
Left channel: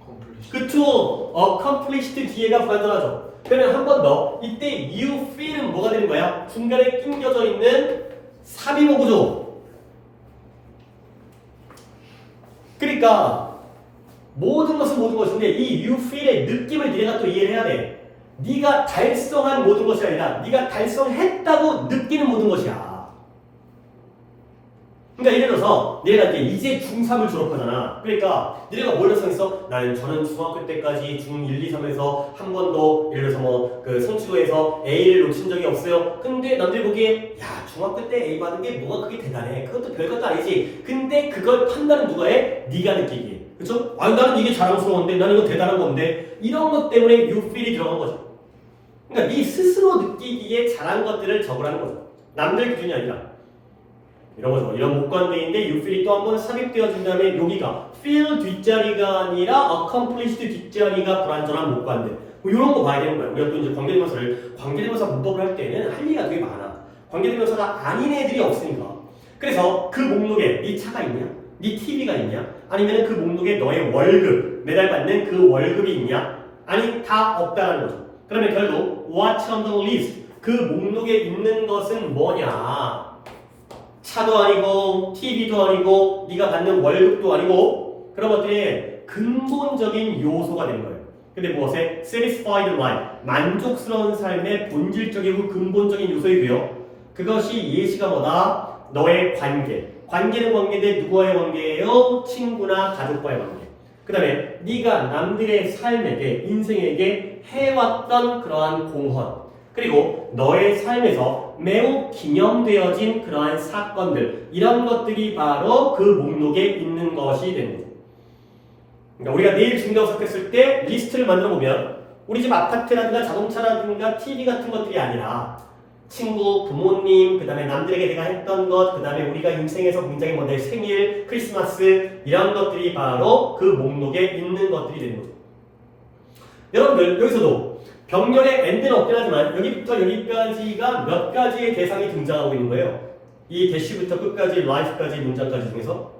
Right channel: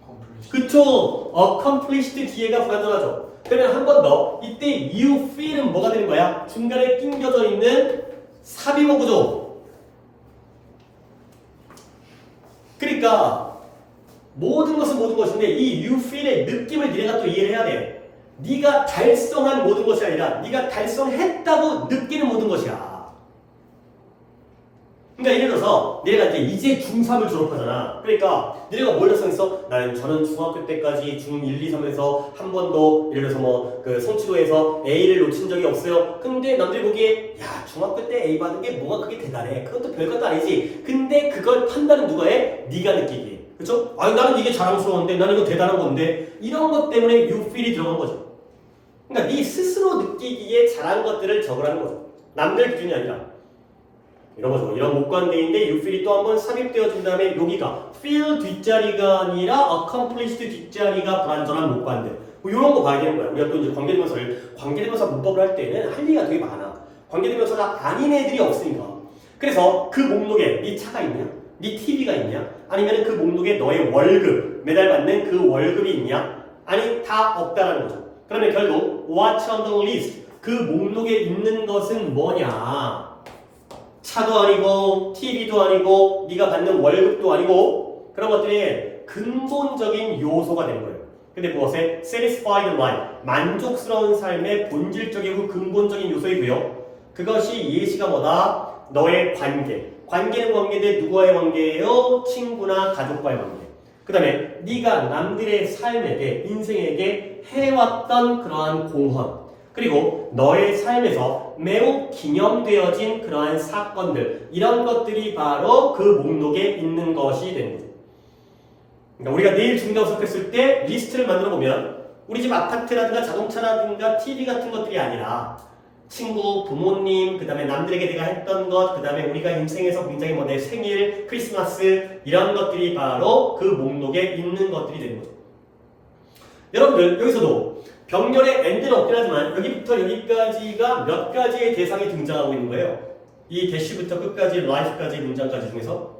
컴플리시. 그쵸. accomplished 뒤에가 불완전하죠. 그러면 한 번 더. 이때 you feel은 뭐가 되는 거야? 중간에 낑겨져 있는 삽입어구죠. 그러니까 모든 것은 모든 것인데 이 you feel의 느낌을 네가 또 이해를 해야 돼. 네가 달성한 모든 것이 아니라 네가 달성했다고 느끼는 모든 것이야. 그러니까 예를 들어서 내가 이제 중3을 졸업하잖아. 그러니까 너네가 뭘 달성했어? 저는 중학교 때까지 중1, 2, 3에서 한 번도 예를 들어서 뭐 그 성취도에서 A를 놓친 적이 없어요. 근데 남들 보기에 야 중학교 때 A 받은 게 뭐가 그게 대단해. 그것도 별것도 아니지. 근데 그걸 판단은 누가 해? 네가 느끼기에. 그쵸? 아니 나는 이게 자랑스러운데 나는 이거 대단한 건데 이런 것 때문에 you feel이 들어간 거죠. 그러니까 네 스스로 느끼기에 잘한 것들을 적으라는 거죠. 남들 기준이 아니라. 이런 거죠. 이런 목관대인데 you feel이 또 한번 삽입되어진 다음에 여기가 feel 뒷자리가 아니라 accomplished 뒷자리가 불완전한 목관대. 뭐 이런 거 봐야 되는 거야. 우리가 또 이제 관계대명사 문법을 할 때는 할 얘기가 되게 많아. 관계대명사가 아닌 애들이 없으니까. 그래서 그 목록에 네 차가 있냐? 네 TV가 있냐? 아니면 그 목록에 너의 월급, 매달 받는 그 월급이 있냐? 아니 다 없다라는 거죠. 그러면 결국 what's on the list? 그 목록에 있는 것은 뭐냐? 차도 아니고 TV도 아니고 네가 받는 월급도 아니고 그런 것들이 근본적인 요소가 되는 거예요. 근데 무엇에? satisfied life, 만족스러운 삶의 본질적이고 근본적인 요소이고요. 그것이 예시가 뭐다? 너의 관계. 관계는 관계인데 누구와의 관계예요? 친구나 가족과의 관계. 그 다음에 네가 남들의 삶에게, 인생에게 해왔던 그러한 공헌. 그리고 너의 삶에서 매우 기념되어진 그러한 사건들, 이런 것들이 바로 그 목록에 있는 것이 됩니다. 그러니까 우리가 내일 중개업했을 때 리스트를 만들어 보면 우리 집 아파트라든가 자동차라든가 TV 같은 것들이 아니라 친구, 부모님, 그 다음에 남들에게 내가 했던 것, 그 다음에 우리가 인생에서 굉장히 내 생일, 크리스마스 이런 것들이 바로 그 목록에 있는 것들이 되는 거죠. 여러분들 여기서도 병렬의 엔드는 없긴 하지만 여기부터 여기까지가 몇 가지의 대상이 등장하고 있는 거예요. 이 대시부터 끝까지 라이프까지 문장까지 중에서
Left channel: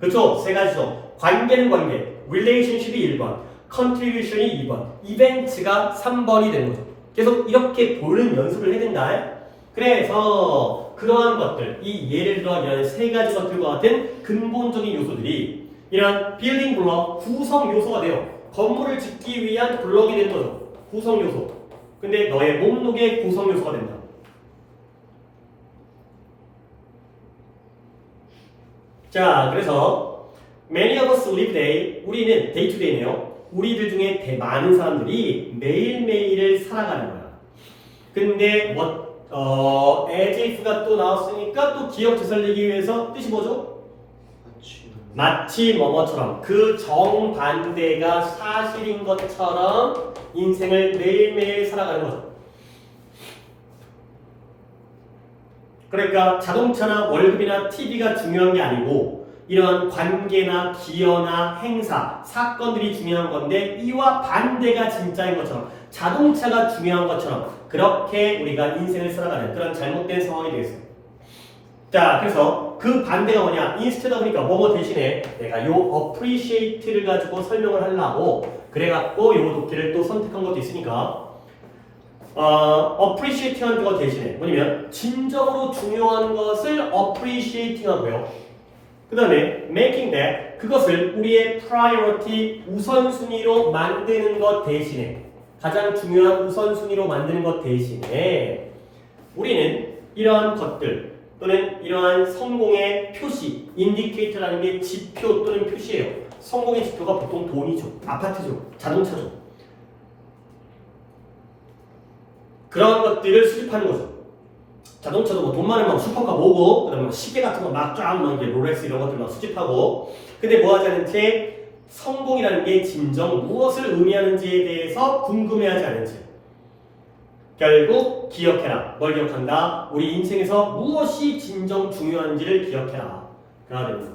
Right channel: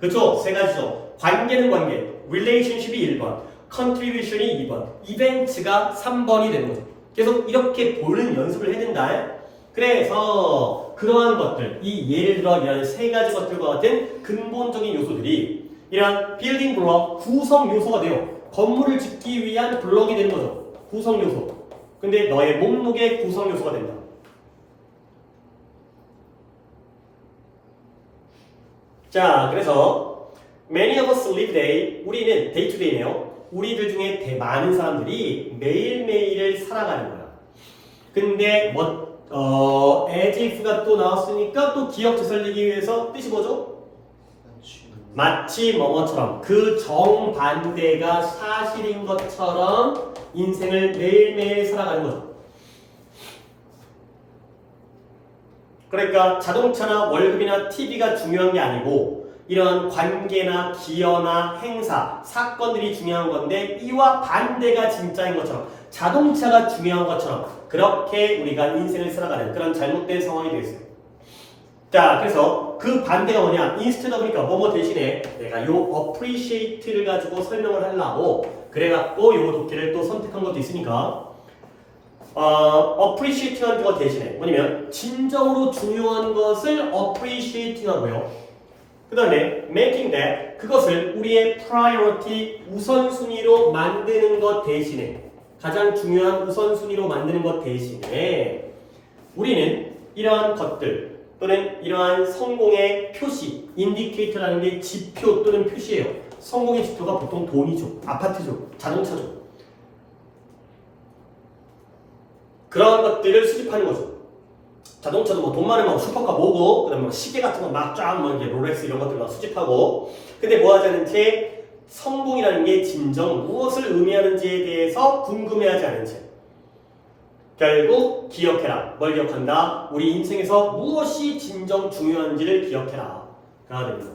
그렇죠? 세 가지죠. 관계는 관계, relationship이 1번, contribution이 2번, 이벤트가 3번이 되는 거죠. 계속 이렇게 보는 연습을 해야 된다. 그래서 그러한 것들, 이 예를 들어 이런 세 가지 것들과 같은 근본적인 요소들이 이런 빌딩 블록, 구성 요소가 돼요. 건물을 짓기 위한 블록이 되는 거죠. 구성 요소. 근데 너의 목록의 구성 요소가 된다. 자, 그래서 many of us live day. 우리는 day to day네요. 우리들 중에 많은 사람들이 매일매일을 살아가는 거야. 근데 as if가 또 나왔으니까 또 기억 되살리기 위해서 뜻이 뭐죠? 마치 뭐뭐처럼 그 정반대가 사실인 것처럼 인생을 매일매일 살아가는 거죠. 그러니까 자동차나 월급이나 TV가 중요한 게 아니고 이런 관계나 기여나 행사, 사건들이 중요한 건데 이와 반대가 진짜인 것처럼 자동차가 중요한 것처럼 그렇게 우리가 인생을 살아가는 그런 잘못된 상황이 되겠어요. 자, 그래서 그 반대가 뭐냐? 인스트다 보니까 뭐뭐 대신에 내가 요 appreciate를 가지고 설명을 하려고 그래갖고 요 독해를 또 선택한 것도 있으니까 appreciate하는 거 대신에 뭐냐면 진정으로 중요한 것을 appreciating 하고요. 그 다음에 making that 그것을 우리의 priority 우선순위로 만드는 것 대신에 가장 중요한 우선순위로 만드는 것 대신에 우리는 이러한 것들 또는 이러한 성공의 표시 인디케이터라는 게 지표 또는 표시예요. 성공의 지표가 보통 돈이죠. 아파트죠. 자동차죠. 그런 것들을 수집하는 거죠. 자동차도 뭐 돈 많으면 슈퍼카 모으고 그다음에 뭐 시계 같은 거 막 쫙 뭐 이제 롤렉스 이런 것들 막 수집하고 근데 뭐 하지 않은 채 성공이라는 게 진정 무엇을 의미하는지에 대해서 궁금해하지 않은 채 결국 기억해라. 뭘 기억한다? 우리 인생에서 무엇이 진정 중요한지를 기억해라. 그가 됩니다.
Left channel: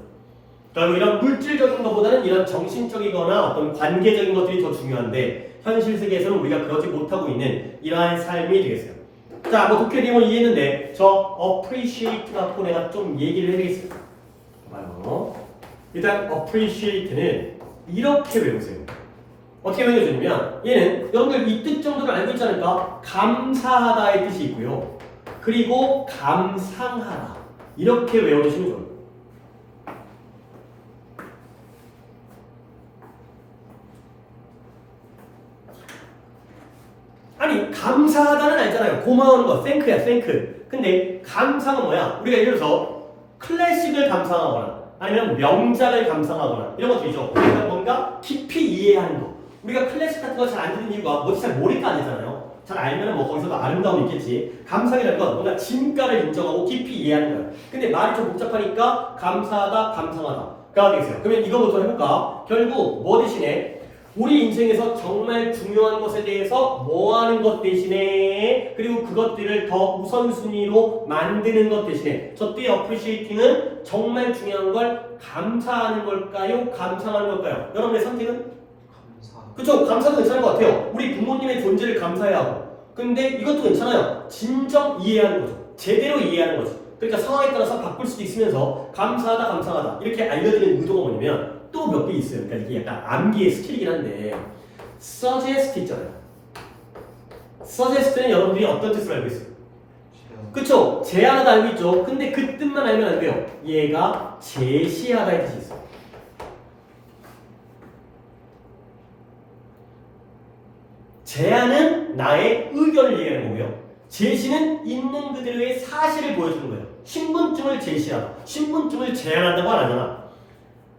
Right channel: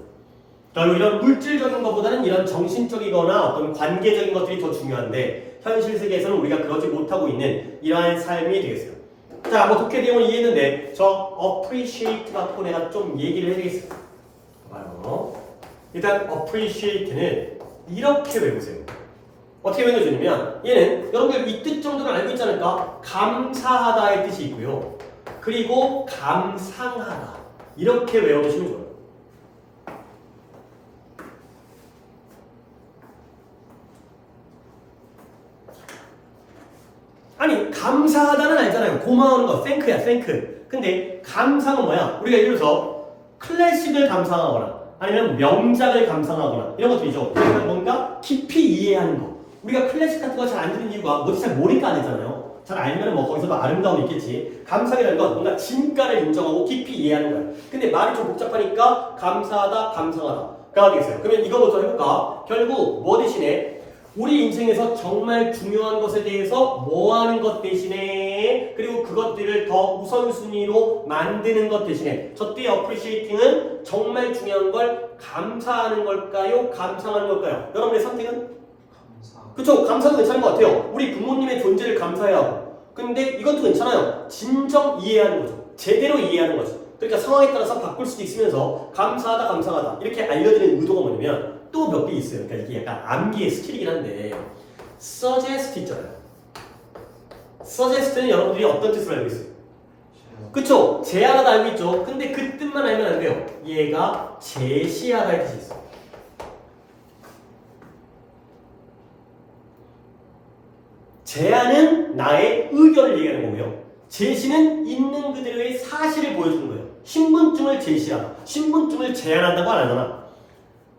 그리고 이런 물질적인 것보다는 이런 정신적이거나 어떤 관계적인 것들이 더 중요한데 현실 세계에서는 우리가 그러지 못하고 있는 이러한 삶이 되겠어요. 자, 뭐 독해 내용을 이해했는데 저 appreciate 갖고 내가 좀 얘기를 해야겠습니다. 바로 일단 appreciate는 이렇게 외우세요. 어떻게 외워주냐면 얘는 여러분들 이 뜻 정도를 알고 있지 않을까? 감사하다의 뜻이 있고요. 그리고 감상하다 이렇게 외워주시면 좋아요. 아니 감사하다는 알잖아요. 고마워하는 거 thank야 thank. 근데 감상은 뭐야? 우리가 예를 들어서 클래식을 감상하거나 아니면 명작을 감상하거나 이런 것들이죠. 우리가 뭔가 깊이 이해하는 거. 우리가 클래식 같은 거 잘 안 듣는 이유가 뭐지 잘 모르니까 아니잖아요. 잘 알면 뭐 거기서도 아름다움이 있겠지. 감상이라는 건 뭔가 진가를 인정하고 깊이 이해하는 거야. 근데 말이 좀 복잡하니까 감사하다, 감상하다가 되겠어요. 그러면 이거부터 해볼까? 결국 뭐 대신에 우리 인생에서 정말 중요한 것에 대해서 뭐 하는 것 대신에 그리고 그것들을 더 우선순위로 만드는 것 대신에 저때의 appreciating은 정말 중요한 걸 감사하는 걸까요? 감상하는 걸까요? 여러분의 선택은? 감사. 그쵸? 감사도 괜찮은 것 같아요. 우리 부모님의 존재를 감사해야 하고 근데 이것도 괜찮아요. 진정 이해하는 거죠. 제대로 이해하는 거죠. 그러니까 상황에 따라서 바꿀 수도 있으면서 감사하다 감상하다 이렇게 알려드리는 의도가 뭐냐면 또 몇 개 있어요. 그러니까 이게 약간 암기의 스킬이긴 한데 suggest 있잖아요. suggest는 여러분들이 어떤 뜻을 알고 있어요? 그쵸? 제안하다 알고 있죠? 근데 그 뜻만 알면 안 돼요. 얘가 제시하다의 뜻이 있어요. 제안은 나의 의견을 얘기하는 거고요. 제시는 있는 그대로의 사실을 보여주는 거예요. 신분증을 제시하다. 신분증을 제안한다고 안 하잖아.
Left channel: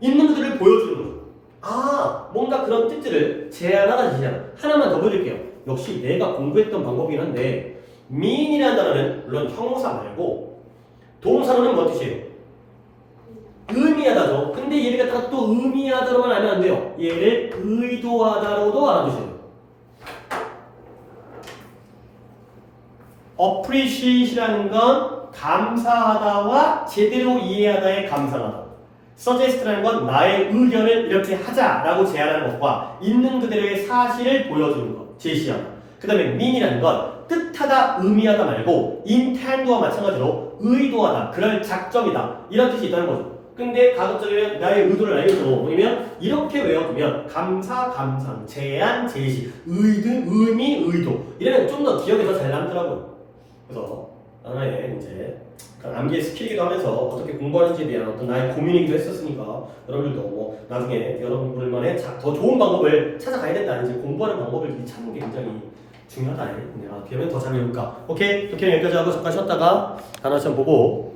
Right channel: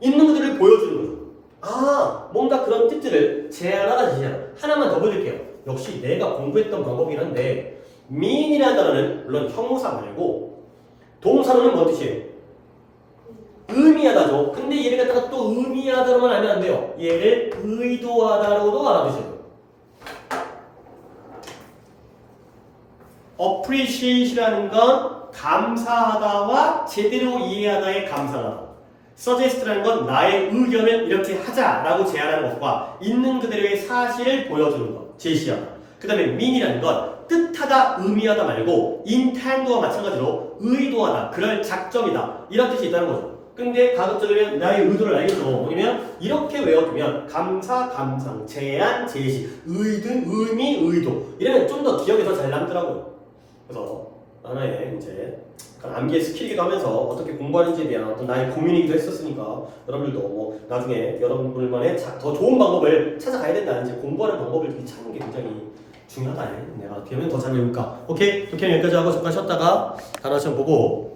있는 그대로를 보여주는 거죠. 아, 뭔가 그런 뜻들을 제안하다 제시하다. 하나만 더 보여드릴게요. 역시 내가 공부했던 방법이긴 한데 mean이라는 단어는 물론 형용사 말고 동사로는 뭔 뜻이에요? 의미하다죠. 근데 얘를 갖다가 또 의미하다로만 알면 안 돼요. 얘를 의도하다로도 알아두셔야 돼요. appreciate이라는 건 감사하다와 제대로 이해하다의 감상하다. suggest라는 건 나의 의견을 이렇게 하자라고 제안하는 것과 있는 그대로의 사실을 보여주는 것, 제시하다. 그 다음에 mean이라는 건 뜻하다, 의미하다 말고 intend와 마찬가지로 의도하다, 그럴 작정이다 이런 뜻이 있다는 거죠. 근데 가급적이면 나의 의도를 알려줘. 뭐냐면 이렇게 외워두면 감사, 감상, 제안, 제시, 의미, 의도 이러면 좀 더 기억이 더 잘 남더라고요. 그래서 하나의 이제 암기의 스킬이기도 하면서 어떻게 공부하는지에 대한 어떤 나의 고민이기도 했었으니까 여러분들도 뭐 나중에 여러분들만의 더 좋은 방법을 찾아가야 된다. 이제 공부하는 방법을 찾는 게 굉장히 중요하다. 내가 어떻게 하면 더 잘 외울까? 오케이? 이렇게 여기까지 하고 잠깐 쉬었다가 단어 시험 보고